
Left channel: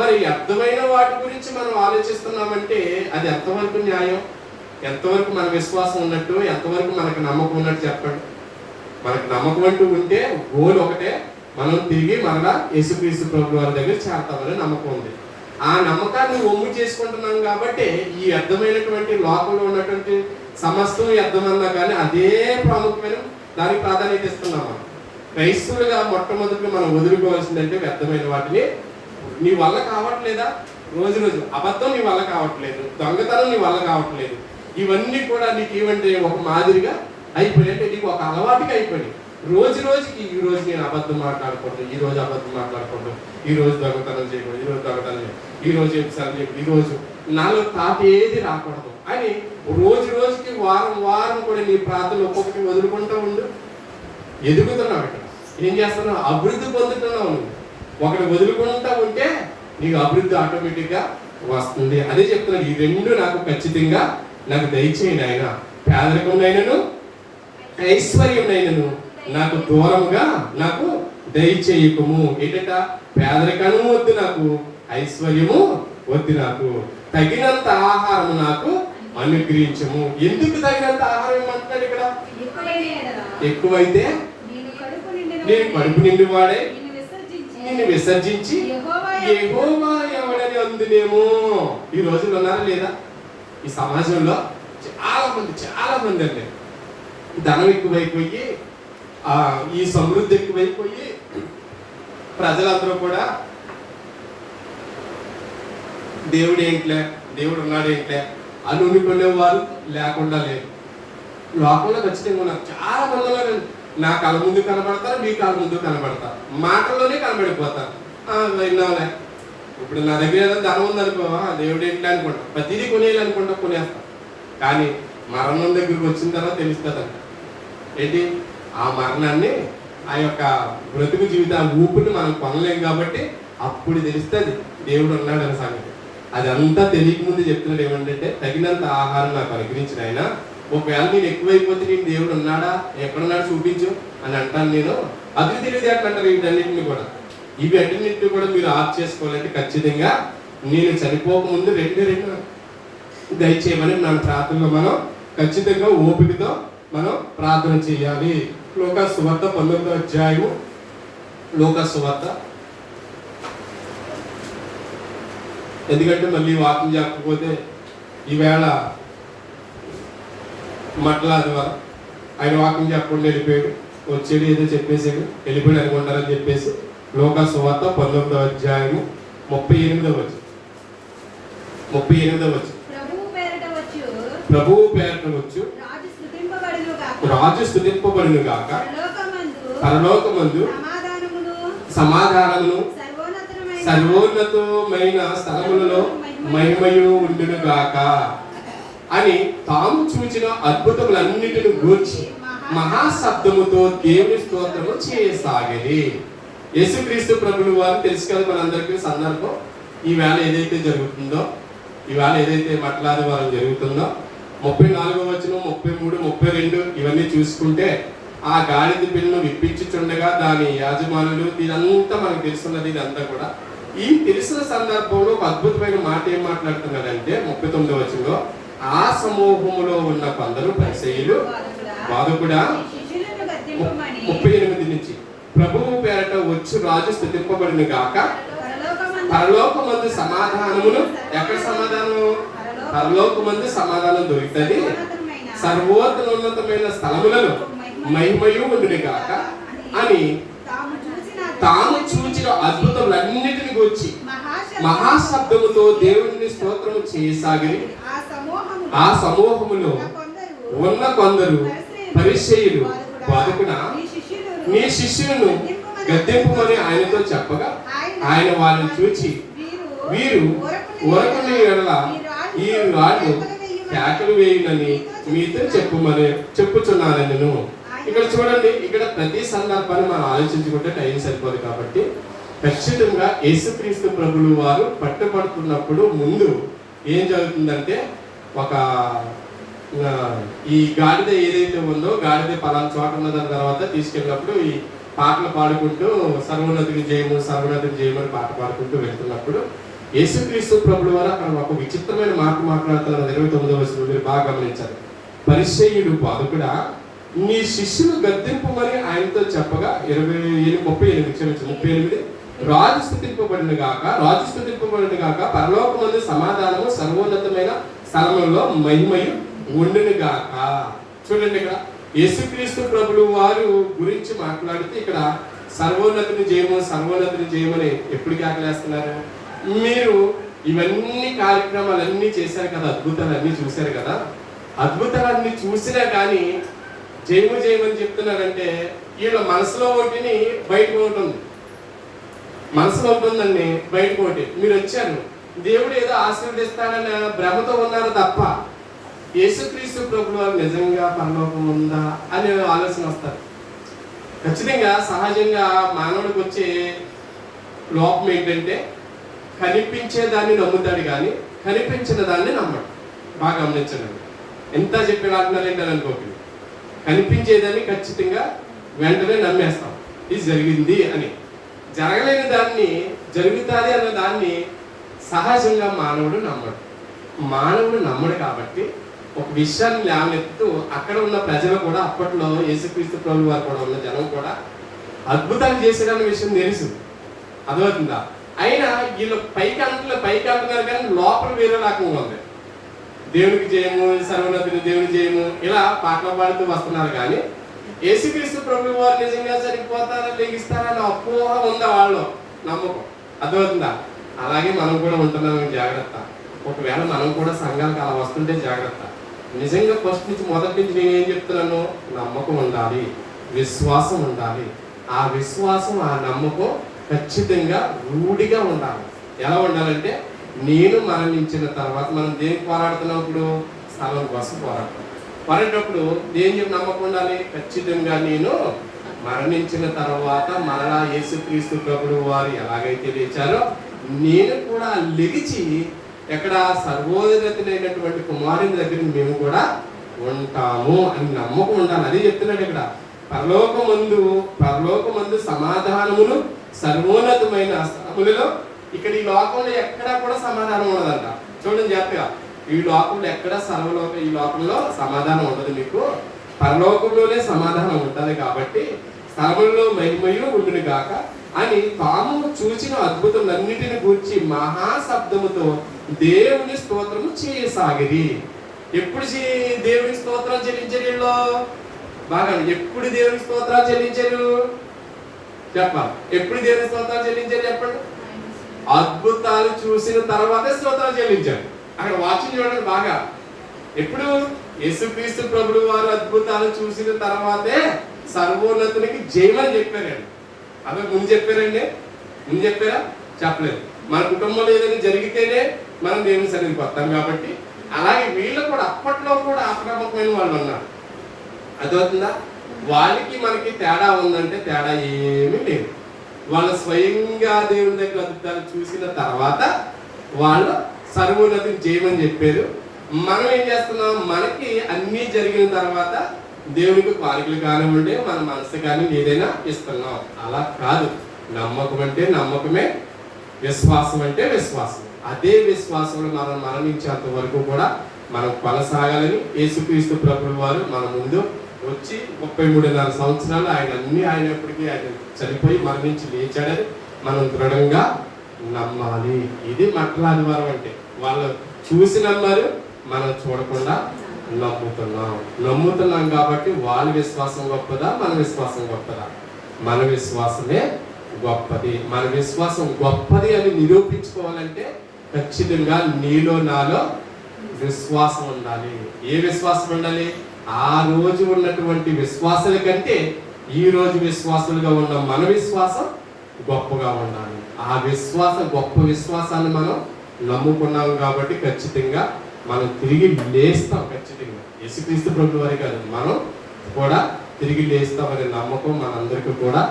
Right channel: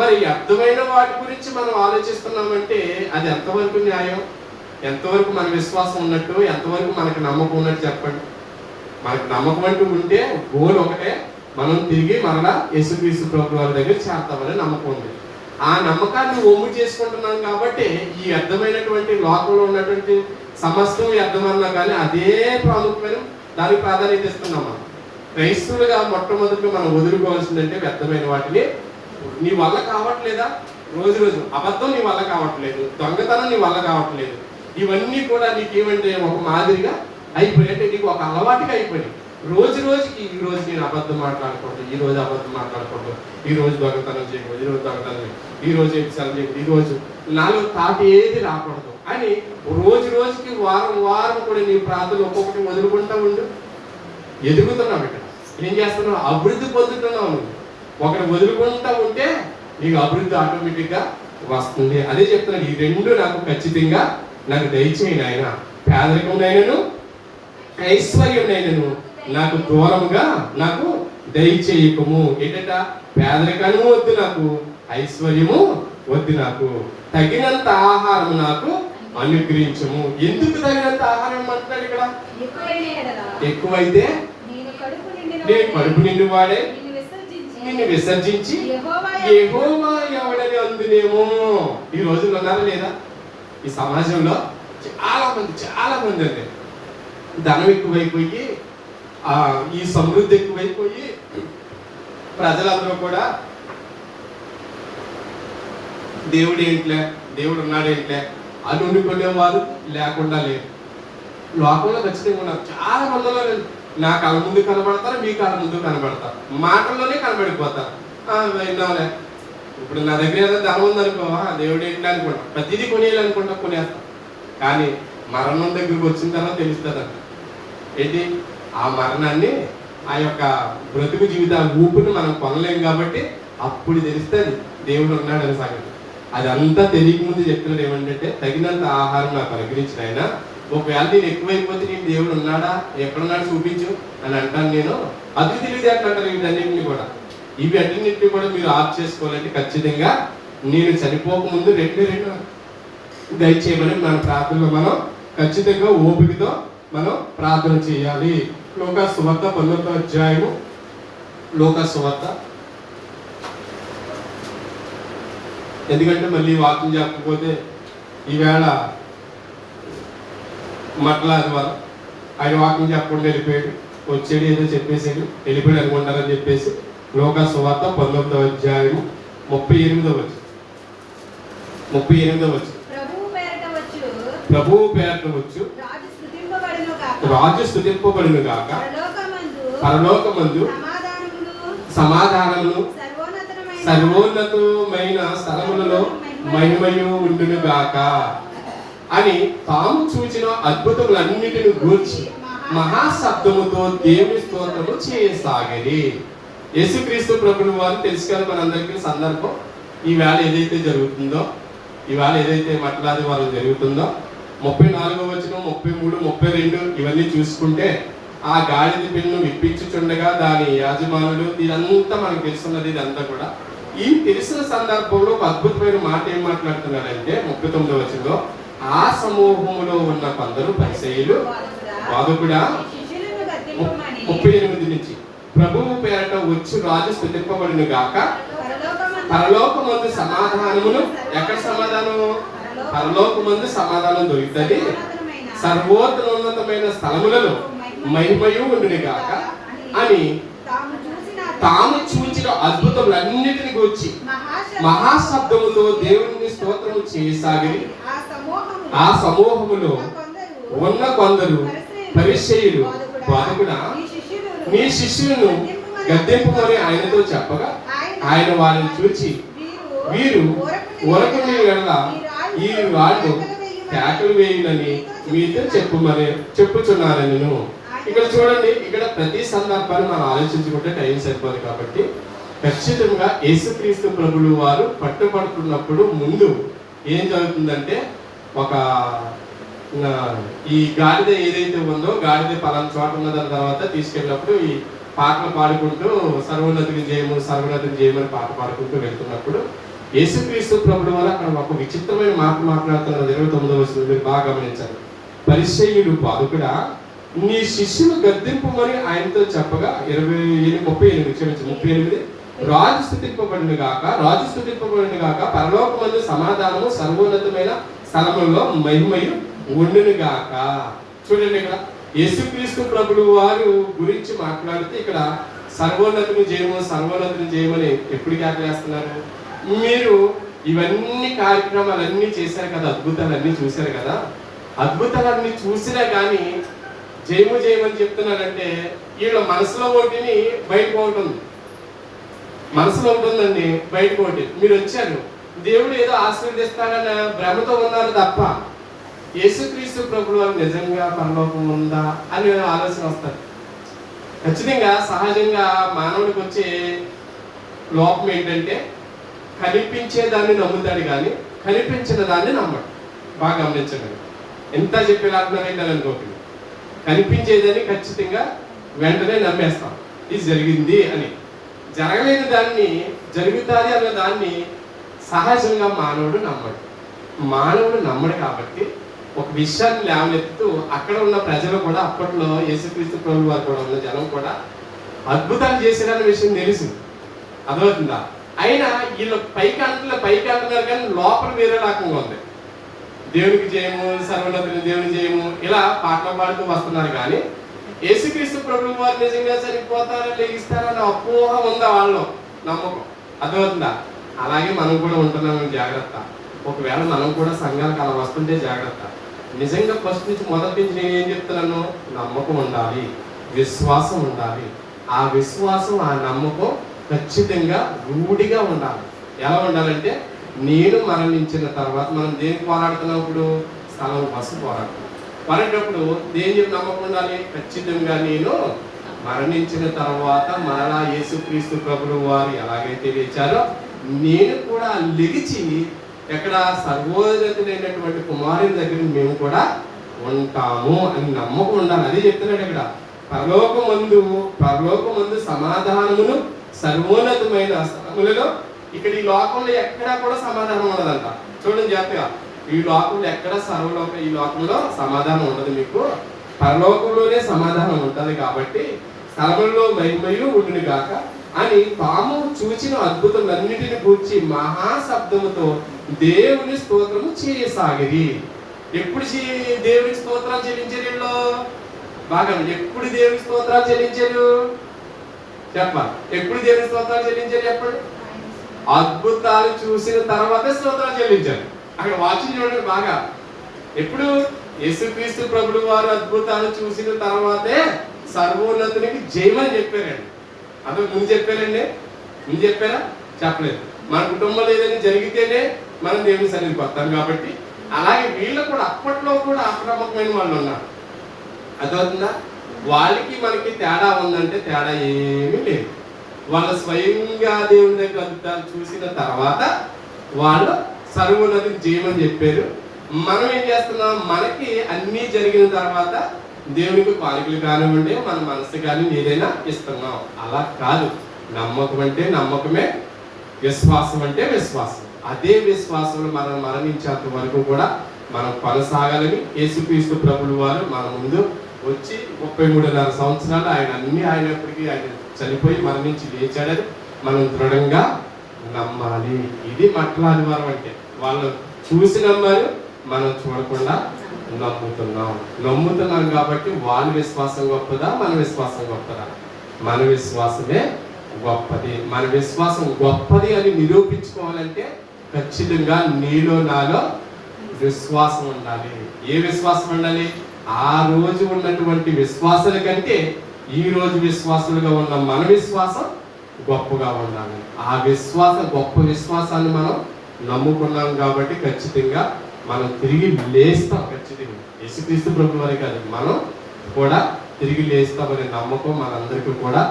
మరి వ్యర్థమైన వాటి గురించి మనం ఆలోచిస్తున్నామంటే అది ఎంతవరకు న్యాయం? ఎంతవరకు మన విశ్వాసం ఉన్నట్టు? ఎంతవరకు మనకు నమ్మకం ఉన్నట్టు చెప్పండి. మనకు నమ్మకం అంటూ ఉంటే గోల్ ఒకటే, మనం తిరిగి మరలా యేసుక్రీస్తు ప్రభు వారి దగ్గర చేరతామని నమ్మకం ఉంది. ఆ నమ్మకాన్ని ఒమ్ము చేసుకుంటున్నాం కాబట్టి ఈ వ్యర్థమైనటువంటి లోకంలో ఉన్నటువంటి సమస్తం వ్యర్థమన్నా కానీ అదే ప్రాముఖ్యమైన దానికి ప్రాధాన్యత ఇస్తున్నాం. మనం క్రైస్తవులుగా మొట్టమొదటిగా మనం వదులుకోవాల్సిందంటే వ్యర్థమైన వాటిని. నీ వల్ల కావట్లేదా? రోజు అబద్ధం నీ వల్ల కావట్లేదు, దొంగతనం నీ వల్ల కావట్లేదు. ఇవన్నీ కూడా నీకేమంటే ఒక మాదిరిగా అయిపోయి, అంటే నీకు ఒక అలవాటుగా అయిపోయి రోజుకి ఈ రోజు నేను అబద్ధం మాట్లాడకూడదు, ఈ రోజు అబద్ధం మాట్లాడకూడదు, ఈ రోజు దొంగతనం చేయకూడదు, ఈ రోజు దొంగతనం చేయకూడదు, ఈ రోజు ఎపిసోడ్ చేయకూడదు, ఈ రోజు నాలో తాట ఏది రాకూడదు అని రోజుకి వారం కూడా నీ ప్రార్థనలు ఒక్కొక్కటి వదులుకుంటా ఉండు. ఎదుగుతున్నావు. ఇక్కడ ఏం చేస్తున్నావు? అభివృద్ధి పొందుతున్నావు. నువ్వు ఒకటి వదులుకుంటా ఉంటే నీకు అభివృద్ధి ఆటోమేటిక్గా వస్తుంది. అదే చెప్తున్నాను, ఈ 2 నాకు ఖచ్చితంగా నాకు దయచేయండి ఆయన. పేదరికమునైనను ఐశ్వర్యమునైనను నాకు దూరంగా నాకు దయచేయకము. ఏంటంట? పేదరికము వద్దు నాకు, ఐశ్వర్యము వద్దు నాకు, తగినంత ఆహారం నాకు అనుగ్రహించము. ఎందుకు తగినంత ఆహారం అంటున్నాడు ఇక్కడ? ఎక్కువైతే నేను కడుపు నిండి వాడే నిన్ను విసర్జించి యెహోవా ఎవడని అందులేమో. ఈ రోజుల్లో ఉన్నారా లేదా? ఈ సమాజంలో చాలా మంది అంటే ధనం ఎక్కువైపోయి, ఈ సమృద్ధి ఎక్కువైపోయి ప్రజలందరూ కూడా దేవుడు ఉన్నాడేంట్లే అని ఉండుకునేవారు లేకుండా లేరు. లోకంలో ఖచ్చితంగా ఉన్నారు. చాలా మందిలో నా కళ్ళ ముందు కనబడతారు, మీ కళ్ళ ముందు కనబడతారు, మాటల్లోనే కనబడిపోతారు. విన్నాలే, ఇప్పుడు నా దగ్గర ఏదైనా ధనం ఉందనుకోవా, దేవుడు ఏంటి అనుకుంటా, ప్రతిదీ కొనేయాలనుకుంటా, కొనేస్తాం. కానీ మరణం దగ్గరికి వచ్చిన తర్వాత తెలుస్తుందంట ఏంటి? ఆ మరణాన్ని, ఆ యొక్క బ్రతుకు జీవితాన్ని ఊపిని మనం కొనలేం కాబట్టి అప్పుడు తెలుస్తుంది దేవుడు ఉన్నాడని సంగతి. అది అంతా తెలియకముందు చెప్తున్నాడు ఏమంటే, తగినంత ఆహారం నాకు అనుగ్రహించిన ఆయన. ఒకవేళ నేను ఎక్కువైపోతే నీకు దేవుడు ఉన్నాడా, ఎక్కడున్నాడు చూపించు అని అంటాను నేను. అది తెలియదు ఎట్లా అంటారు. వీటన్నింటిని కూడా, ఇవి అన్నింటినీ కూడా మీరు ఆఫ్ చేసుకోవాలంటే ఖచ్చితంగా నేను చనిపోకముందు 2 దయచేయమని మన ప్రార్థనలో మనం ఖచ్చితంగా ఓపికతో మనం ప్రార్థన చేయాలి. లూకా సువార్త 19వ అధ్యాయము, లూకా సువార్త ఎందుకంటే మళ్ళీ వాకింగ్ చెప్పకపోతే ఈవేళ మట్లాది వారు ఆయన వాకింగ్ చెప్పకుండా వెళ్ళిపోయాడు, వచ్చాడు ఏదో చెప్పేసాడు వెళ్ళిపోయాడు అనుకుంటారని చెప్పేసి లోకా సువార్త 19వ అధ్యాయము 38వ వచనం. ప్రభువు పేరట వచ్చు రాజు స్తుతింపబడును గాక, పరలోకమందు సమాధానమును సర్వోన్నతమైన స్థలములలో మహిమయు ఉండును గాక అని తాము చూచిన అద్భుతములన్నిటిని గూర్చి మహాశబ్దముతో దేవుని స్తోత్రము చేయసాగేది. యేసుక్రీస్తు ప్రభుని వారు తెలుసు కదా మనందరికీ సందర్భం. ఈవేళ ఏదైతే జరుగుతుందో, ఈవేళ ఏదైతే మట్లాది వారం జరుగుతుందో 34వ వచనం 33 32 ఇవన్నీ చూసుకుంటే ఆ గాడిద పిల్లను విప్పించుచుండగా దాని యాజమానులు ఇదంతా మనకు తెలుసున్నది. ఇదంతా కూడా ఈ తెలిసిన సందర్భంలో ఒక అద్భుతమైన మాట ఏం మాట్లాడుతున్నాడంటే 39వ వచనంలో ఆ సమూహములో ఉన్న కొందరు పరిసయ్యులు బాధకుడా 38 నుంచి ప్రభువు పేరట వచ్చు రాజు స్తుతింపబడును గాక, పరలోకమందు సమాధానమును ఎక్కడ సమాధానము పరలోకమందు సమాధానం దొరుకుతుంది, సర్వోన్నతమైన స్థలములలో మహిమయు ఉండును గాక అని తాము చూచిన అద్భుతములన్నిటిని గురించి మహాశబ్దముతో దేవుని స్తోత్రం చేయసాగి ఆ సమూహములో ఉన్న కొందరు పరిసయ్యులు బాధకుడా నీ శిష్యులను గద్దెంపుకొని ఆయనతో చెప్పగా ఆయన వాళ్ళని చూచి వీరు ఊరకుని ఎడల ఈ రాళ్ళు కేకలు వేయునని మీతో చెప్పుచున్నారని నేను. ఇక్కడ చూడండి, ఇక్కడ ప్రతి సందర్భాన్ని మనం ఆలోచించుకుంటే టైం సరిపోదు కాబట్టి ఖచ్చితంగా యేసుక్రీస్తు ప్రభులు వారు పట్టుబడుతున్నప్పుడు ముందు ఏం జరుగుతుందంటే ఒక ఈ గాడిద ఏదైతే ఉందో గాడిద పలానా చోట ఉన్నదాని తర్వాత తీసుకెళ్ళినప్పుడు ఈ పాటలు పాడుకుంటూ సర్వోన్నతికి జయము సర్వోన్నతికి జయమని పాట పాడుకుంటూ వెళ్తున్నప్పుడు యేసుక్రీస్తు ప్రభుల వారు అక్కడ ఒక విచిత్రమైన మాట మాట్లాడుతున్నారు. 29వ వచనంలో మీరు బాగా గమనించారు. పరిసయ్యుడు బాధకుడా నీ శిష్యులు గద్దింపుమని ఆయనతో చెప్పగా 38 రాజు స్తుతింపబడిన గాక పరలోకమందు సమాధానము సర్వోన్నతమైన స్థలములలో మహిమయు ఉండును గాక. చూడండి, ఇక్కడ యేసుక్రీస్తు ప్రభులు వారు గురించి మాట్లాడితే ఇక్కడ సర్వోన్నతిని చేయమని ఎప్పుడు ఆకలేస్తున్నారు? మీరు ఇవన్నీ కార్యక్రమాలన్నీ చేశారు కదా, అద్భుతాలన్నీ చూశారు కదా, అద్భుతాలన్నీ చూసినా కానీ జయమని చెప్తున్నారంటే వీళ్ళ మనసులో ఒకటిని బయటకు ఉంటుంది, మనసులో ఉంటుందండి బయటకు ఒకటి. మీరు వచ్చారు దేవుడు ఏదో ఆశీర్వదిస్తాడన్న భ్రమతో ఉన్నారు తప్ప యేసుక్రీస్తు ప్రభువు నిజంగా పరలోకం ఉందా అనే ఆలోచన వస్తారు. ఖచ్చితంగా సహజంగా మానవుడికి వచ్చే లోపం ఏంటంటే కనిపించే దాన్ని నమ్ముతాడు కానీ కనిపించిన దాన్ని నమ్మడు. బాగా గమనించండి, ఎంత చెప్పేలాంటున్నారంటే అని అనుకోకండి. కనిపించేదాన్ని ఖచ్చితంగా వెంటనే నమ్మేస్తాం, ఇది జరిగింది అని. జరగలేని దాన్ని జరుగుతుంది అన్న దాన్ని సహజంగా మానవుడు నమ్మడు కాబట్టి ఒక విషయాన్ని లేవనెత్తు అక్కడ ఉన్న ప్రజలు కూడా అప్పట్లో యేసుక్రీస్తు ప్రభు వారు కూడా ఉన్న జనం కూడా అద్భుతాలు చేసేదన్న విషయం తెలుసు, అర్థమవుతుందా? అయినా వీళ్ళు పైకి అంటున్నారు కానీ లోపల వేరే రకంగా ఉంది. దేవునికి జయము సర్వోన్నతిని దేవుని జయము ఇలా పాటలు పాడుతూ వస్తున్నారు కానీ యేసుక్రీస్తు ప్రభు వారు నిజంగా సరిపోతారా లెగిస్తారని అపోహ ఉందా వాళ్ళు నమ్మకం, అర్థమవుతుందా? అలాగే మనం కూడా ఉంటున్నాం, జాగ్రత్త. ఒకవేళ మనం కూడా సంఘాలకు అలా వస్తుంటే జాగ్రత్త. నిజంగా ఫస్ట్ నుంచి మొదటి నుంచి నేను ఏం చెప్తున్నాను, నమ్మకం ఉండాలి, విశ్వాసం ఉండాలి. ఆ విశ్వాసం ఆ నమ్మకం ఖచ్చితంగా రూఢిగా ఉండాలి. ఎలా ఉండాలంటే నేను మరణించిన తర్వాత మనం దేనికి పోరాడుతున్నప్పుడు స్థలం కోసం పోరాడేటప్పుడు దేని చెప్పి నమ్మకం ఉండాలి, ఖచ్చితంగా నేను మరణించిన తర్వాత మరలా యేసుక్రీస్తు ప్రభువు వారు ఎలాగైతే లేచారో నేను కూడా లెగిచి ఎక్కడ సర్వోన్నతులైనటువంటి కుమారుని దగ్గర మేము కూడా ఉంటాము అని నమ్మకం ఉండాలి. అది చెప్తున్నాడు ఇక్కడ. పరలోకమందు సమాధానమును సర్వోన్నతమైన స్థలములలో. ఇక్కడ ఈ లోకంలో ఎక్కడా కూడా సమాధానం ఉండదంట. చూడండి జాగ్రత్తగా, ఈ లోకంలో ఎక్కడ ఈ లోకంలో సమాధానం ఉండదు. మీకు పరలోకంలోనే సమాధానం ఉంటుంది. కాబట్టి స్థలములలో మహిమయు ఉండును గాక, అని తాము చూచిన అద్భుతములన్నిటిని గూర్చి మహాశబ్దముతో దేవుని స్తోత్రము చేయసాగిరి. ఎప్పుడు దేవునికి స్తోత్రాలు చెల్లించారు వీళ్ళు? బాగా ఎప్పుడు దేవునికి స్తోత్రాలు చెల్లించారు చెప్పాలి. ఎప్పుడు దేవునికి స్తోత్రాలు చెల్లించారు చెప్పండి. అద్భుతాలు చూసిన తర్వాతే స్తోత్రాలు చెల్లించారు. అక్కడ వాక్యం చూడండి బాగా. ఎప్పుడు? యేసుక్రీస్తు ప్రభువు వారు అద్భుతాలు చూసిన తర్వాతే సర్వోన్నతునికి జయమని చెప్పారండి. అందరూ ముందు చెప్పారండి? ముందు చెప్పారా? చెప్పలేదు. మన కుటుంబంలో ఏదైనా జరిగితేనే మనం దేవుని సన్నిధికి వస్తాం కాబట్టి, అలాగే వీళ్ళు కూడా అప్పట్లో కూడా అప్రమత్తమైన వాళ్ళు ఉన్నారు. అదవుతుందా? వాళ్ళకి మనకి తేడా ఉందంటే తేడా ఏమీ లేదు. వాళ్ళు స్వయంగా దేవుని దగ్గర అద్భుతాలు చూసిన తర్వాత వాళ్ళు సర్వోన్నతికి జయమని చెప్పారు. మనం ఏం చేస్తున్నాం? మనకి అన్నీ జరిగిన తర్వాత దేవునికి కానుకలు కానివ్వండి, మన మనసు కానీ ఏదైనా ఇస్తున్నాం. అలా కాదు. నమ్మకం అంటే నమ్మకమే, విశ్వాసం అంటే విశ్వాసం. అదే విశ్వాసంలో మనం మరణించేంత వరకు కూడా మనం కొనసాగాలని యేసుక్రీస్తు ప్రభువు వారు మన ముందు వచ్చి 33.5 సంవత్సరాలు ఆయన అన్ని ఆయనప్పటికీ ఆయన చనిపోయి మరణించి లేచాడని మనం దృఢంగా నమ్మాలి. ఇది మట్టల ఆదివారం అంటే. వాళ్ళు చూసి నమ్మారు, మనం చూడకుండా నమ్ముతున్నాం కాబట్టి వాళ్ళ విశ్వాసం గొప్పదా, మన విశ్వాసం గొప్పదా? మన విశ్వాసమే గొప్పది. మన విశ్వాసం గొప్పది అని నిరూపించుకోవాలంటే ఖచ్చితంగా నీలో నాలో విశ్వాసం ఉండాలి. ఏ విశ్వాసం ఉండాలి? ఆ రోజు ఉన్నటువంటి విశ్వాసాల కంటే ఈ రోజు విశ్వాసులుగా ఉన్న మన విశ్వాసం గొప్పగా ఉండాలి. ఆ విశ్వాసం, గొప్ప విశ్వాసాన్ని మనం నమ్ముకున్నాం కాబట్టి ఖచ్చితంగా మనం తిరిగి లేస్తాం. ఖచ్చితంగా యేసుక్రీస్తు ప్రభువు వారి కాదు, మనం కూడా తిరిగి లేస్తామనే నమ్మకం మనందరికీ కూడా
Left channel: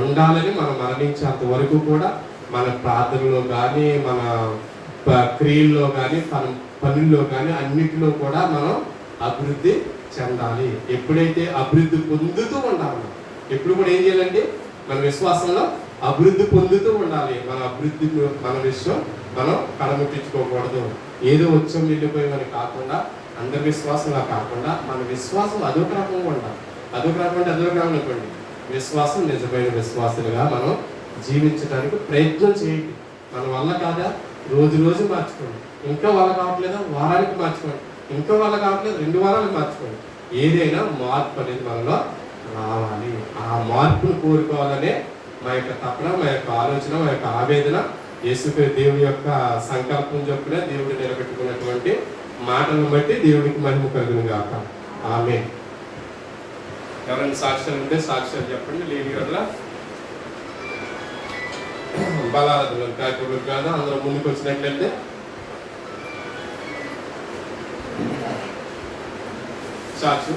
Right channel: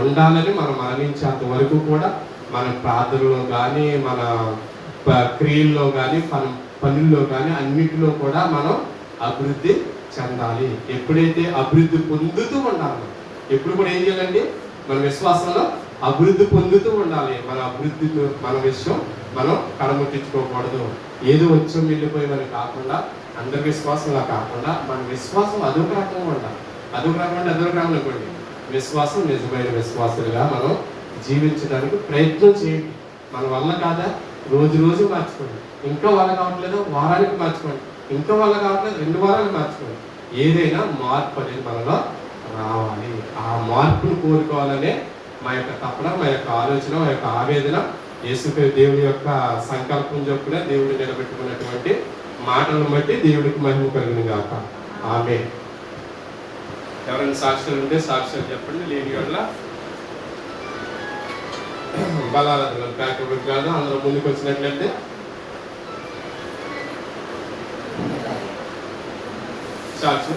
ఉండాలని, మనం మరణించేంత వరకు కూడా మన ప్రార్థనలో కానీ, మన క్రియల్లో కానీ, మన పనుల్లో కానీ అన్నిటిలో కూడా మనం అభివృద్ధి చెందాలి. ఎప్పుడైతే అభివృద్ధి పొందుతూ ఉండాలి, ఎప్పుడు కూడా ఏం చేయాలండి? మన విశ్వాసంలో అభివృద్ధి పొందుతూ ఉండాలి. మన అభివృద్ధి, మన విషయం మనం కడముట్టించుకోకూడదు. ఏదో వచ్చం వెళ్ళిపోయి మనకి కాకుండా, అందరి విశ్వాసంలా కాకుండా మన విశ్వాసం అదొక రకంగా ఉండాలి. అదొక రకం అనుకోండి. విశ్వాసం నిజమైన విశ్వాసులుగా మనం జీవించడానికి ప్రయత్నం చేయండి. మన వల్ల కాదా? రోజు రోజు మార్చుకోండి. ఇంకా వల్ల కావట్లేదు వారానికి మార్చుకోండి. ఇంకా వల్ల కావట్లేదు 2 వారాలు మార్చుకోండి. ఏదైనా మార్పు అనేది మనలో రావాలి. ఆ మార్పును కోరుకోవాలనే మా యొక్క తపన, మా యొక్క ఆలోచన, మా యొక్క ఆవేదన. దేవుని యొక్క సంకల్పం చొప్పున దేవుడు నిలబెట్టుకున్నటువంటి మాటలను బట్టి దేవుడికి మహిమ కలుగును గాక. ఆమేన్. ఎవరైనా సాక్ష్యాలు ఉంటే సాక్ష్యాలు చెప్పండి. లేని వల్ల బలాలు కాదు, అందరూ ముందుకు వచ్చినట్లయితే సాక్షి